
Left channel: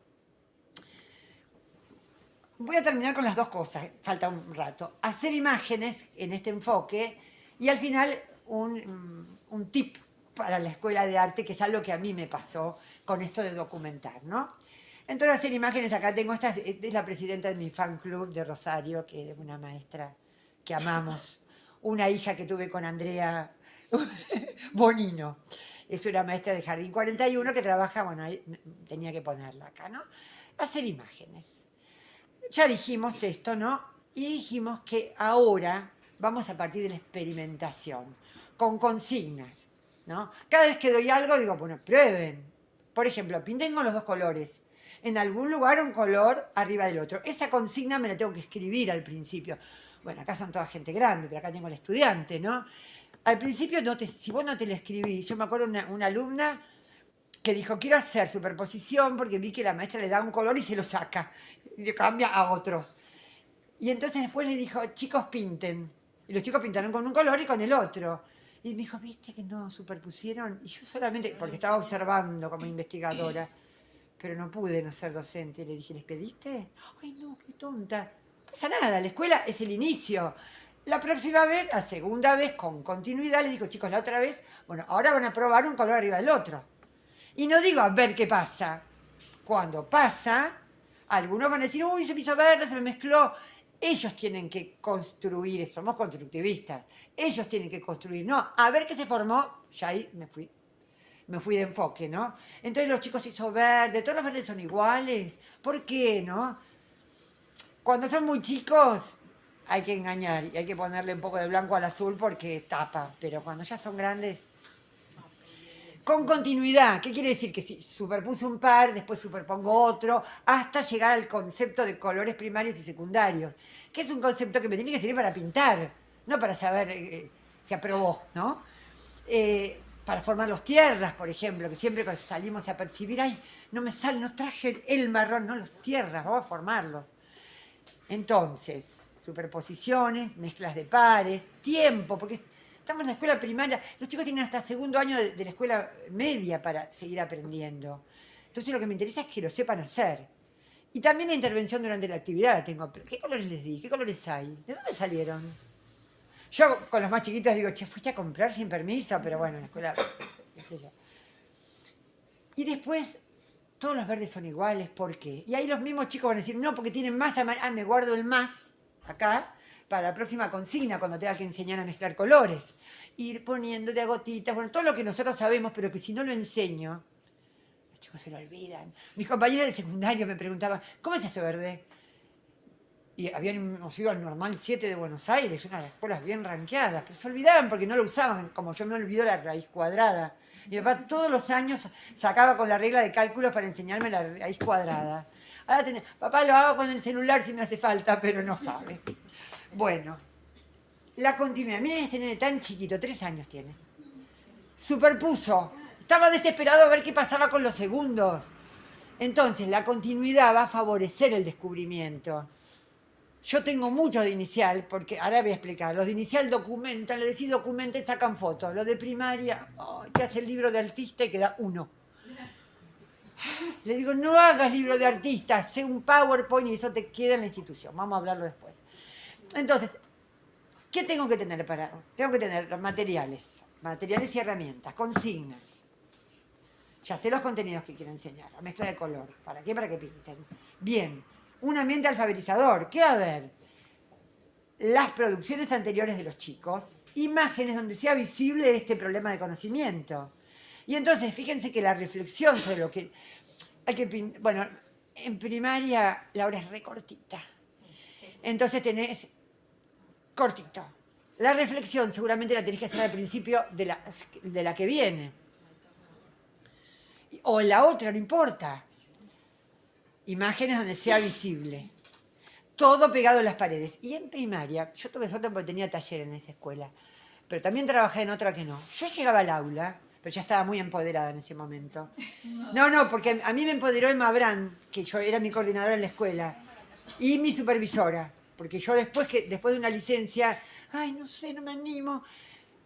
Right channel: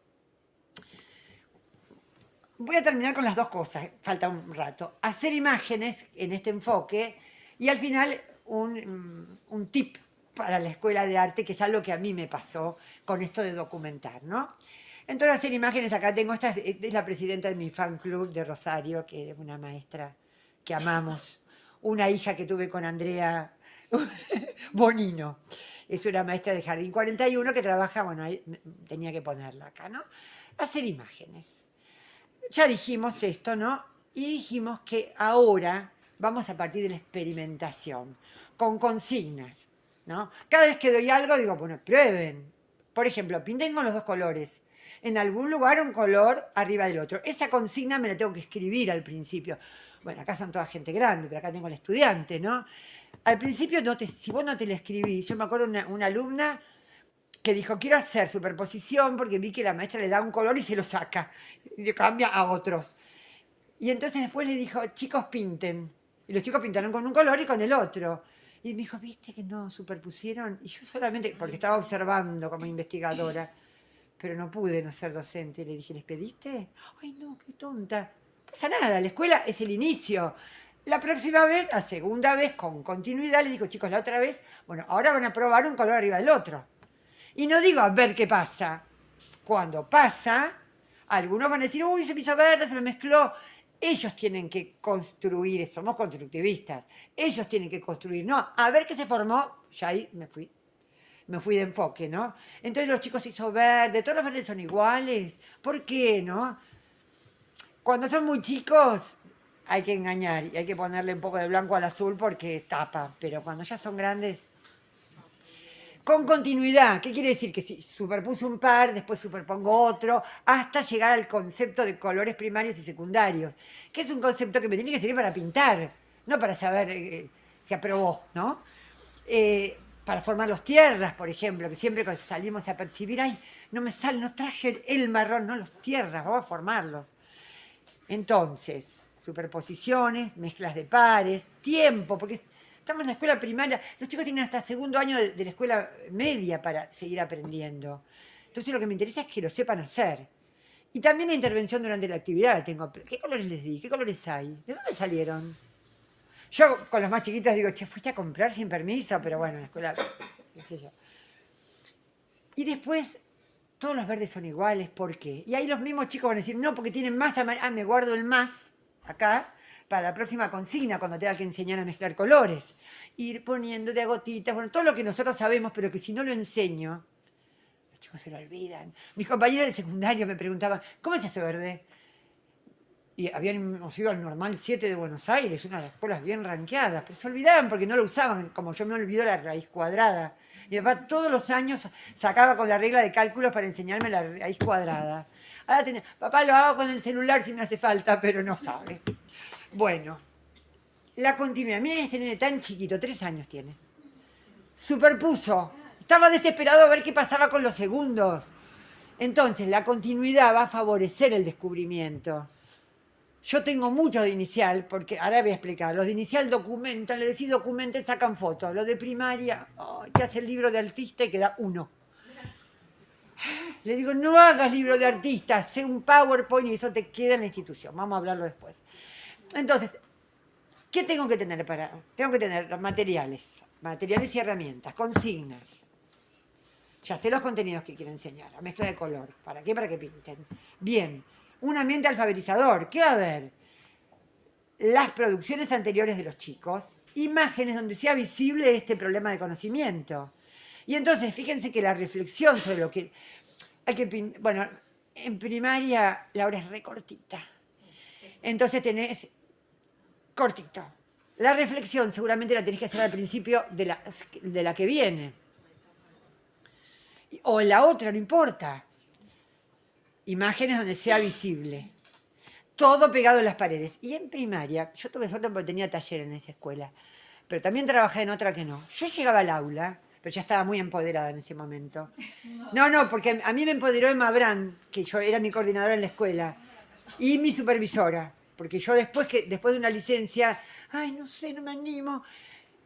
Voy a terminar con las dos cosas, falta un rato. Hacer imágenes en este enfoque y al final un tip para la escuela de arte, que es algo que a mí me pasó con esto de documentar, ¿no? Entonces hacer imágenes, acá tengo, esta es la presidenta de mi fan club de Rosario, que es una maestra que amamos, una hija que tuve con Andrea Bonino, es una maestra de Jardín 41 que trabaja, bueno, ahí tenía que ponerla acá, ¿no? Hacer imágenes. Ya dijimos esto, ¿no? Y dijimos que ahora vamos a partir de la experimentación, con consignas, ¿no? Cada vez que doy algo digo, bueno, prueben. Por ejemplo, pinten con los dos colores. En algún lugar un color arriba del otro. Esa consigna me la tengo que escribir al principio. Bueno, acá son toda gente grande, pero acá tengo el estudiante, ¿no? Al principio, si vos no te la escribís, yo me acuerdo de una alumna que dijo, quiero hacer superposición porque vi que la maestra le da un color y se lo saca, y le cambia a otros. Y entonces después le dijo, chicos, pinten. Y los chicos pintaron con un color y con el otro. Y me dijo, ¿viste que no superpusieron? Y yo solamente, porque estaba observando como investigadora, pero no pude no ser docente. Y le dije, ¿les pediste? Ay, no, qué tonta. No pasa nada, la escuela es el inicio. La próxima vez, la segunda vez, con continuidad, les digo, chicos, la otra vez, bueno, ahora van a probar un color arriba del otro. Y no digo a ver qué pasa. Cuando pasa, algunos van a decir, uy, se me hizo verde, se me mezcló. Ellos tienen que construir, somos constructivistas. Ellos tienen que construir. No, a ver qué se formó, ya ahí me fui de enfoque, ¿no? Entonces los chicos se hizo verde, todos los verdes son iguales. ¿Por qué, no? Cuando son muy chicos hay que engañar y hay que ponerle un poco de blanco al azul porque tapa. Pero cuando ya son grandes, con continuidad. ¿Qué quiere decir? Que si superpuse un par, después superpongo otro, hasta llegar al concepto de colores primarios y secundarios, que es un concepto que me tiene que servir para pintar, no para saber si aprobó, ¿no? Para formar los tierras, por ejemplo, que siempre que salimos a percibir, ay, no me sale, no traje el marrón, no, los tierras, vamos a formarlos. Entonces, superposiciones, mezclas de pares, tiempo, porque estamos en la escuela primaria, los chicos tienen hasta segundo año de la escuela media para seguir aprendiendo. Entonces lo que me interesa es que lo sepan hacer. Y también la intervención durante la actividad la tengo. ¿Qué colores les di? ¿Qué colores hay? ¿De dónde salieron? Yo con los más chiquitos digo, che, fuiste a comprar sin permiso, pero bueno, en la escuela, qué sé yo. Y después, todos los verdes son iguales, ¿por qué? Y ahí los mismos chicos van a decir, no, porque tienen más amarillo. Ah, me guardo el más acá para la próxima consigna, cuando tenga que enseñar a mezclar colores. Ir poniendo de a gotitas, bueno, todo lo que nosotros sabemos, pero que si no lo enseño, los chicos se lo olvidan. Mis compañeros del secundario me preguntaban, ¿cómo es ese verde? Y habíamos ido al Normal 7 de Buenos Aires, una de las escuelas bien ranqueadas, pero se olvidaban porque no lo usaban, como yo me olvido la raíz cuadrada. Mi papá todos los años sacaba con la regla de cálculos para enseñarme la raíz cuadrada. Ahora papá lo hago con el celular si me hace falta, pero no sabe. Bueno, la continuidad. Miren este nene tan chiquito, 3 años tiene. Superpuso. Estaba desesperado a ver qué pasaba con los segundos. Entonces, la continuidad va a favorecer el descubrimiento. Yo tengo muchos de inicial, porque ahora voy a explicar. Los de inicial documentan, le decís documente, sacan fotos. Los de primaria, te hace el libro de artista y queda uno. Le digo, no hagas libro de artista, sé un PowerPoint y eso te queda en la institución. Vamos a hablarlo después. Entonces, ¿qué tengo que tener para? Tengo que tener materiales y herramientas, consignas. Ya sé los contenidos que quiero enseñar, la mezcla de color. ¿Para qué? Para que pinten. Bien, un ambiente alfabetizador. ¿Qué va a haber? Las producciones anteriores de los chicos, imágenes donde sea visible este problema de conocimiento. Y entonces, fíjense que la reflexión sobre lo que hay que... Bueno, en primaria la hora es recortita. Entonces tenés cortito. La reflexión seguramente la tenés que hacer al principio de la que viene. O la otra, no importa. Imágenes donde sea visible. Todo pegado en las paredes. Y en primaria, yo tuve suerte porque tenía taller en esa escuela, pero también trabajé en otra que no. Yo llegaba al aula, pero ya estaba muy empoderada en ese momento. No, porque a mí me empoderó Emma Brand, que yo era mi coordinadora en la escuela, y mi supervisora, porque yo después de una licencia, ay, no sé, no me animo.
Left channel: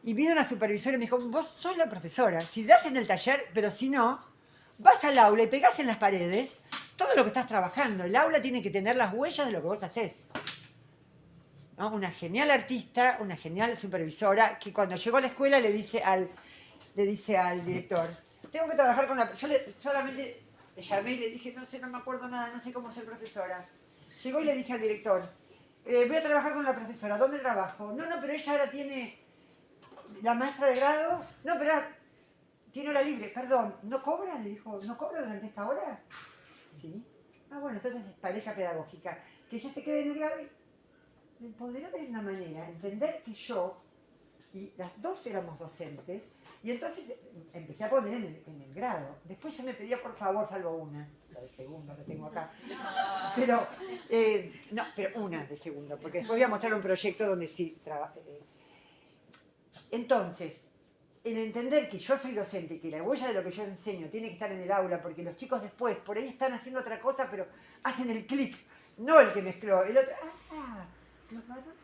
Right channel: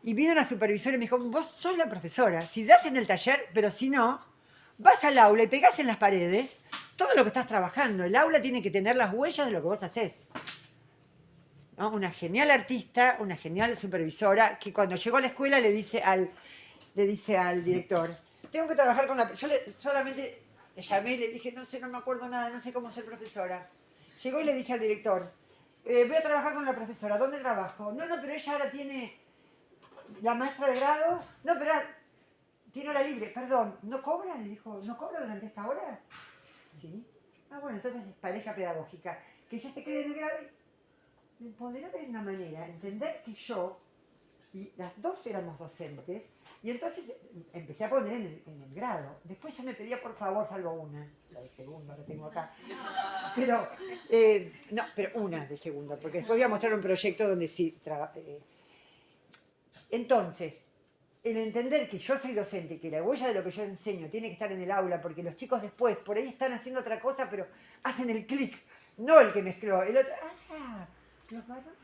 Y vino una supervisora y me dijo, vos sos la profesora, si das en el taller, pero si no, vas al aula y pegás en las paredes todo lo que estás trabajando. El aula tiene que tener las huellas de lo que vos haces, ¿no? Una genial artista, una genial supervisora, que cuando llegó a la escuela le dice al director, tengo que trabajar con la... solamente le llamé y le dije, no sé, no me acuerdo nada, no sé cómo ser profesora. Llegó y le dice al director, voy a trabajar con la profesora, ¿dónde trabajo? No, pero ella ahora tiene la maestra de grado, no, pero tiene hora libre, perdón, ¿no cobra? Le dijo, ¿no cobra durante esta hora? Sí. Ah, bueno, entonces es pareja pedagógica. Que ella se quede en el grado. Me empoderó de una manera, entender que yo y las dos éramos docentes, y entonces empecé a poner en el grado. Después ya me pedía por favor, salvo una, la de segundo que tengo acá. Pero, no, pero una de segundo, porque después voy a mostrar un proyecto donde sí entonces, el entender que yo soy docente y que la huella de lo que yo enseño tiene que estar en el aula, porque los chicos después por ahí están haciendo otra cosa, pero hacen el clic, no el que mezcló, el otro, los marrones,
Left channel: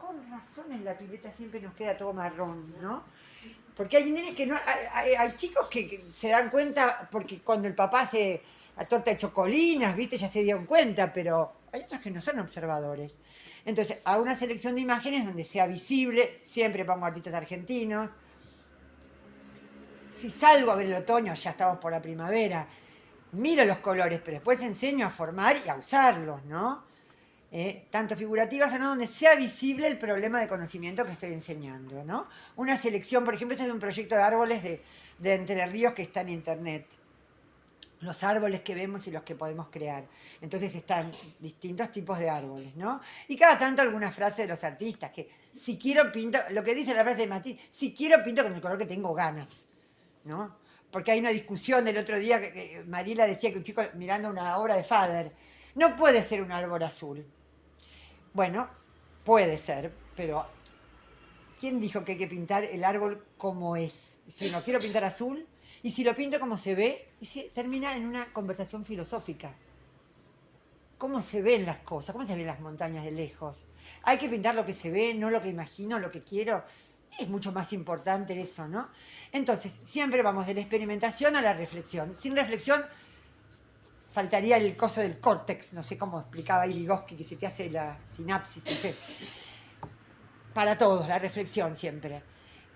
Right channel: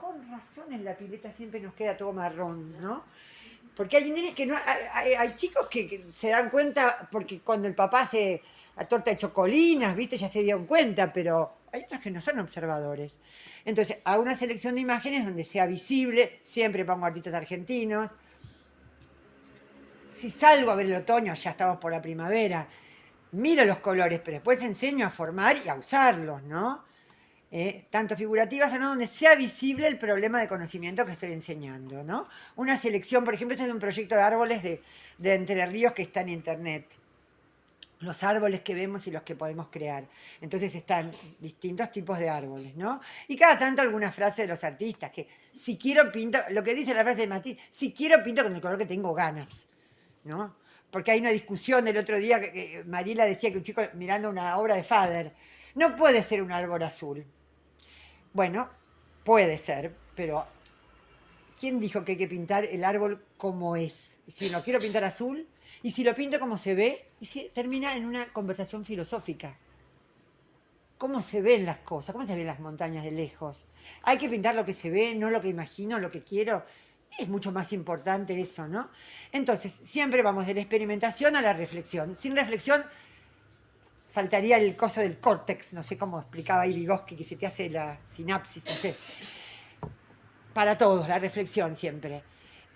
con razón en la pileta siempre nos queda todo marrón, ¿no? Porque hay nenes que no, hay chicos que se dan cuenta, porque cuando el papá hace la torta de chocolinas, viste, ya se dieron cuenta, pero hay otros que no son observadores. Entonces, a una selección de imágenes donde sea visible, siempre pongo artistas argentinos. Si salgo a ver el otoño, ya estamos por la primavera, miro los colores, pero después enseño a formar y a usarlos, ¿no? Tanto figurativas o no, donde sea visible el problema de conocimiento que estoy enseñando, ¿no? Una selección, por ejemplo, este es un proyecto de árboles de Entre Ríos que está en internet. Los árboles que vemos y los que podemos crear. Entonces están distintos tipos de árboles, ¿no? Y cada tanto alguna frase de los artistas, que si quiero pinto, lo que dice la frase de Matilde, si quiero pinto con el color que tengo ganas, ¿no? Porque hay una discusión el otro día que Mariela decía que un chico mirando una obra de Fader, no puede ser un árbol azul. Bueno, puede ser, pero ¿quién dijo que hay que pintar el árbol como es? Si lo quiero pintar azul, y si lo pinto como se ve, y si termina en una conversación filosófica. ¿Cómo se ven las cosas? ¿Cómo se ven las montañas de lejos? Hay que pintar lo que se ve, no lo que imagino, lo que quiero. Es mucho más importante eso, ¿no? Entonces, siempre vamos de la experimentación a la reflexión. Sin reflexión, faltaría el coso del córtex, no sé cómo explicaba ahí Vygotsky, que se te hace la sinapsis, no sé. Para todos, la reflexión siempre.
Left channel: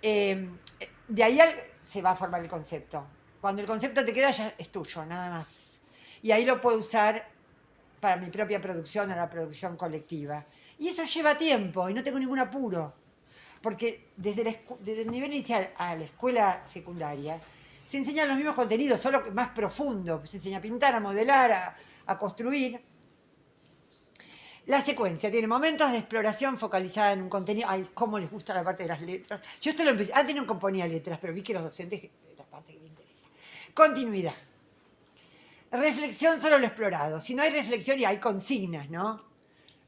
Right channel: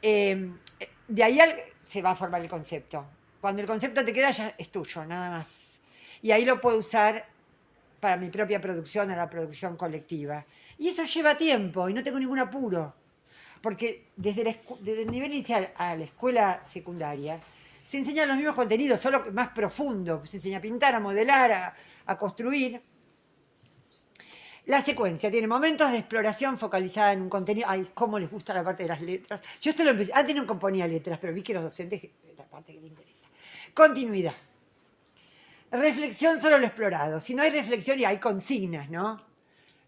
De ahí se va a formar el concepto. Cuando el concepto te queda ya es tuyo, nada más. Y ahí lo puedo usar para mi propia producción o la producción colectiva. Y eso lleva tiempo y no tengo ningún apuro. Porque desde el nivel inicial a la escuela secundaria se enseñan los mismos contenidos, solo más profundo. Se enseña a pintar, a modelar, a construir. La secuencia tiene momentos de exploración focalizada en un contenido. Ay, cómo les gusta la parte de las letras. Yo esto lo empecé. Antes no componía letras, pero vi que los docentes, la parte que les interesa. Continuidad. Reflexión solo lo explorado. Si no hay reflexión y hay consignas, ¿no?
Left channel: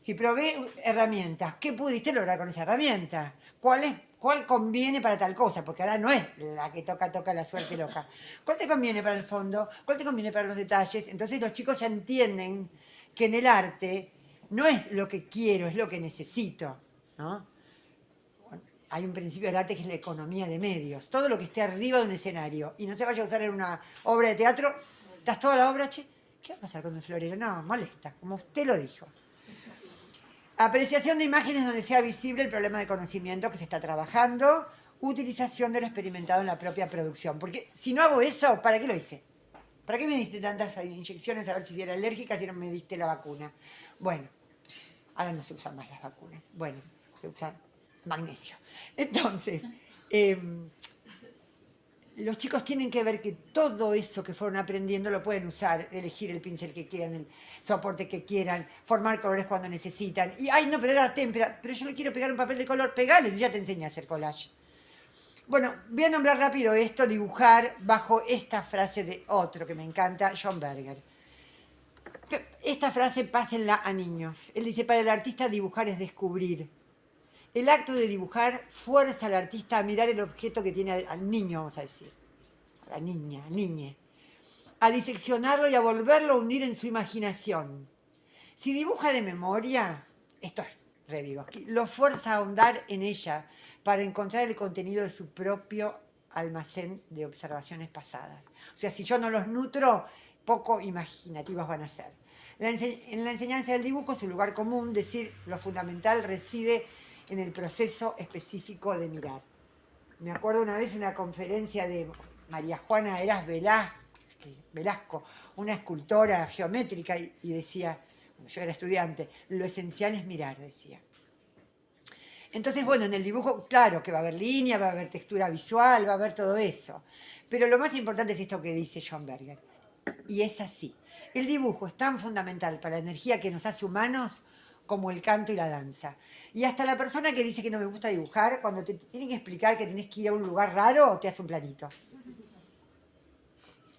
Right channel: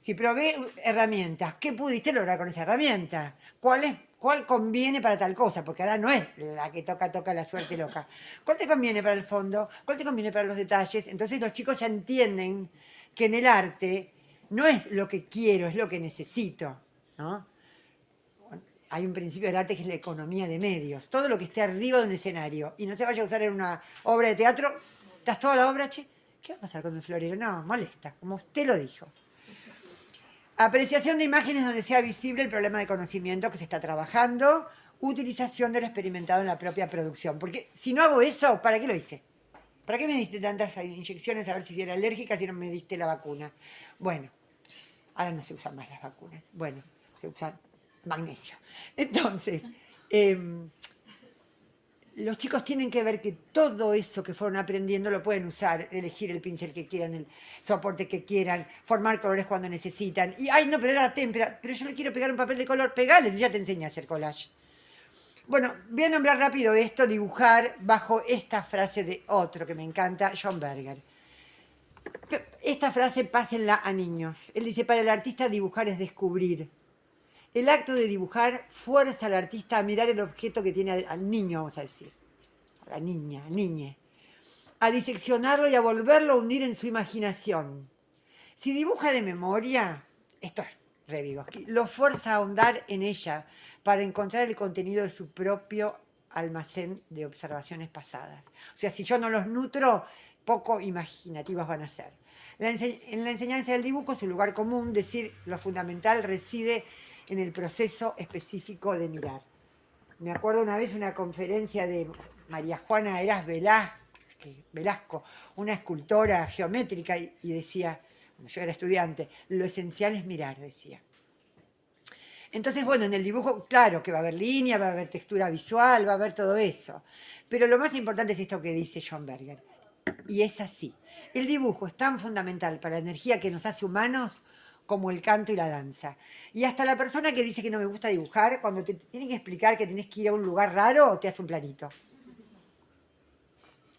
Si probé herramientas, ¿qué pudiste lograr con esa herramienta? ¿Cuál conviene para tal cosa? Porque ahora no es la que toca la suerte loca. ¿Cuál te conviene para el fondo? ¿Cuál te conviene para los detalles? Entonces los chicos ya entienden que en el arte no es lo que quiero, es lo que necesito, ¿no? Hay un principio del arte que es la economía de medios. Todo lo que esté arriba de un escenario y no se vaya a usar en una obra de teatro, estás toda la obra, che, ¿qué va a pasar con el florero? No, molesta, como usted lo dijo. Apreciación de imágenes donde sea visible el problema de conocimiento que se está trabajando. Utilización de lo experimentado en la propia producción. Porque si no hago eso, ¿para qué lo hice? ¿Para qué me diste tantas inyecciones a ver si era alérgica si no me diste la vacuna? Bueno, ahora no se usan más las vacunas. Bueno, se usan magnesio. Entonces, los chicos tienen que ver que todo eso que fueron aprendiendo lo pueden usar, elegir el pincel que quieran, el soporte que quieran, formar colores cuando necesitan. Y, ay, no, pero era témpera, pero yo le quiero pegar un papel de color, pegale, ya te enseñé a hacer collage. Bueno, voy a nombrar rápido esto, dibujar bajo esta frase de otro que me encanta, John Berger. Esta frase pásenla a niños. Él dice, para el artista dibujar es descubrir. El acto de dibujar fuerza al artista a mirar el objeto que tiene al niño, vamos a decir, a la niña, al niñe, a diseccionarlo y a volverlo a hundir en su imaginación. Si dibuja de memoria, esto es re Vygotsky, lo fuerza a ahondar en ella para encontrar el contenido de su propio almacén de observaciones pasadas. O sea, si yo no los nutro, poco imaginativos van a ser. En la enseñanza del dibujo, su lugar común, decir lo fundamental reside en el proceso específico de mirar. Me acuerdo una vez una conferencia de María Juana Heras Velasco, una escultora geométrica, y decía, yo era estudiante, lo esencial es mirar, decía. Entonces, bueno, en el dibujo, claro que va a haber línea, va a haber textura visual, va a haber todo eso. Pero lo más importante es esto que dice John Berger. Y es así. El dibujo es tan fundamental para la energía que nos hace humanos como el canto y la danza. Y hasta la persona que dice que no me gusta dibujar, cuando te tiene que explicar que tienes que ir a un lugar raro, te hace un planito.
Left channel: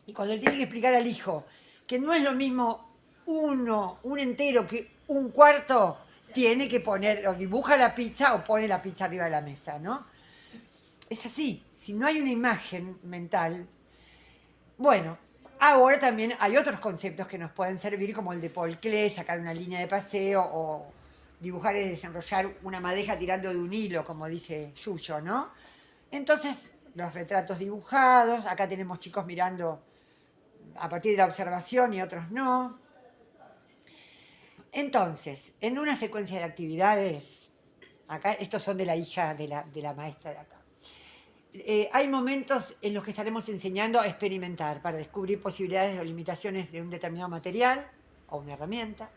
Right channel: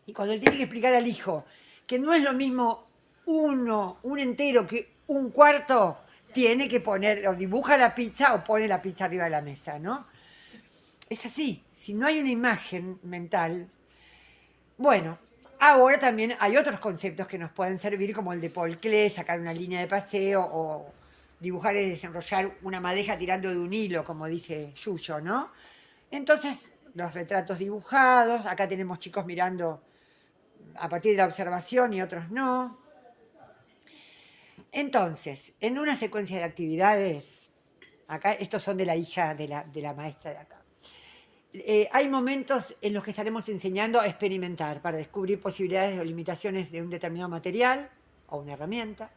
Y cuando él tiene que explicar al hijo que no es lo mismo un entero que un cuarto, tiene que poner, o dibuja la pizza o pone la pizza arriba de la mesa, ¿no? Es así. Si no hay una imagen mental, bueno, ahora también hay otros conceptos que nos pueden servir, como el de Paul Klee, sacar una línea de paseo, o dibujar y desenrollar una madeja tirando de un hilo, como dice Yuyo, ¿no? Entonces, los retratos dibujados, acá tenemos chicos mirando a partir de la observación y otros no. Entonces, en una secuencia de actividades, acá estos son de la hija de la maestra de acá, hay momentos en los que estaremos enseñando a experimentar para descubrir posibilidades o limitaciones de un determinado material o una herramienta.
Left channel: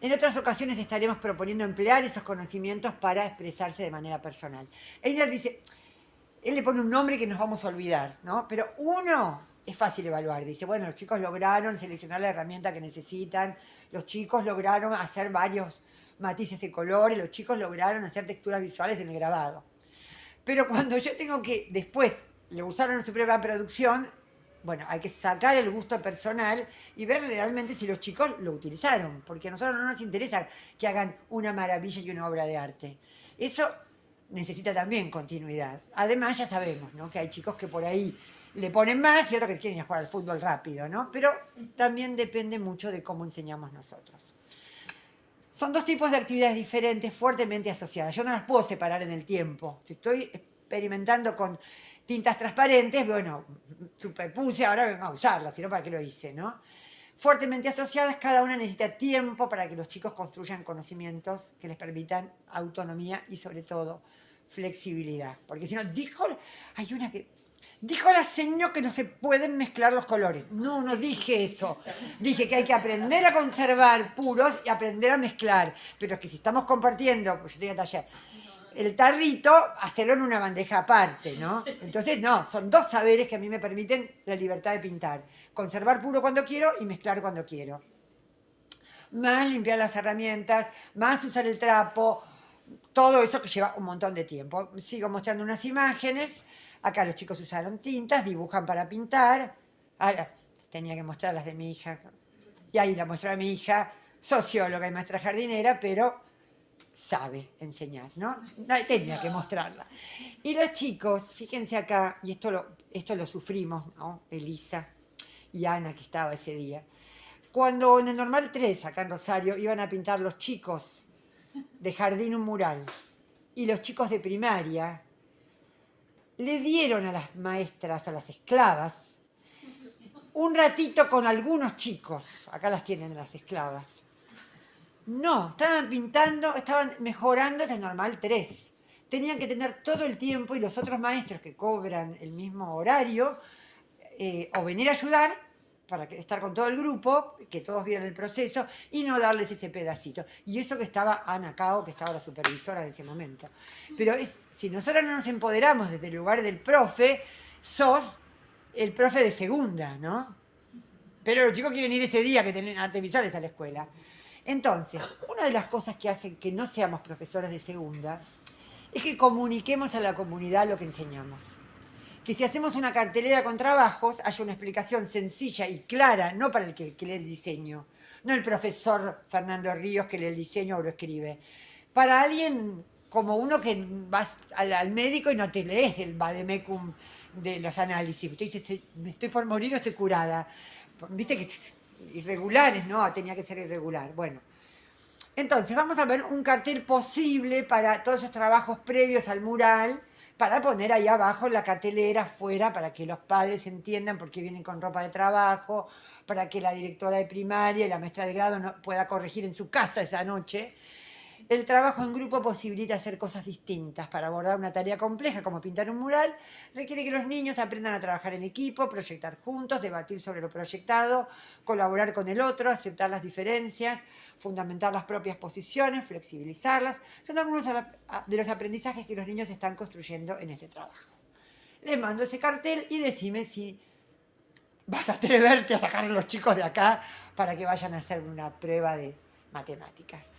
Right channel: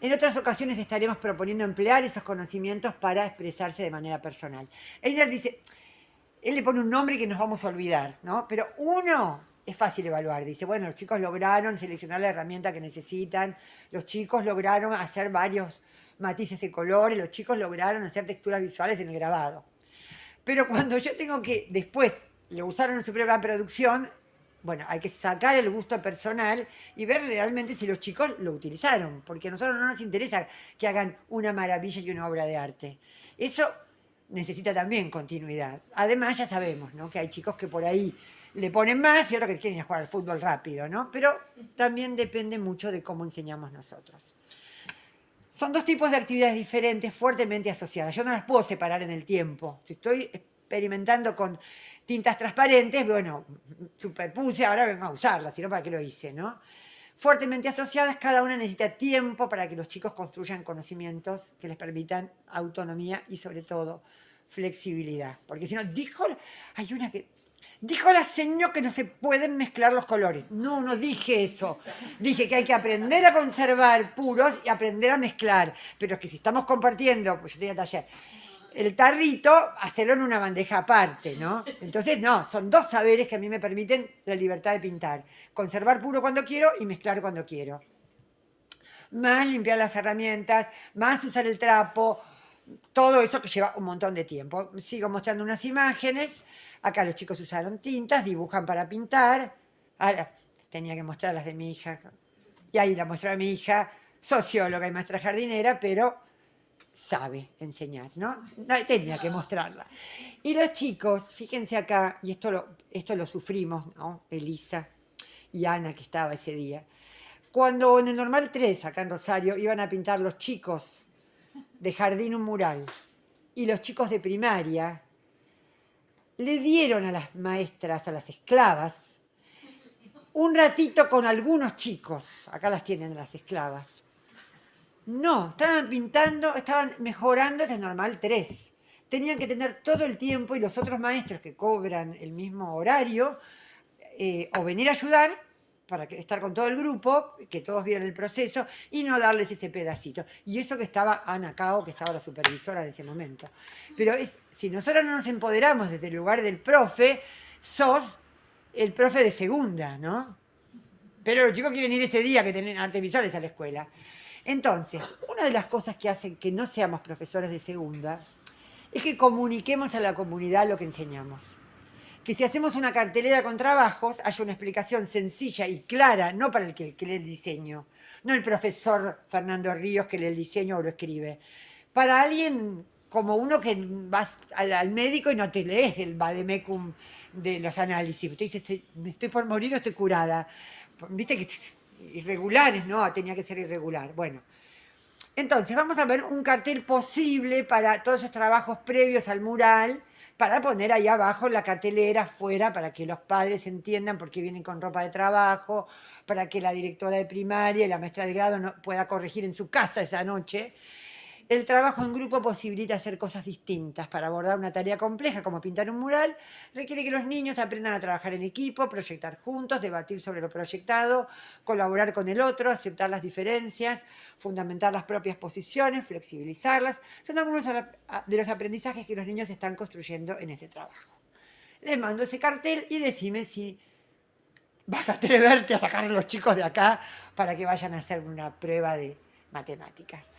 En otras ocasiones estaremos proponiendo emplear esos conocimientos para expresarse de manera personal. Einer dice, él le pone un nombre que nos vamos a olvidar, ¿no? Pero uno es fácil evaluar. Dice, bueno, los chicos lograron seleccionar la herramienta que necesitan, los chicos lograron hacer varios matices de colores, los chicos lograron hacer texturas visuales en el grabado. Pero cuando yo tengo que después lo usaron en su propia producción, bueno, hay que sacar el gusto personal y ver realmente si los chicos lo utilizaron, porque a nosotros no nos interesa que hagan una maravilla y una obra de arte. Eso necesita también continuidad. Además, ya sabemos, ¿no?, que hay chicos que por ahí le ponen más y otros que quieren ir a jugar al fútbol rápido, ¿no? Pero también depende mucho de cómo enseñamos nosotros. Son dos tipos de actividades diferentes, fuertemente asociadas. Yo no las puedo separar en el tiempo. Si estoy experimentando con tintas transparentes, bueno, superpuse, ahora vengo a usarlas, si no, ¿para qué lo hice, no? Fuertemente asociadas, cada una necesita tiempo para que los chicos construyan conocimientos que les permitan autonomía y, sobre todo, flexibilidad. Porque si no, hay una que dijo la señora que no se pueden mezclar los colores. No, no dije eso. Dije que hay que aprender a conservar puros y aprender a mezclar. Pero es que si estamos compartiendo, pues yo tenía taller, el tarrito, hacerlo en una bandeja aparte, ¿no? Entonces, no, son dos saberes que a mí me permiten la libertad de pintar. Conservar puro cuando quiero y mezclar cuando quiero. Más limpiar las herramientas, más usar el trapo, todo eso que lleva un montón de tiempo. Sigo mostrando unas imágenes. Acá los chicos usaron tintas, dibujan para pintar. Ahora tenía que mostrar las de mi hija. Y ahí la mostró a mi hija, socióloga y maestra jardinera, pero sabe enseñar, ¿no? No tenía que mostrarla. Y los chicos, fíjense acá, y esto lo sufrimos, ¿no? Elisa y Ana, que estaba ese día. Cuando en el Normal 3, acá en Rosario, iban a pintar los chicos de jardín un mural y los chicos de primaria, le dieron a las maestras, a las esclavas, un ratito con algunos chicos. Acá las tienen las esclavas. No, estaban pintando, estaban mejorando ese Normal 3. Tenían que tener todo el tiempo, y los otros maestros que cobran el mismo horario, o venir a ayudar para estar con todo el grupo, que todos vieran el proceso, y no darles ese pedacito. Y eso que estaba Ana Cao, que estaba la supervisora de ese momento. Pero si nosotros no nos empoderamos desde el lugar del profe, sos el profe de segunda, ¿no? Pero los chicos quieren ir ese día que tienen artes visuales a la escuela. Entonces, una de las cosas que hacen que no seamos profesores de segunda es que comuniquemos a la comunidad lo que enseñamos. Que si hacemos una cartelera con trabajos, haya una explicación sencilla y clara, no para el que lee el diseño, no el profesor Fernando Ríos que lee el diseño o lo escribe, para alguien como uno que vas al médico y no te lees el vademecum de los análisis. Usted dice, me estoy por morir o estoy curada. Viste que irregulares, no, tenía que ser irregular. Bueno, entonces vamos a ver un cartel posible para todos esos trabajos previos al mural, para poner ahí abajo en la cartelera afuera, para que los padres entiendan por qué vienen con ropa de trabajo, para que la directora de primaria y la maestra de grado pueda corregir en su casa esa noche. El trabajo en grupo posibilita hacer cosas distintas. Para abordar una tarea compleja como pintar un mural, requiere que los niños aprendan a trabajar en equipo, proyectar juntos, debatir sobre lo proyectado, colaborar con el otro, aceptar las diferencias, fundamentar las propias posiciones, flexibilizarlas. Son algunos de los aprendizajes que los niños están construyendo en este trabajo. Les mando ese cartel y decime si vas a atreverte a sacar a los chicos de acá para que vayan a hacer una prueba de matemáticas.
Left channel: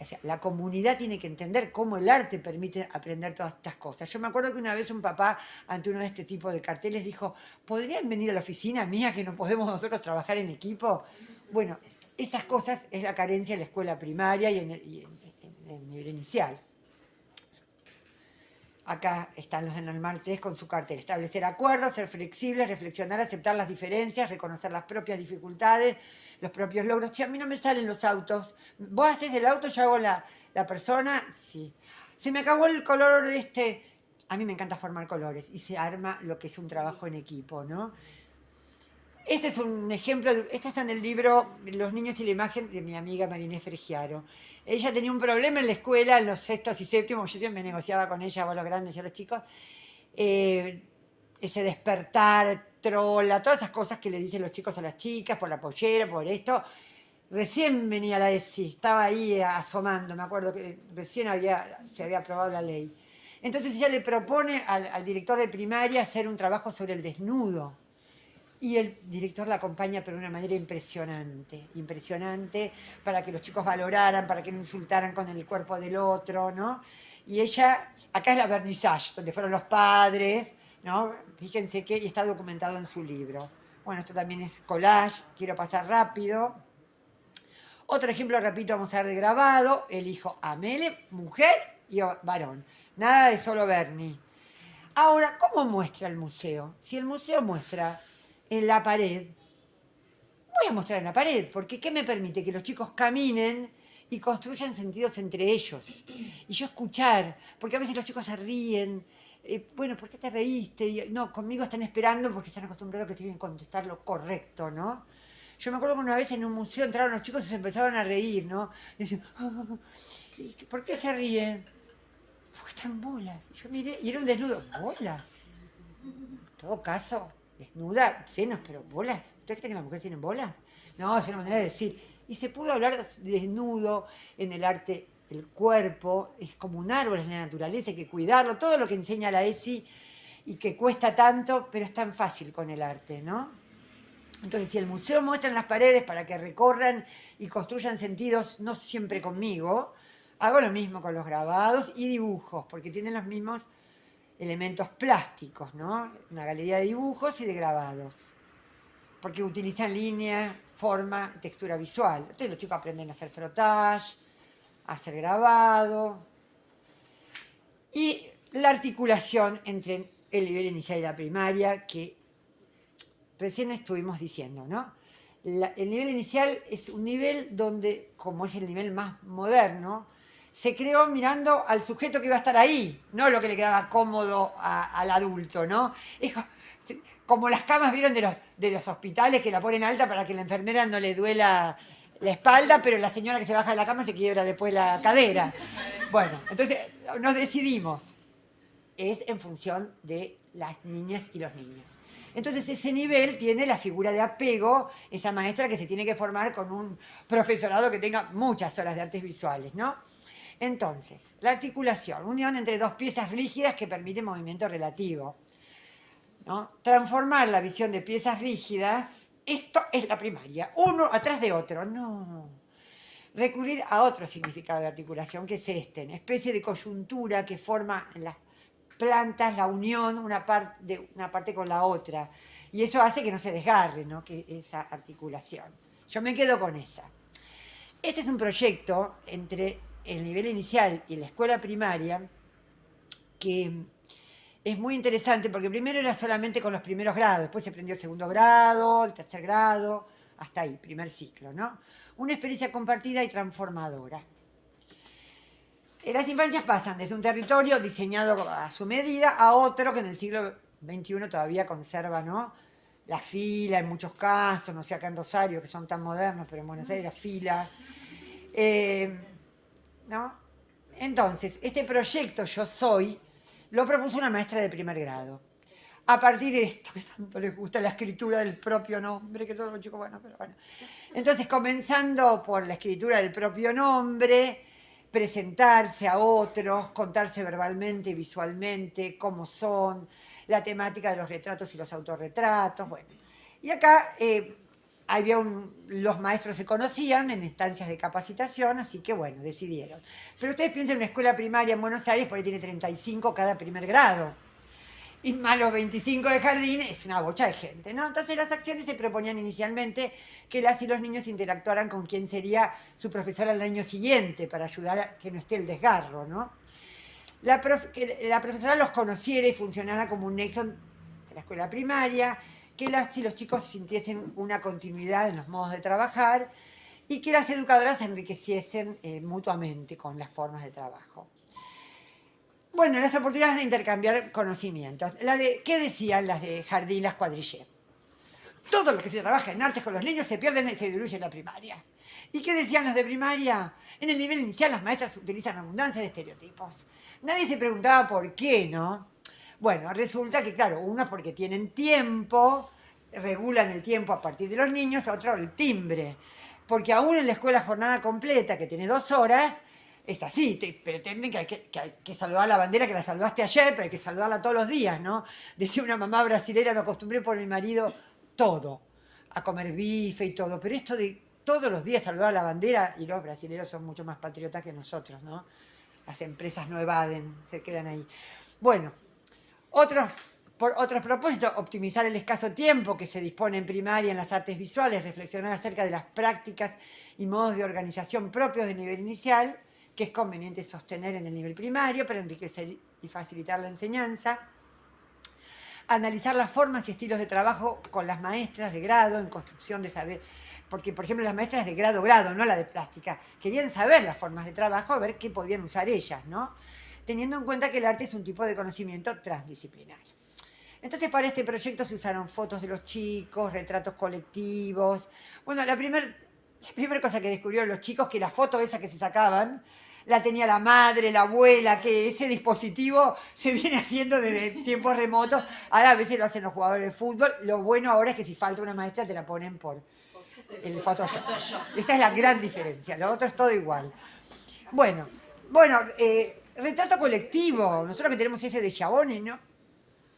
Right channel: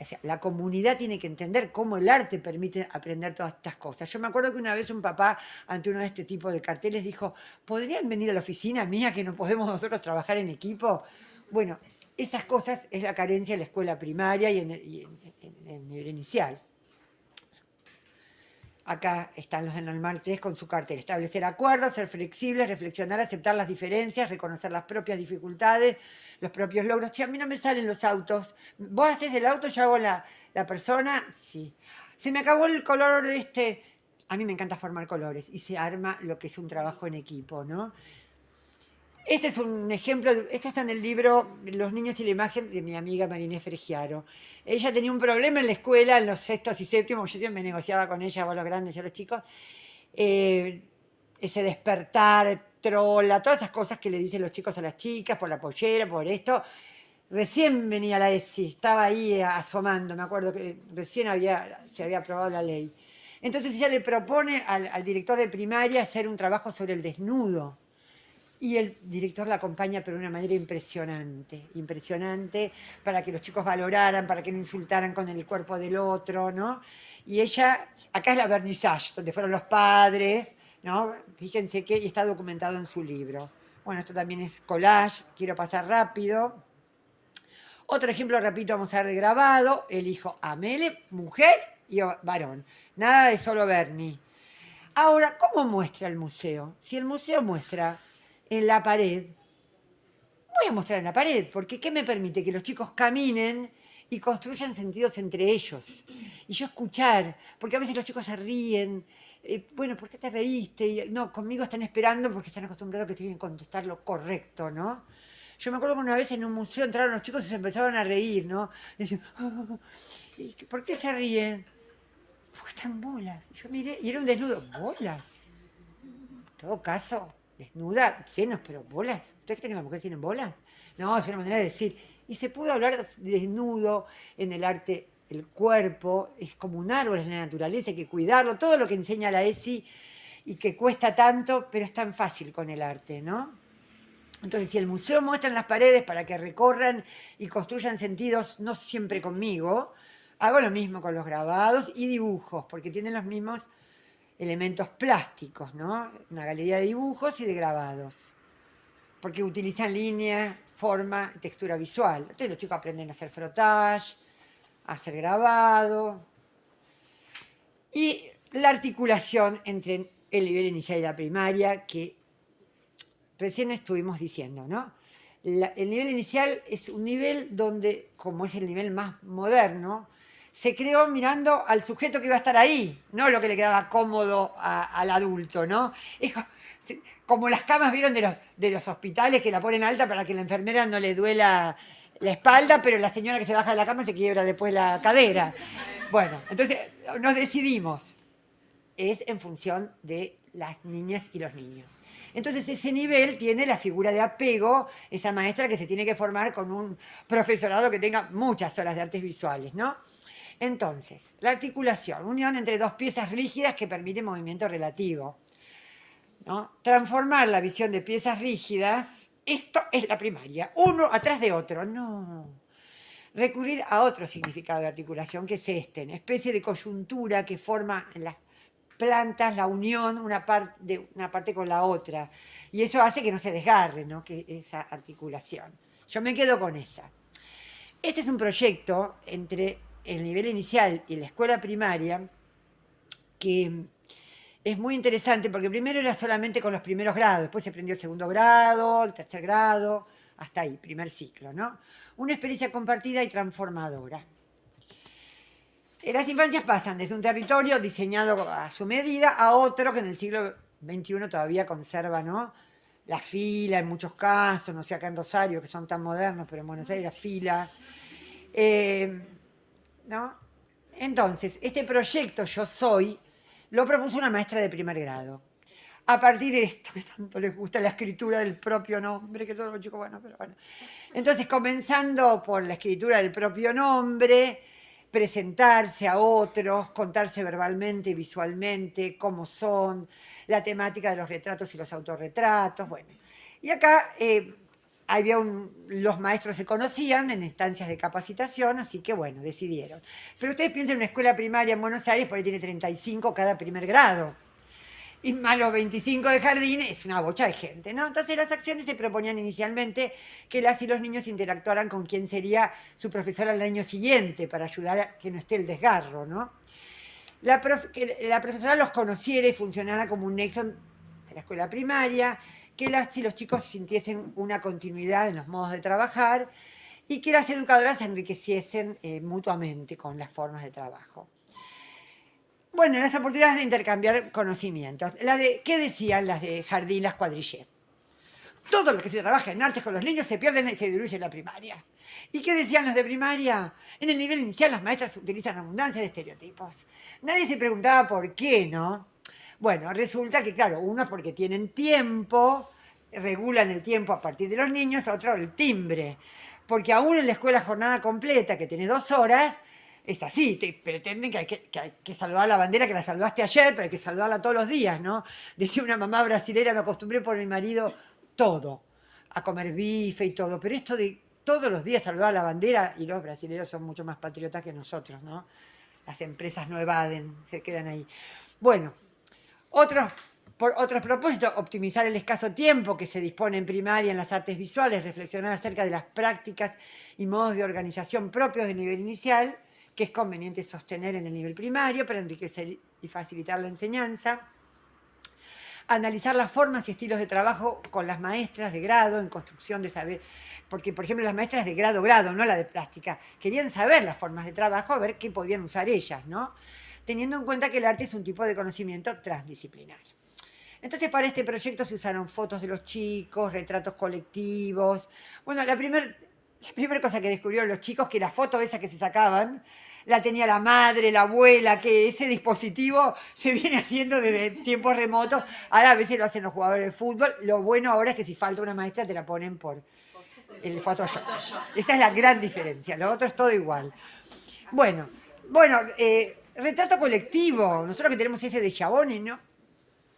O sea, la comunidad tiene que entender cómo el arte permite aprender todas estas cosas. Yo me acuerdo que una vez un papá, ante uno de este tipo de carteles, dijo, ¿podrían venir a la oficina mía que no podemos nosotros trabajar en equipo? Bueno, esas cosas es la carencia en la escuela primaria y en el nivel inicial. Acá están los de Normal 3 con su cartel. Establecer acuerdos, ser flexibles, reflexionar, aceptar las diferencias, reconocer las propias dificultades, los propios logros. Che, a mí no me salen los autos. ¿Vos haces el auto, yo hago la persona? Sí. Se me acabó el color de este. A mí me encanta formar colores y se arma lo que es un trabajo en equipo, ¿no? Este es un ejemplo, esto está en el libro Los niños y la imagen de mi amiga Marinés Fregiaro. Ella tenía un problema en la escuela, en los sextos y séptimos, yo siempre negociaba con ella, vos los grandes, yo los chicos, ese despertar, trola, todas esas cosas que le dicen los chicos a las chicas, por la pollera, por esto. Recién venía la ESI, estaba ahí asomando, me acuerdo que recién se había aprobado la ley. Entonces ella le propone al director de primaria hacer un trabajo sobre el desnudo. Y el director la acompaña pero de una manera impresionante, impresionante, para que los chicos valoraran, para que no insultaran con el cuerpo del otro, ¿no? Y ella, acá es la vernissage, donde fueron los padres, ¿no? Fíjense que y está documentado en su libro. Bueno, esto también es collage, quiero pasar rápido. Otro ejemplo, repito, vamos a ver de grabado, elijo a Mele, mujer y varón. Nada de solo Bernie. Ahora, ¿cómo muestra el museo? Si el museo muestra en la pared, voy a mostrar en la pared, porque ¿qué me permite? Que los chicos caminen y construyan sentidos entre ellos. Y yo escuchar, porque a veces los chicos se ríen, bueno, ¿por qué te reíste? Y, no, conmigo están esperando porque están acostumbrados a que tienen que contestar lo correcto, ¿no? Yo me acuerdo que una vez en un museo entraron los chicos y se empezaban a reír, ¿no? Y decían, oh, ¿por qué se ríen? Porque están bolas. Y yo miré, y era un desnudo, bolas. En todo caso, desnuda, senos, pero bolas. ¿Ustedes creen que las mujeres tienen bolas? No, es una manera de decir. Y se pudo hablar de desnudo en el arte, el cuerpo, es como un árbol en la naturaleza, hay que cuidarlo, todo lo que enseña la ESI y que cuesta tanto, pero es tan fácil con el arte, ¿no? Entonces, si el museo muestra en las paredes para que recorran y construyan sentidos, no siempre conmigo, hago lo mismo con los grabados y dibujos, porque tienen los mismos elementos plásticos, ¿no? Una galería de dibujos y de grabados, porque utilizan línea, forma, textura visual. Entonces los chicos aprenden a hacer frottage, a hacer grabado. Y la articulación entre el nivel inicial y la primaria, que recién estuvimos diciendo, ¿no? El nivel inicial es un nivel donde, como es el nivel más moderno, se creó mirando al sujeto que iba a estar ahí, no lo que le quedaba cómodo al adulto, ¿no? Es como las camas, ¿vieron? De los hospitales que la ponen alta para que la enfermera no le duela la espalda, pero la señora que se baja de la cama se quiebra después la cadera. Bueno, entonces nos decidimos. Es en función de las niñas y los niños. Entonces ese nivel tiene la figura de apego, esa maestra que se tiene que formar con un profesorado que tenga muchas horas de artes visuales, ¿no? Entonces, la articulación, unión entre dos piezas rígidas que permite movimiento relativo, ¿no? Transformar la visión de piezas rígidas, esto es la primaria, uno atrás de otro, no. Recurrir a otro significado de articulación, que es este, una especie de coyuntura que forma en las plantas la unión una parte con la otra. Y eso hace que no se desgarre, ¿no? Que esa articulación. Yo me quedo con esa. Este es un proyecto entre el nivel inicial y la escuela primaria que es muy interesante porque primero era solamente con los primeros grados, después se aprendió el segundo grado, el tercer grado, hasta ahí, primer ciclo, ¿no? Una experiencia compartida y transformadora. Las infancias pasan desde un territorio diseñado a su medida a otro que en el siglo XXI todavía conserva, ¿no? la fila en muchos casos, no sé acá en Rosario, que son tan modernos, pero en Buenos Aires la fila. Eh, ¿No? Entonces, este proyecto Yo Soy lo propuso una maestra de primer grado. A partir de esto que tanto les gusta, la escritura del propio nombre, que todos los chicos, bueno, pero bueno. Entonces, comenzando por la escritura del propio nombre, presentarse a otros, contarse verbalmente y visualmente cómo son, la temática de los retratos y los autorretratos, bueno. Y acá los maestros se conocían en instancias de capacitación, así que bueno, decidieron. Pero ustedes piensen en una escuela primaria en Buenos Aires, por ahí tiene 35 cada primer grado. Y más los 25 de jardín, es una bocha de gente, ¿no? Entonces las acciones se proponían inicialmente que las y los niños interactuaran con quien sería su profesor al año siguiente, para ayudar a que no esté el desgarro, ¿no? Que la profesora los conociera y funcionara como un nexo de la escuela primaria, que las y los chicos sintiesen una continuidad en los modos de trabajar y que las educadoras se enriqueciesen mutuamente con las formas de trabajo. Bueno, las oportunidades de intercambiar conocimientos. ¿Qué decían las de jardín, las cuadrilleras? Todo lo que se trabaja en artes con los niños se pierde y se diluye en la primaria. ¿Y qué decían los de primaria? En el nivel inicial las maestras utilizan abundancia de estereotipos. Nadie se preguntaba por qué, ¿no? Bueno, resulta que, claro, uno porque tienen tiempo, regulan el tiempo a partir de los niños, otro el timbre. Porque aún en la escuela jornada completa, que tiene 2 horas, es así, te pretenden que hay que saludar la bandera que la saludaste ayer, pero hay que saludarla todos los días, ¿no? Decía una mamá brasilera, me acostumbré por mi marido, todo, a comer bife y todo, pero esto de todos los días saludar la bandera, y los brasileños son mucho más patriotas que nosotros, ¿no? Las empresas no evaden, se quedan ahí. Bueno, por otros propósitos, optimizar el escaso tiempo que se dispone en primaria en las artes visuales, reflexionar acerca de las prácticas y modos de organización propios del nivel inicial, que es conveniente sostener en el nivel primario para enriquecer y facilitar la enseñanza. Analizar las formas y estilos de trabajo con las maestras de grado en construcción de saber, porque por ejemplo las maestras de grado, no la de plástica, querían saber las formas de trabajo, a ver qué podían usar ellas, ¿no? Teniendo en cuenta que el arte es un tipo de conocimiento transdisciplinario. Entonces para este proyecto se usaron fotos de los chicos, retratos colectivos. Bueno, la primera cosa que descubrieron los chicos, que la foto esa que se sacaban, la tenía la madre, la abuela, que ese dispositivo se viene haciendo desde tiempos remotos. Ahora a veces lo hacen los jugadores de fútbol. Lo bueno ahora es que si falta una maestra te la ponen por el Photoshop. Esa es la gran diferencia. Lo otro es todo igual. Bueno, retrato colectivo. Nosotros que tenemos ese de Chaboni, ¿no?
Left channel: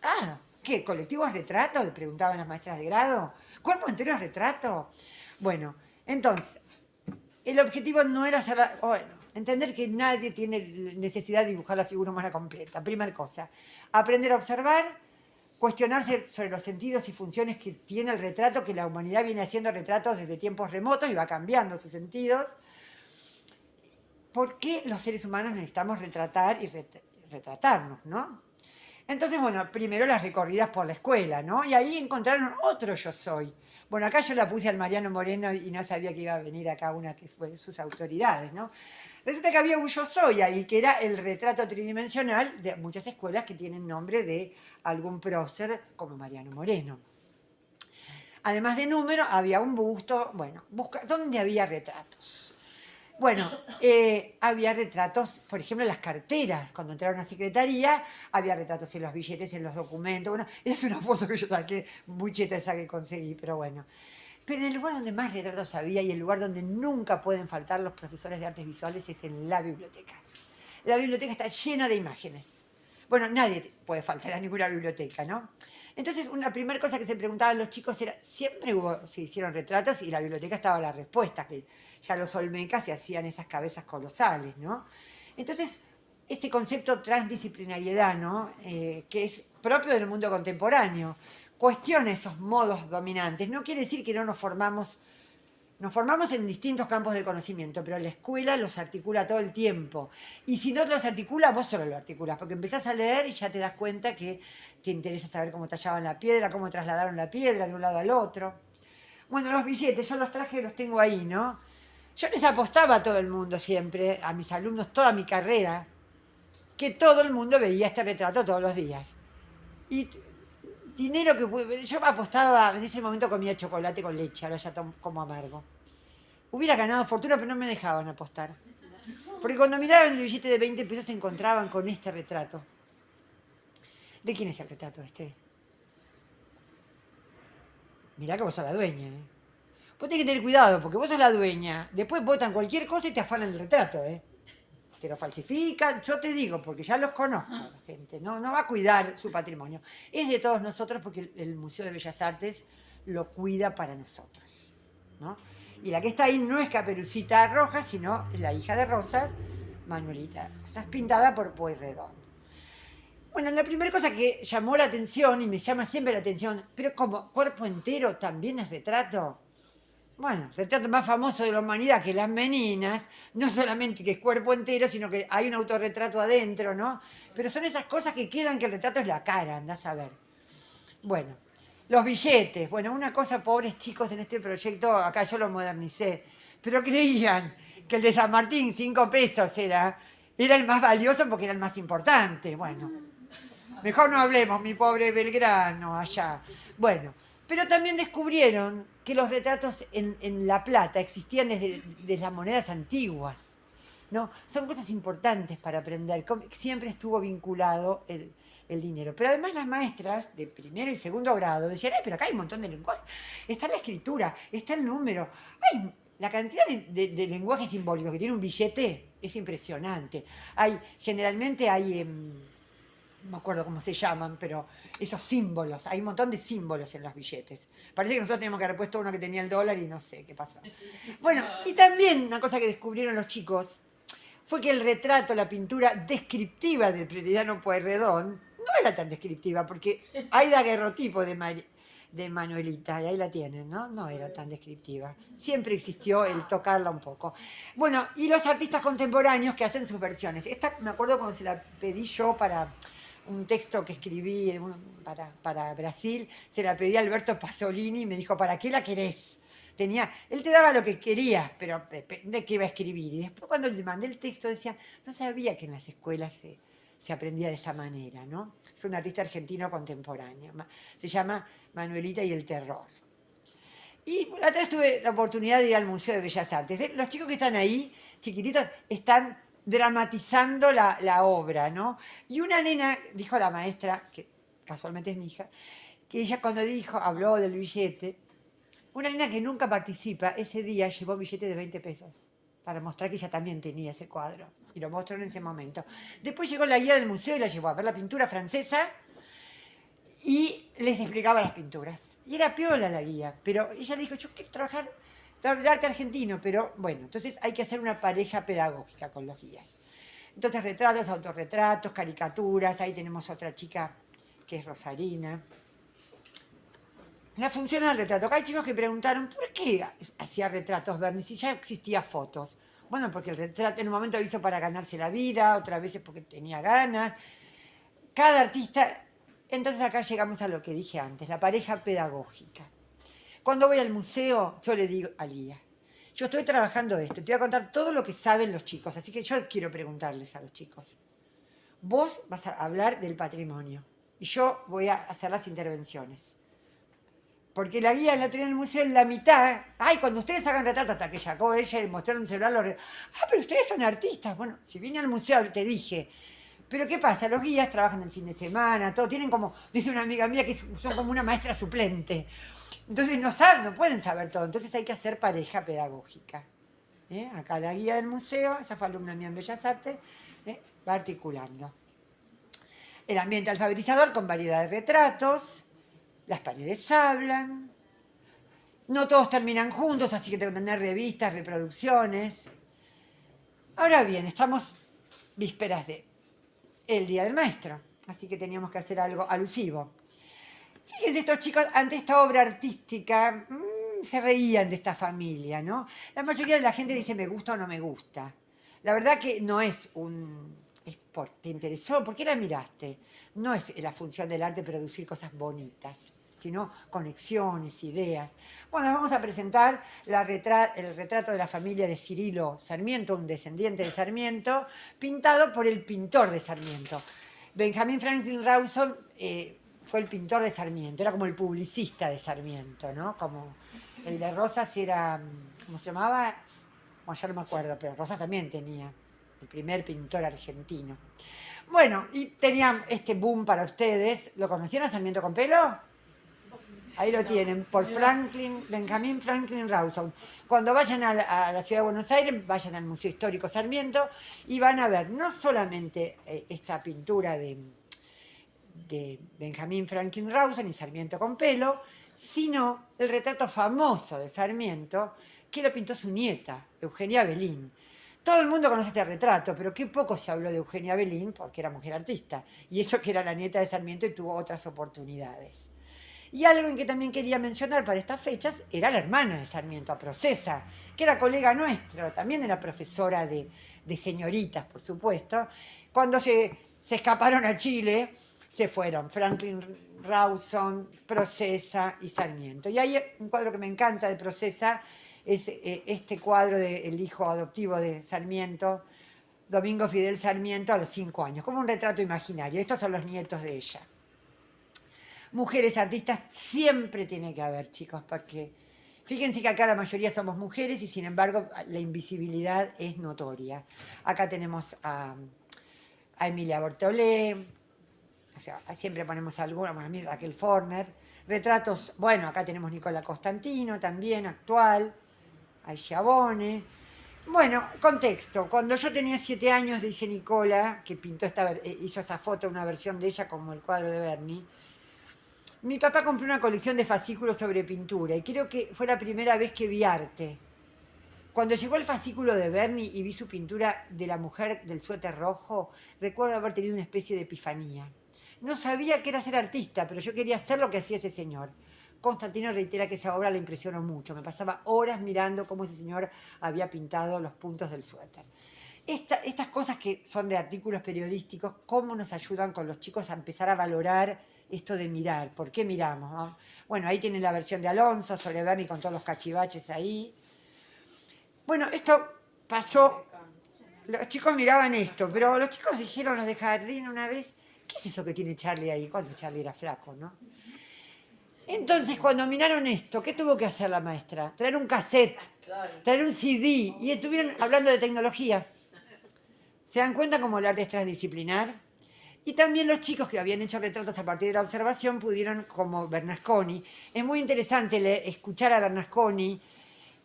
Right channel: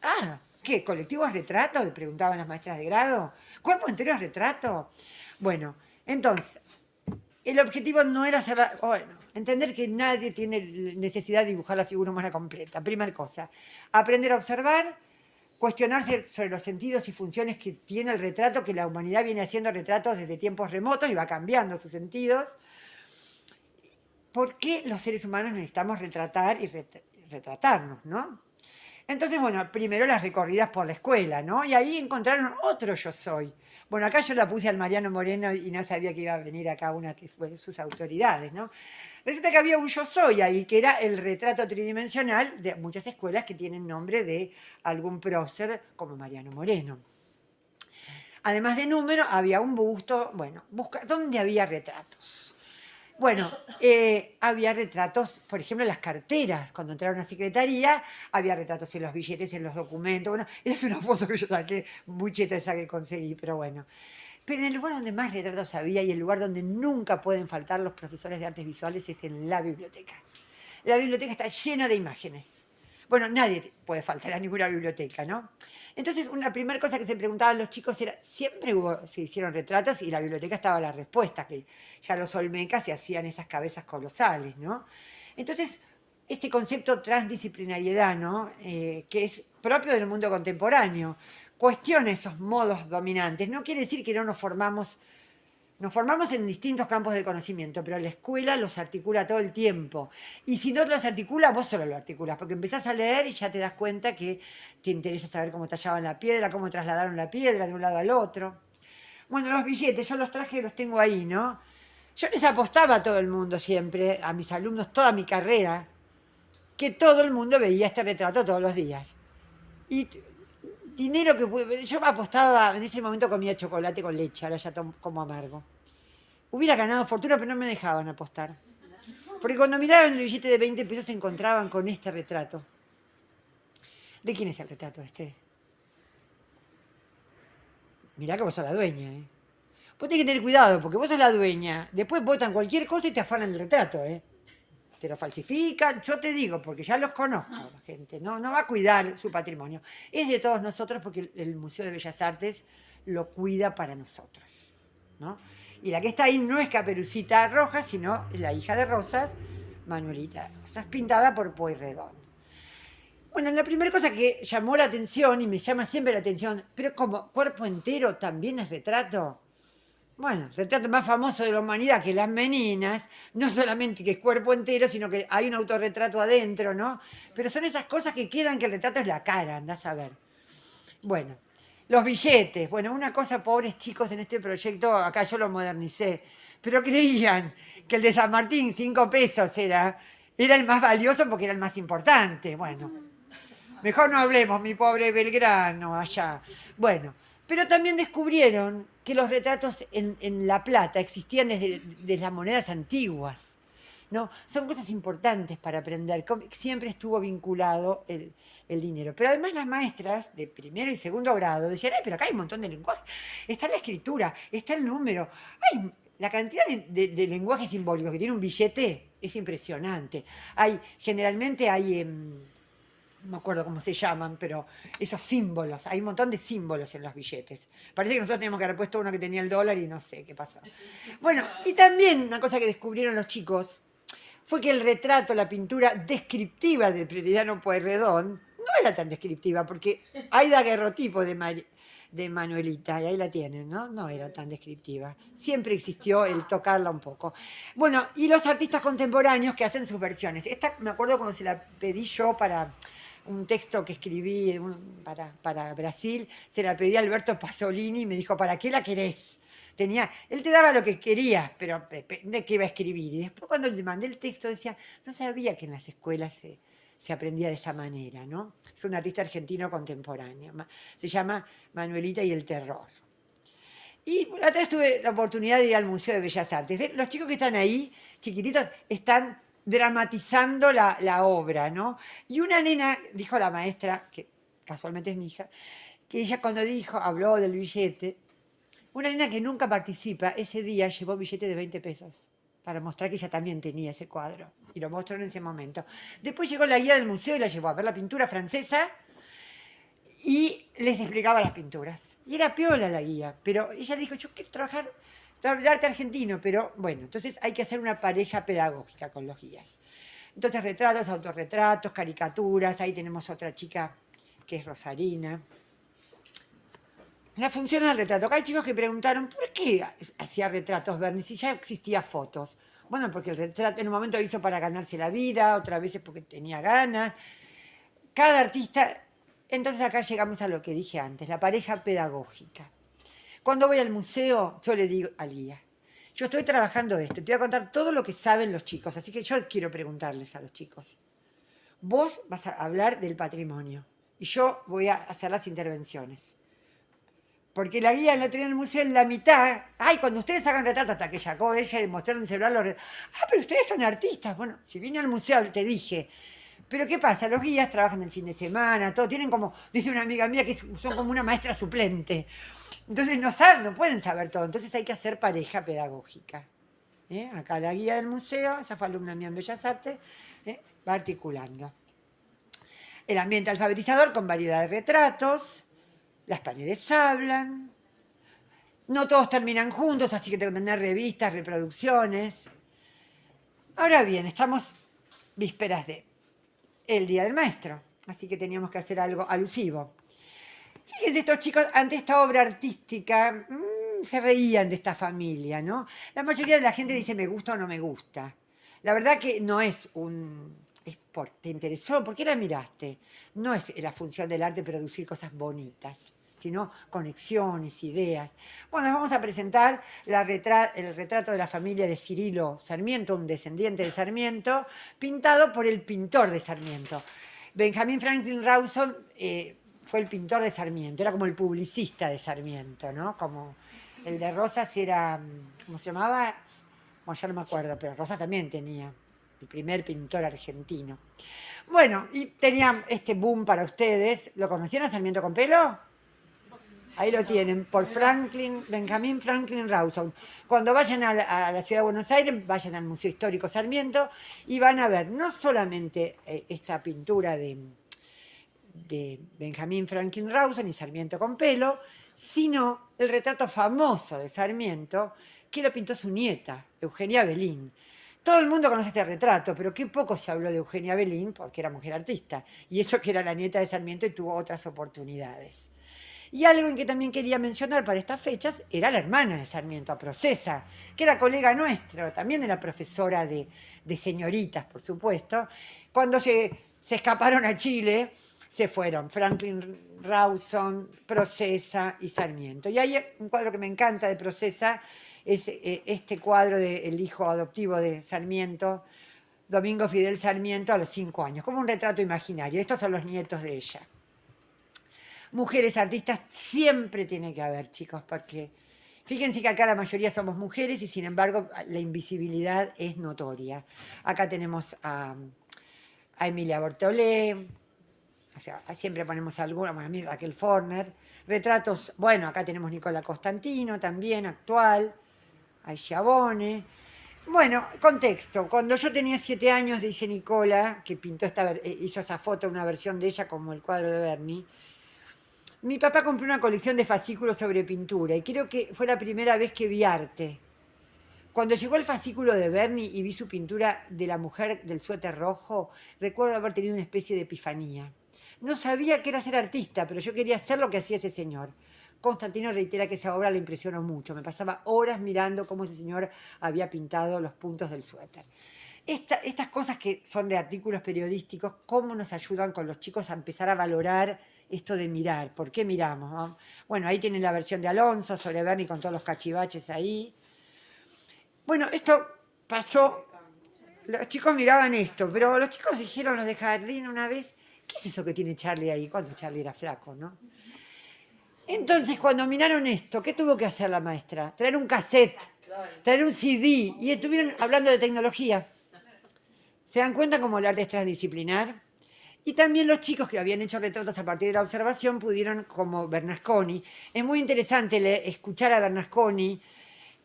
Ah, ¿qué? ¿Colectivos retratos? Le preguntaban las maestras de grado. ¿Cuerpo entero es retrato? Bueno, entonces, el objetivo no era hacer entender que nadie tiene necesidad de dibujar la figura humana completa. Primera cosa, aprender a observar, cuestionarse sobre los sentidos y funciones que tiene el retrato, que la humanidad viene haciendo retratos desde tiempos remotos y va cambiando sus sentidos. ¿Por qué los seres humanos necesitamos retratar y retratarnos, no? Entonces, bueno, primero las recorridas por la escuela, ¿no? Y ahí encontraron otro Yo Soy. Bueno, acá yo la puse al Mariano Moreno y no sabía que iba a venir acá una que fue de sus autoridades, ¿no? Resulta que había un Yo Soy ahí, que era el retrato tridimensional de muchas escuelas que tienen nombre de algún prócer como Mariano Moreno. Además de número, había un busto, bueno, ¿dónde había retratos? Bueno, había retratos, por ejemplo, en las carteras. Cuando entraron a secretaría, había retratos en los billetes, en los documentos. Bueno, esa es una foto que yo saqué, muy cheta esa que conseguí, pero bueno. Pero en el lugar donde más retratos había y el lugar donde nunca pueden faltar los profesores de artes visuales es en la biblioteca. La biblioteca está llena de imágenes. Bueno, nadie puede faltar a ninguna biblioteca, ¿no? Entonces, una primera cosa que se preguntaban los chicos era, se hicieron retratos y la biblioteca estaba la respuesta, que ya los olmecas se hacían esas cabezas colosales, ¿no? Entonces, este concepto transdisciplinariedad, ¿no? Que es propio del mundo contemporáneo, cuestiona esos modos dominantes. No quiere decir que no nos formamos en distintos campos de conocimiento, pero la escuela los articula todo el tiempo. Y si no los articula, vos solo lo articulás, porque empezás a leer y ya te das cuenta que te interesa saber cómo tallaban la piedra, cómo trasladaron la piedra de un lado al otro. Bueno, los billetes, yo los traje, los tengo ahí, ¿no? Yo les apostaba a todo el mundo siempre, a mis alumnos, toda mi carrera, que todo el mundo veía este retrato todos los días. Y dinero que yo apostaba, en ese momento comía chocolate con leche, ahora ya como amargo. Hubiera ganado fortuna, pero no me dejaban apostar. Porque cuando miraban el billete de 20 pesos se encontraban con este retrato. ¿De quién es el retrato este? Mirá que vos sos la dueña, ¿eh? Vos tenés que tener cuidado, porque vos sos la dueña. Después votan cualquier cosa y te afanan el retrato, ¿eh? Te lo falsifican, yo te digo, porque ya los conozco, la gente, no va a cuidar su patrimonio. Es de todos nosotros porque el Museo de Bellas Artes lo cuida para nosotros, ¿no? Y la que está ahí no es Caperucita Roja, sino la hija de Rosas, Manuelita Rosas, pintada por Pueyrredón. Bueno, la primera cosa que llamó la atención, y me llama siempre la atención, pero como cuerpo entero también es retrato. Bueno, el retrato más famoso de la humanidad, que las meninas, no solamente que es cuerpo entero, sino que hay un autorretrato adentro, ¿no? Pero son esas cosas que quedan que el retrato es la cara, andás a ver. Bueno, los billetes. Bueno, una cosa, pobres chicos, en este proyecto, acá yo lo modernicé, pero creían que el de San Martín, 5 pesos era el más valioso porque era el más importante. Bueno, mejor no hablemos, mi pobre Belgrano, allá. Bueno, pero también descubrieron que los retratos en La Plata existían desde las monedas antiguas. ¿No? Son cosas importantes para aprender. Siempre estuvo vinculado el dinero. Pero además las maestras de primero y segundo grado decían, ay, pero acá hay un montón de lenguajes. Está la escritura, está el número. Ay, la cantidad de lenguajes simbólicos que tiene un billete es impresionante. Generalmente hay no me acuerdo cómo se llaman, pero esos símbolos, hay un montón de símbolos en los billetes. Parece que nosotros teníamos que haber puesto uno que tenía el dólar y no sé qué pasó. Bueno, y también una cosa que descubrieron los chicos fue que el retrato, la pintura descriptiva de Prioridano Pueyrredón, no era tan descriptiva, porque hay daguerrotipo de Manuelita, y ahí la tienen, ¿no? No era tan descriptiva. Siempre existió el tocarla un poco. Bueno, y los artistas contemporáneos que hacen sus versiones. Esta me acuerdo cuando se la pedí yo para un texto que escribí para Brasil, se la pedí a Alberto Pasolini y me dijo, ¿para qué la querés? Él te daba lo que querías, pero de qué iba a escribir. Y después cuando le mandé el texto decía, no sabía que en las escuelas se aprendía de esa manera, ¿no? Es un artista argentino contemporáneo. Se llama Manuelita y el terror. Y la otra vez tuve la oportunidad de ir al Museo de Bellas Artes. Los chicos que están ahí, chiquititos, están dramatizando la obra, ¿no? Y una nena, dijo la maestra, que casualmente es mi hija, que ella cuando habló del billete, una nena que nunca participa, ese día llevó billete de 20 pesos para mostrar que ella también tenía ese cuadro. Y lo mostró en ese momento. Después llegó la guía del museo y la llevó a ver la pintura francesa y les explicaba las pinturas. Y era piola la guía, pero ella dijo, yo quiero trabajar el arte argentino, pero bueno, entonces hay que hacer una pareja pedagógica con los guías. Entonces retratos, autorretratos, caricaturas, ahí tenemos otra chica que es Rosarina. La función del retrato. Acá hay chicos que preguntaron, ¿por qué hacía retratos Bernie si ya existía fotos? Bueno, porque el retrato en un momento lo hizo para ganarse la vida, otras veces porque tenía ganas. Cada artista... Entonces acá llegamos a lo que dije antes, la pareja pedagógica. Cuando voy al museo, yo le digo al guía, yo estoy trabajando esto, te voy a contar todo lo que saben los chicos, así que yo quiero preguntarles a los chicos. Vos vas a hablar del patrimonio y yo voy a hacer las intervenciones. Porque la guía la tenía en el museo en la mitad. Ay, cuando ustedes hagan retratos, hasta que sacó ella y mostraron el celular los retratos. Ah, pero ustedes son artistas. Bueno, si vine al museo te dije. Pero ¿qué pasa? Los guías trabajan el fin de semana, todo. Tienen como, dice una amiga mía, que son como una maestra suplente. Entonces no saben, no pueden saber todo. Entonces hay que hacer pareja pedagógica. Acá la guía del museo, esa fue alumna mía en Bellas Artes, va articulando. El ambiente alfabetizador con variedad de retratos. Las paredes hablan. No todos terminan juntos, así que tengo que tener revistas, reproducciones. Ahora bien, estamos vísperas de el Día del Maestro, así que teníamos que hacer algo alusivo. Fíjense, estos chicos, ante esta obra artística, se reían de esta familia, ¿no? La mayoría de la gente dice me gusta o no me gusta. La verdad que no es ¿te interesó? ¿Por qué la miraste? No es la función del arte producir cosas bonitas, sino conexiones, ideas. Bueno, vamos a presentar el retrato de la familia de Cirilo Sarmiento, un descendiente de Sarmiento, pintado por el pintor de Sarmiento. Benjamin Franklin Rawson fue el pintor de Sarmiento, era como el publicista de Sarmiento, ¿no? Como el de Rosas era, ¿cómo se llamaba? Bueno, ya no me acuerdo, pero Rosas también tenía, el primer pintor argentino. Bueno, y tenía este boom para ustedes. ¿Lo conocían a Sarmiento con pelo? Ahí lo tienen, por Benjamín Franklin Rawson. Cuando vayan a la ciudad de Buenos Aires, vayan al Museo Histórico Sarmiento y van a ver no solamente esta pintura de Benjamín Franklin Rawson y Sarmiento con pelo, sino el retrato famoso de Sarmiento que lo pintó su nieta, Eugenia Belín. Todo el mundo conoce este retrato, pero qué poco se habló de Eugenia Belín porque era mujer artista, y eso que era la nieta de Sarmiento y tuvo otras oportunidades. Y algo en que también quería mencionar para estas fechas era la hermana de Sarmiento, a Procesa, que era colega nuestro, también era profesora de señoritas, por supuesto. Cuando se escaparon a Chile, se fueron Franklin Rawson, Procesa y Sarmiento. Y hay un cuadro que me encanta de Procesa, es este cuadro del hijo adoptivo de Sarmiento, Domingo Fidel Sarmiento, a los 5 años, como un retrato imaginario. Estos son los nietos de ella. Mujeres artistas siempre tiene que haber, chicos, porque fíjense que acá la mayoría somos mujeres y sin embargo la invisibilidad es notoria. Acá tenemos a Emilia Bortolé, o sea, siempre ponemos alguna, bueno, a mí Raquel Forner, retratos, bueno, acá tenemos Nicola Costantino también, actual, hay Schiavone. Bueno, contexto, cuando yo tenía 7 años, dice Nicola, que pintó hizo esa foto, una versión de ella como el cuadro de Berni. Mi papá compró una colección de fascículos sobre pintura y creo que fue la primera vez que vi arte. Cuando llegó el fascículo de Berni y vi su pintura de la mujer del suéter rojo, recuerdo haber tenido una especie de epifanía. No sabía qué era ser artista, pero yo quería hacer lo que hacía ese señor. Constantino reitera que esa obra le impresionó mucho. Me pasaba horas mirando cómo ese señor había pintado los puntos del suéter. Estas cosas que son de artículos periodísticos, cómo nos ayudan con los chicos a empezar a valorar esto de mirar. ¿Por qué miramos? ¿No? Bueno, ahí tienen la versión de Alonso sobre Berni con todos los cachivaches ahí. Bueno, esto pasó, los chicos miraban esto, pero los chicos dijeron, los de jardín una vez, ¿qué es eso que tiene Charlie ahí? Cuando Charlie era flaco, ¿no? Entonces, cuando miraron esto, ¿qué tuvo que hacer la maestra? Traer un cassette, traer un CD, y estuvieron hablando de tecnología. ¿Se dan cuenta cómo el arte es transdisciplinar? Y también los chicos que habían hecho retratos a partir de la observación pudieron, como Bernasconi. Es muy interesante escuchar a Bernasconi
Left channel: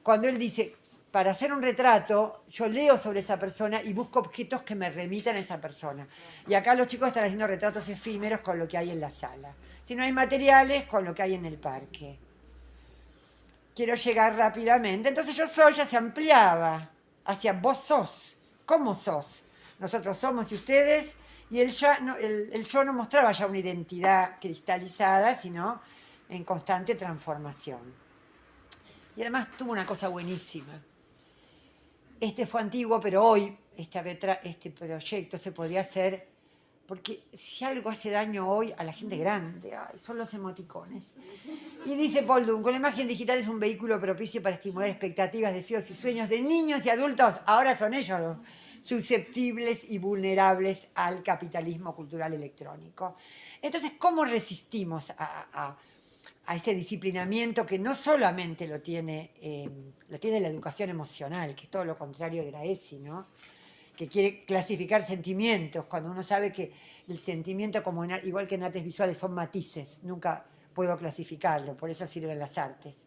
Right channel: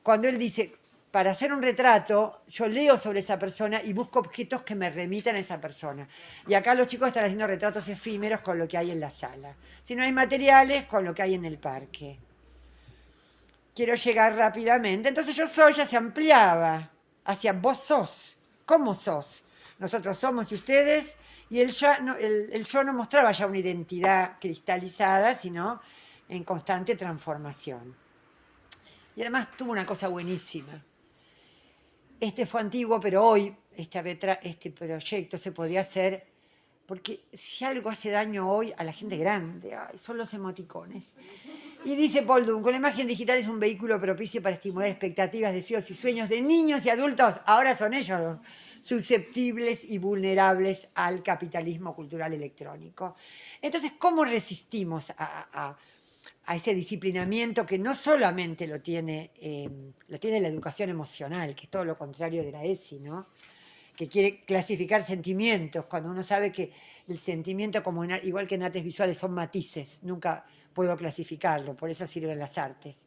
cuando él dice, para hacer un retrato, yo leo sobre esa persona y busco objetos que me remitan a esa persona. Y acá los chicos están haciendo retratos efímeros con lo que hay en la sala. Si no hay materiales, con lo que hay en el parque. Quiero llegar rápidamente. Entonces yo soy ya se ampliaba hacia vos sos. ¿Cómo sos? Nosotros somos y ustedes. Y el yo no mostraba ya una identidad cristalizada, sino en constante transformación. Y además tuvo una cosa buenísima. Este fue antiguo, pero hoy este proyecto se podía hacer, porque si algo hace daño hoy a la gente grande, son los emoticones. Y dice Paul Duncan, la imagen digital es un vehículo propicio para estimular expectativas, deseos y sueños de niños y adultos. Ahora son ellos los susceptibles y vulnerables al capitalismo cultural electrónico. Entonces, ¿cómo resistimos a ese disciplinamiento que no solamente lo tiene la educación emocional, que es todo lo contrario de la ESI, ¿no? Que quiere clasificar sentimientos, cuando uno sabe que el sentimiento, igual que en artes visuales, son matices, nunca puedo clasificarlo, por eso sirven las artes.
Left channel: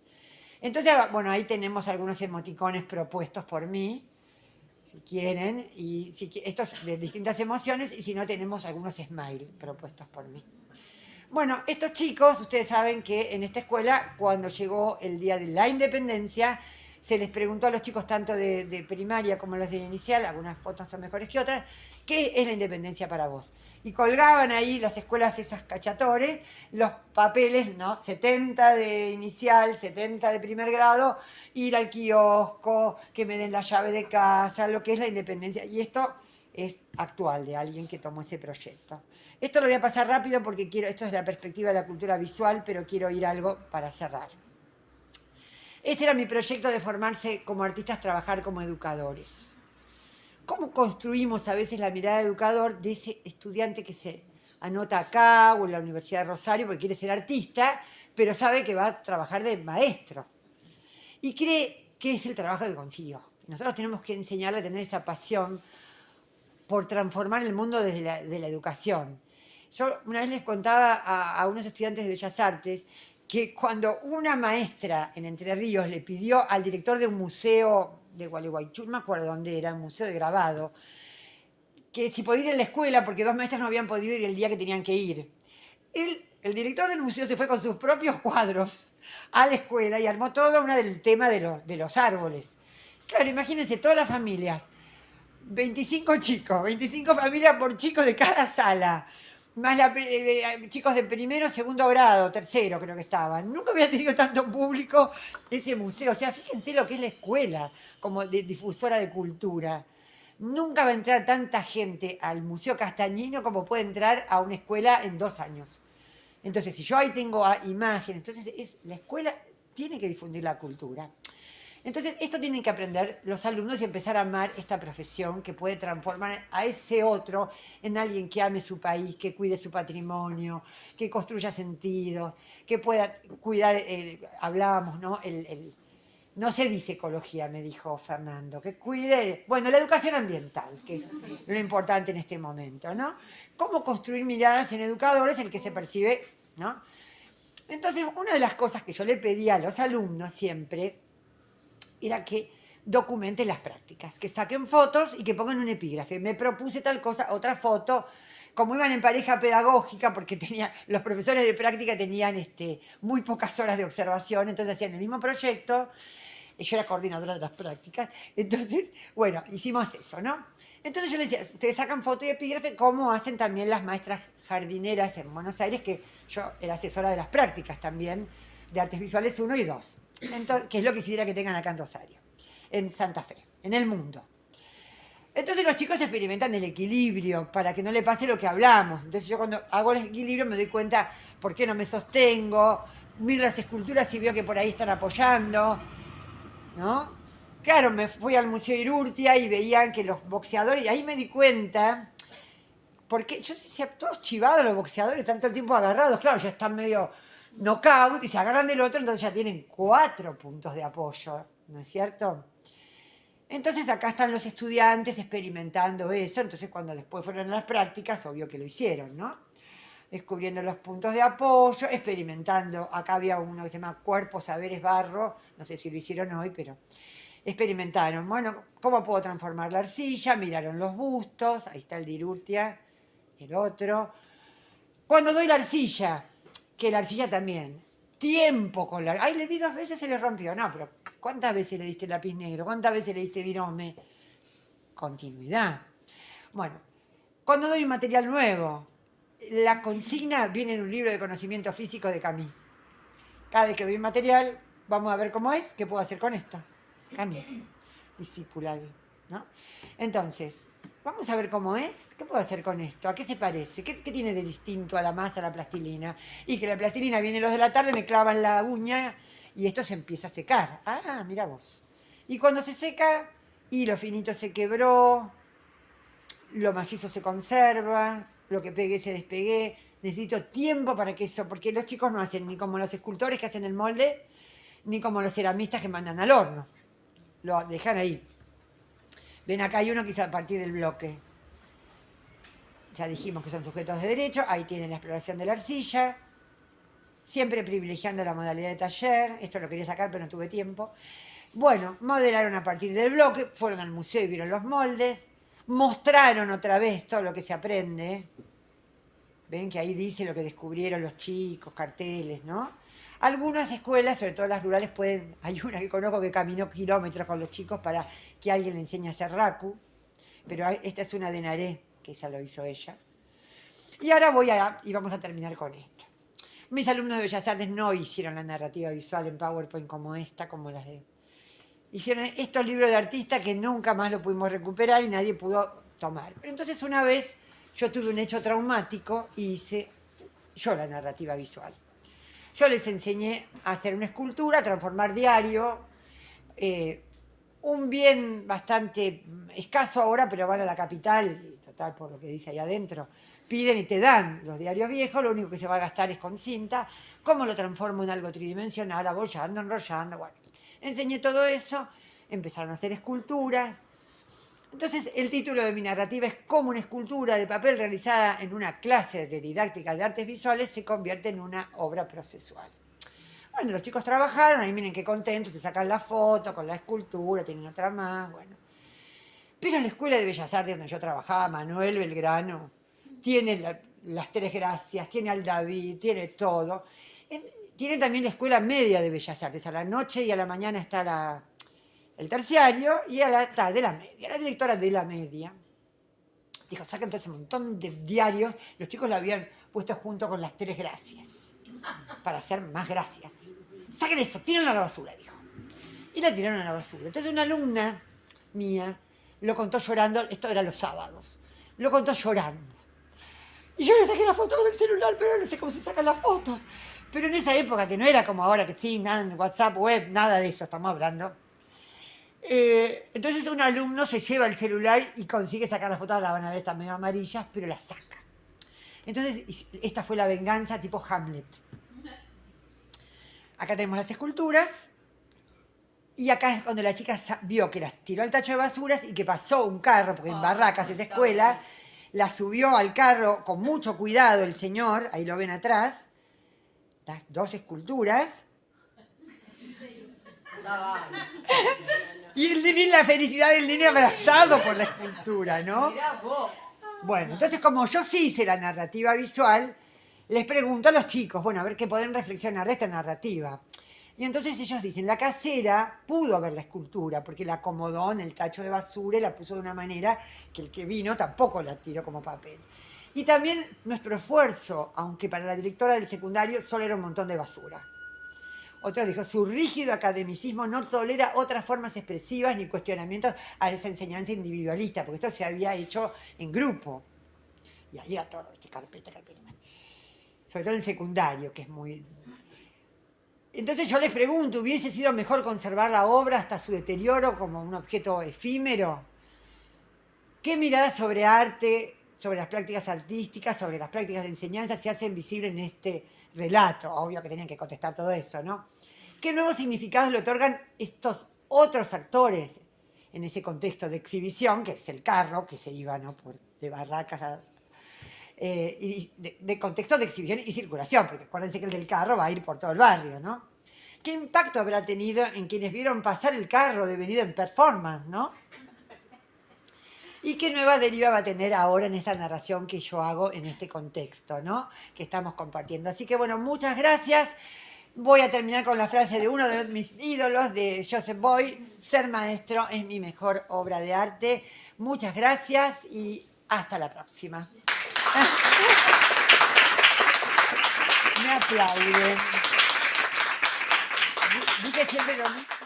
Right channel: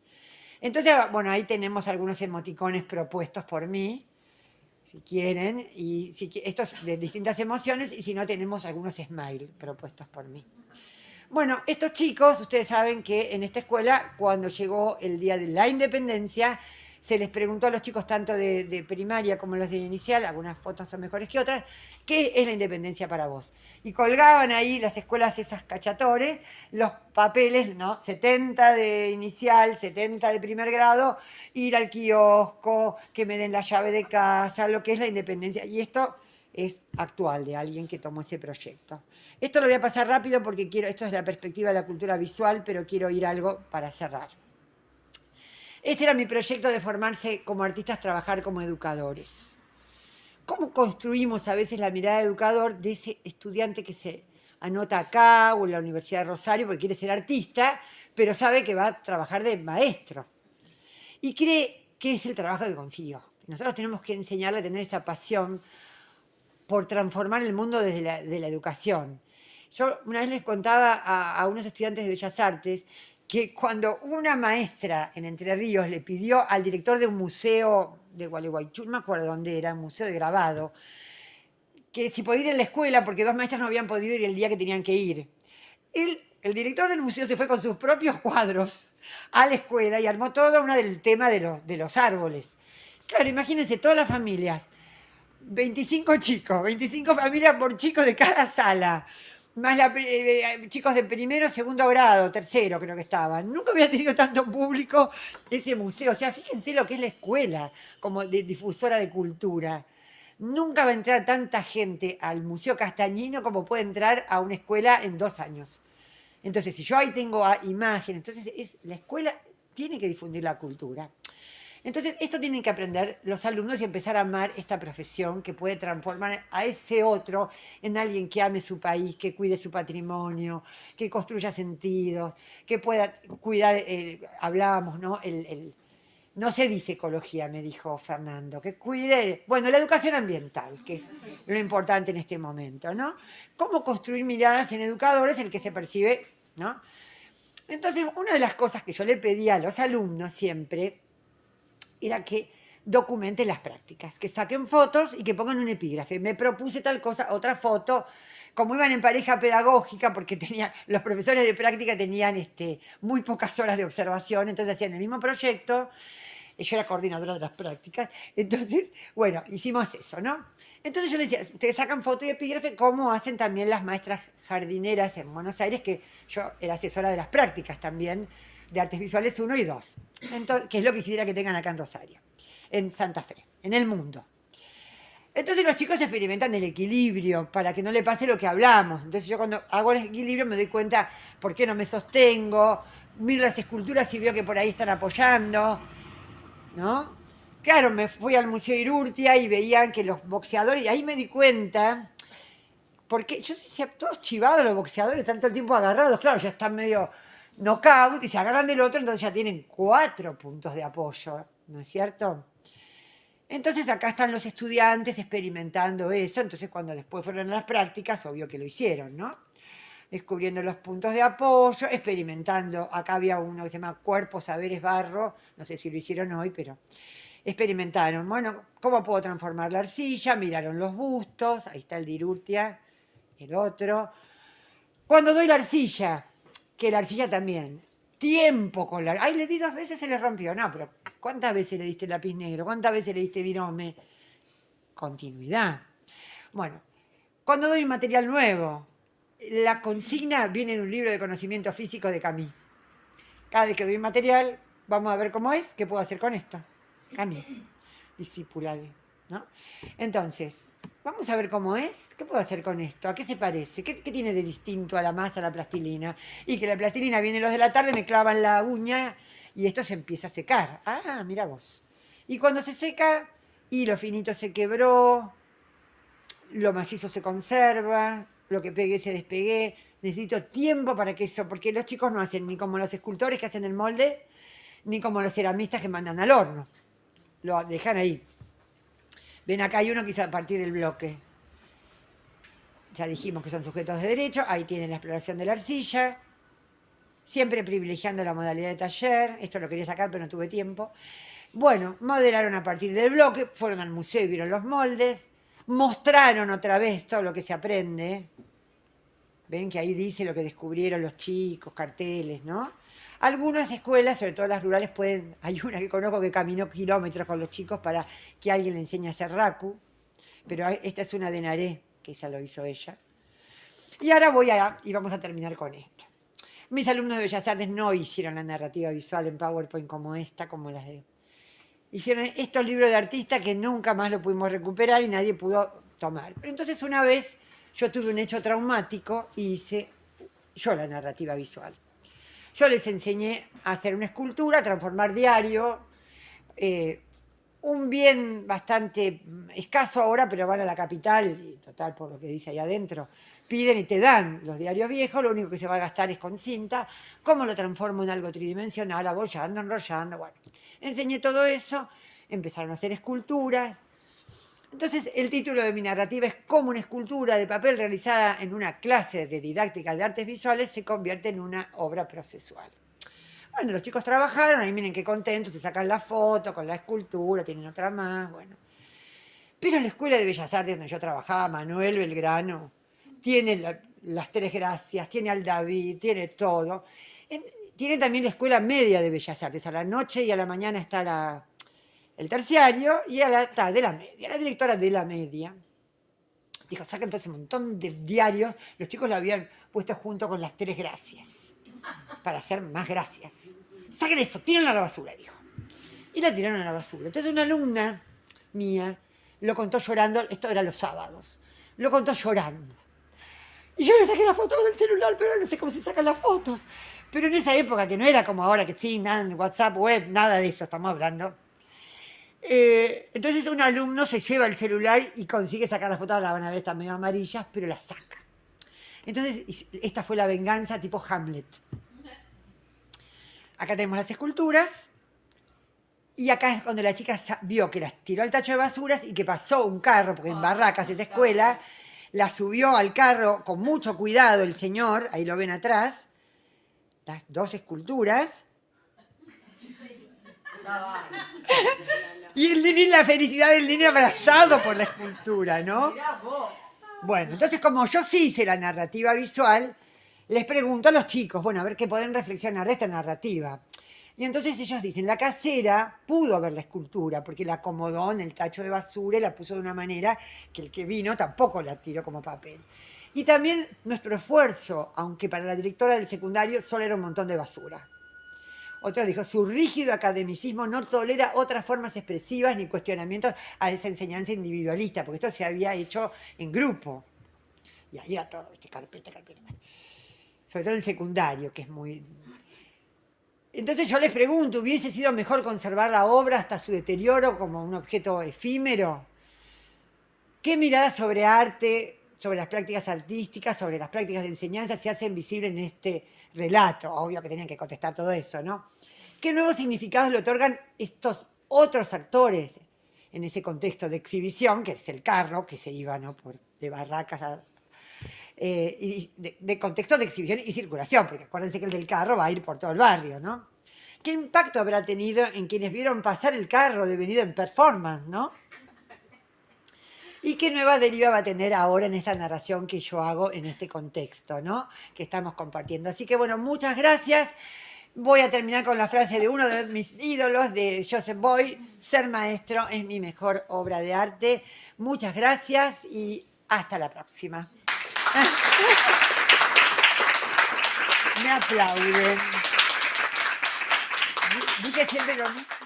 Entonces, bueno, ahí tenemos algunos emoticones propuestos por mí, si quieren, y estos de distintas emociones, y si no, tenemos algunos smile propuestos por mí. Bueno, estos chicos, ustedes saben que en esta escuela, cuando llegó el día de la independencia, se les preguntó a los chicos tanto de primaria como los de inicial, algunas fotos son mejores que otras, ¿qué es la independencia para vos? Y colgaban ahí las escuelas esas cachatores, los papeles, ¿no? 70 de inicial, 70 de primer grado, ir al kiosco, que me den la llave de casa, lo que es la independencia. Y esto es actual, de alguien que tomó ese proyecto. Esto lo voy a pasar rápido porque esto es la perspectiva de la cultura visual, pero quiero ir a algo para cerrar. Este era mi proyecto de formarse como artistas, trabajar como educadores. ¿Cómo construimos a veces la mirada de educador de ese estudiante que se anota acá o en la Universidad de Rosario porque quiere ser artista, pero sabe que va a trabajar de maestro. Y cree que es el trabajo que consiguió. Nosotros tenemos que enseñarle a tener esa pasión por transformar el mundo desde de la educación. Yo una vez les contaba a unos estudiantes de Bellas Artes que cuando una maestra en Entre Ríos le pidió al director de un museo de Gualeguaychú, no me acuerdo dónde era, un museo de grabado, que si podía ir a la escuela, porque dos maestras no habían podido ir el día que tenían que ir. El director del museo se fue con sus propios cuadros a la escuela y armó todo una del tema de los árboles. Claro, imagínense todas las familias, 25 chicos, 25 familias por chicos de cada sala, más chicos de primero, segundo grado, tercero creo que estaban. Nunca había tenido tanto público ese museo. O sea, fíjense lo que es la escuela como difusora de cultura. Nunca va a entrar tanta gente al Museo Castañino como puede entrar a una escuela en 2 años. Entonces, si yo ahí tengo imágenes, entonces la escuela tiene que difundir la cultura. Entonces, esto tienen que aprender los alumnos y empezar a amar esta profesión que puede transformar a ese otro en alguien que ame su país, que cuide su patrimonio, que construya sentidos, que pueda cuidar, hablábamos, ¿no? No se dice ecología, me dijo Fernando, que cuide, bueno, la educación ambiental, que es lo importante en este momento, ¿no? Cómo construir miradas en educadores, el que se percibe, ¿no? Entonces, una de las cosas que yo le pedía a los alumnos siempre era que documenten las prácticas, que saquen fotos y que pongan un epígrafe. Me propuse tal cosa, otra foto, como iban en pareja pedagógica, porque los profesores de práctica tenían muy pocas horas de observación, entonces hacían el mismo proyecto. Yo era coordinadora de las prácticas, entonces, bueno, hicimos eso, ¿no? Entonces yo les decía, ustedes sacan foto y epígrafe, como hacen también las maestras jardineras en Buenos Aires, que yo era asesora de las prácticas también, de artes visuales 1 y 2, entonces, que es lo que quisiera que tengan acá en Rosario, en Santa Fe, en el mundo. Entonces los chicos experimentan el equilibrio para que no le pase lo que hablamos. Entonces yo cuando hago el equilibrio me doy cuenta por qué no me sostengo, miro las esculturas y veo que por ahí están apoyando, ¿no? Claro, me fui al Museo Irurtia y veían que los boxeadores, y ahí me di cuenta, porque yo decía, todos chivados los boxeadores, tanto el tiempo agarrados, claro, ya están medio knockout y se agarran del otro, entonces ya tienen 4 puntos de apoyo, ¿no es cierto? Entonces acá están los estudiantes experimentando eso, entonces cuando después fueron a las prácticas, obvio que lo hicieron, ¿no? Descubriendo los puntos de apoyo, experimentando. Acá había uno que se llama Cuerpo, Saberes, Barro, no sé si lo hicieron hoy, pero experimentaron. Bueno, ¿cómo puedo transformar la arcilla? Miraron los bustos, ahí está el de Irurtia, el otro. Cuando doy la arcilla, que la arcilla también, tiempo con la... Ay, le di 2 veces, se le rompió. No, pero ¿cuántas veces le diste lápiz negro? ¿Cuántas veces le diste virome? Continuidad. Bueno, cuando doy un material nuevo, la consigna viene en un libro de conocimiento físico de Camille. Cada vez que doy un material, vamos a ver cómo es, qué puedo hacer con esto. Camille, discipulado, ¿no? Entonces, vamos a ver cómo es, qué puedo hacer con esto, a qué se parece, qué tiene de distinto a la masa, a la plastilina. Y que la plastilina viene los de la tarde, me clavan la uña y esto se empieza a secar. Ah, mira vos. Y cuando se seca, y lo finito se quebró, lo macizo se conserva, lo que pegué se despegué. Necesito tiempo para que eso, porque los chicos no hacen ni como los escultores que hacen el molde, ni como los ceramistas que mandan al horno. Lo dejan ahí. Ven, acá hay uno que hizo a partir del bloque. Ya dijimos que son sujetos de derecho. Ahí tienen la exploración de la arcilla. Siempre privilegiando la modalidad de taller. Esto lo quería sacar, pero no tuve tiempo. Bueno, modelaron a partir del bloque. Fueron al museo y vieron los moldes. Mostraron otra vez todo lo que se aprende. Ven que ahí dice lo que descubrieron los chicos, carteles, ¿no? Algunas escuelas, sobre todo las rurales, pueden... Hay una que conozco que caminó kilómetros con los chicos para que alguien le enseñe a hacer raku. Pero esta es una de Naré, que esa lo hizo ella. Y ahora y vamos a terminar con esto. Mis alumnos de Bellas Artes no hicieron la narrativa visual en PowerPoint como esta, como las de... Hicieron estos libros de artistas que nunca más lo pudimos recuperar y nadie pudo tomar. Pero entonces una vez yo tuve un hecho traumático y hice yo la narrativa visual. Yo les enseñé a hacer una escultura, a transformar diario, un bien bastante escaso ahora, pero van a la capital, y total, por lo que dice ahí adentro, piden y te dan los diarios viejos, lo único que se va a gastar es con cinta. ¿Cómo lo transformo en algo tridimensional? Abollando, enrollando, bueno. Enseñé todo eso, empezaron a hacer esculturas. Entonces, el título de mi narrativa es cómo una escultura de papel realizada en una clase de didáctica de artes visuales se convierte en una obra procesual. Bueno, los chicos trabajaron, ahí miren qué contentos, se sacan la foto con la escultura, tienen otra más, bueno. Pero en la Escuela de Bellas Artes donde yo trabajaba, Manuel Belgrano, tiene las Tres Gracias, tiene al David, tiene todo. Tiene también la Escuela Media de Bellas Artes, a la noche y a la mañana está el terciario y a la tarde la media. La directora de la media dijo, saca entonces un montón de diarios, los chicos la habían puesto junto con las Tres Gracias, para hacer más gracias. Saquen eso, tírenlo a la basura, dijo. Y la tiraron a la basura. Entonces una alumna mía lo contó llorando, esto era los sábados, lo contó llorando. Y yo le saqué la foto con el celular, pero no sé cómo se sacan las fotos. Pero en esa época, que no era como ahora, que sí, nada, WhatsApp, web, nada de eso estamos hablando. Entonces un alumno se lleva el celular y consigue sacar las fotos, la van a ver, están medio amarillas, pero las saca. Entonces esta fue la venganza tipo Hamlet. Acá tenemos las esculturas. Y acá es cuando la chica vio que las tiró al tacho de basuras y que pasó un carro, porque en Barracas esa escuela, la subió al carro con mucho cuidado el señor, ahí lo ven atrás, las dos esculturas. Y la felicidad del niño abrazado por la escultura, ¿no? Bueno, entonces como yo sí hice la narrativa visual, les pregunto a los chicos, bueno, a ver qué pueden reflexionar de esta narrativa. Y entonces ellos dicen, la casera pudo ver la escultura porque la acomodó en el tacho de basura y la puso de una manera que el que vino tampoco la tiró como papel. Y también nuestro esfuerzo, aunque para la directora del secundario solo era un montón de basura. Otro dijo, su rígido academicismo no tolera otras formas expresivas ni cuestionamientos a esa enseñanza individualista, porque esto se había hecho en grupo. Y ahí era todo, carpeta. Sobre todo en el secundario, que es muy... Entonces yo les pregunto, ¿hubiese sido mejor conservar la obra hasta su deterioro como un objeto efímero? ¿Qué mirada sobre arte, sobre las prácticas artísticas, sobre las prácticas de enseñanza se hacen visibles en este relato? Obvio que tenían que contestar todo eso, ¿no? ¿Qué nuevos significados le otorgan estos otros actores en ese contexto de exhibición, que es el carro, que se iba, ¿no?, de Barracas a... y de contexto de exhibición y circulación, porque acuérdense que el del carro va a ir por todo el barrio, ¿no? ¿Qué impacto habrá tenido en quienes vieron pasar el carro devenido en performance, ¿no? ¿Y qué nueva deriva va a tener ahora en esta narración que yo hago en este contexto, ¿no?, que estamos compartiendo? Así que, bueno, muchas gracias. Voy a terminar con la frase de uno de mis ídolos, de Joseph Boy, ser maestro es mi mejor obra de arte. Muchas gracias y hasta la próxima. Me aplauden. Dice siempre lo mismo.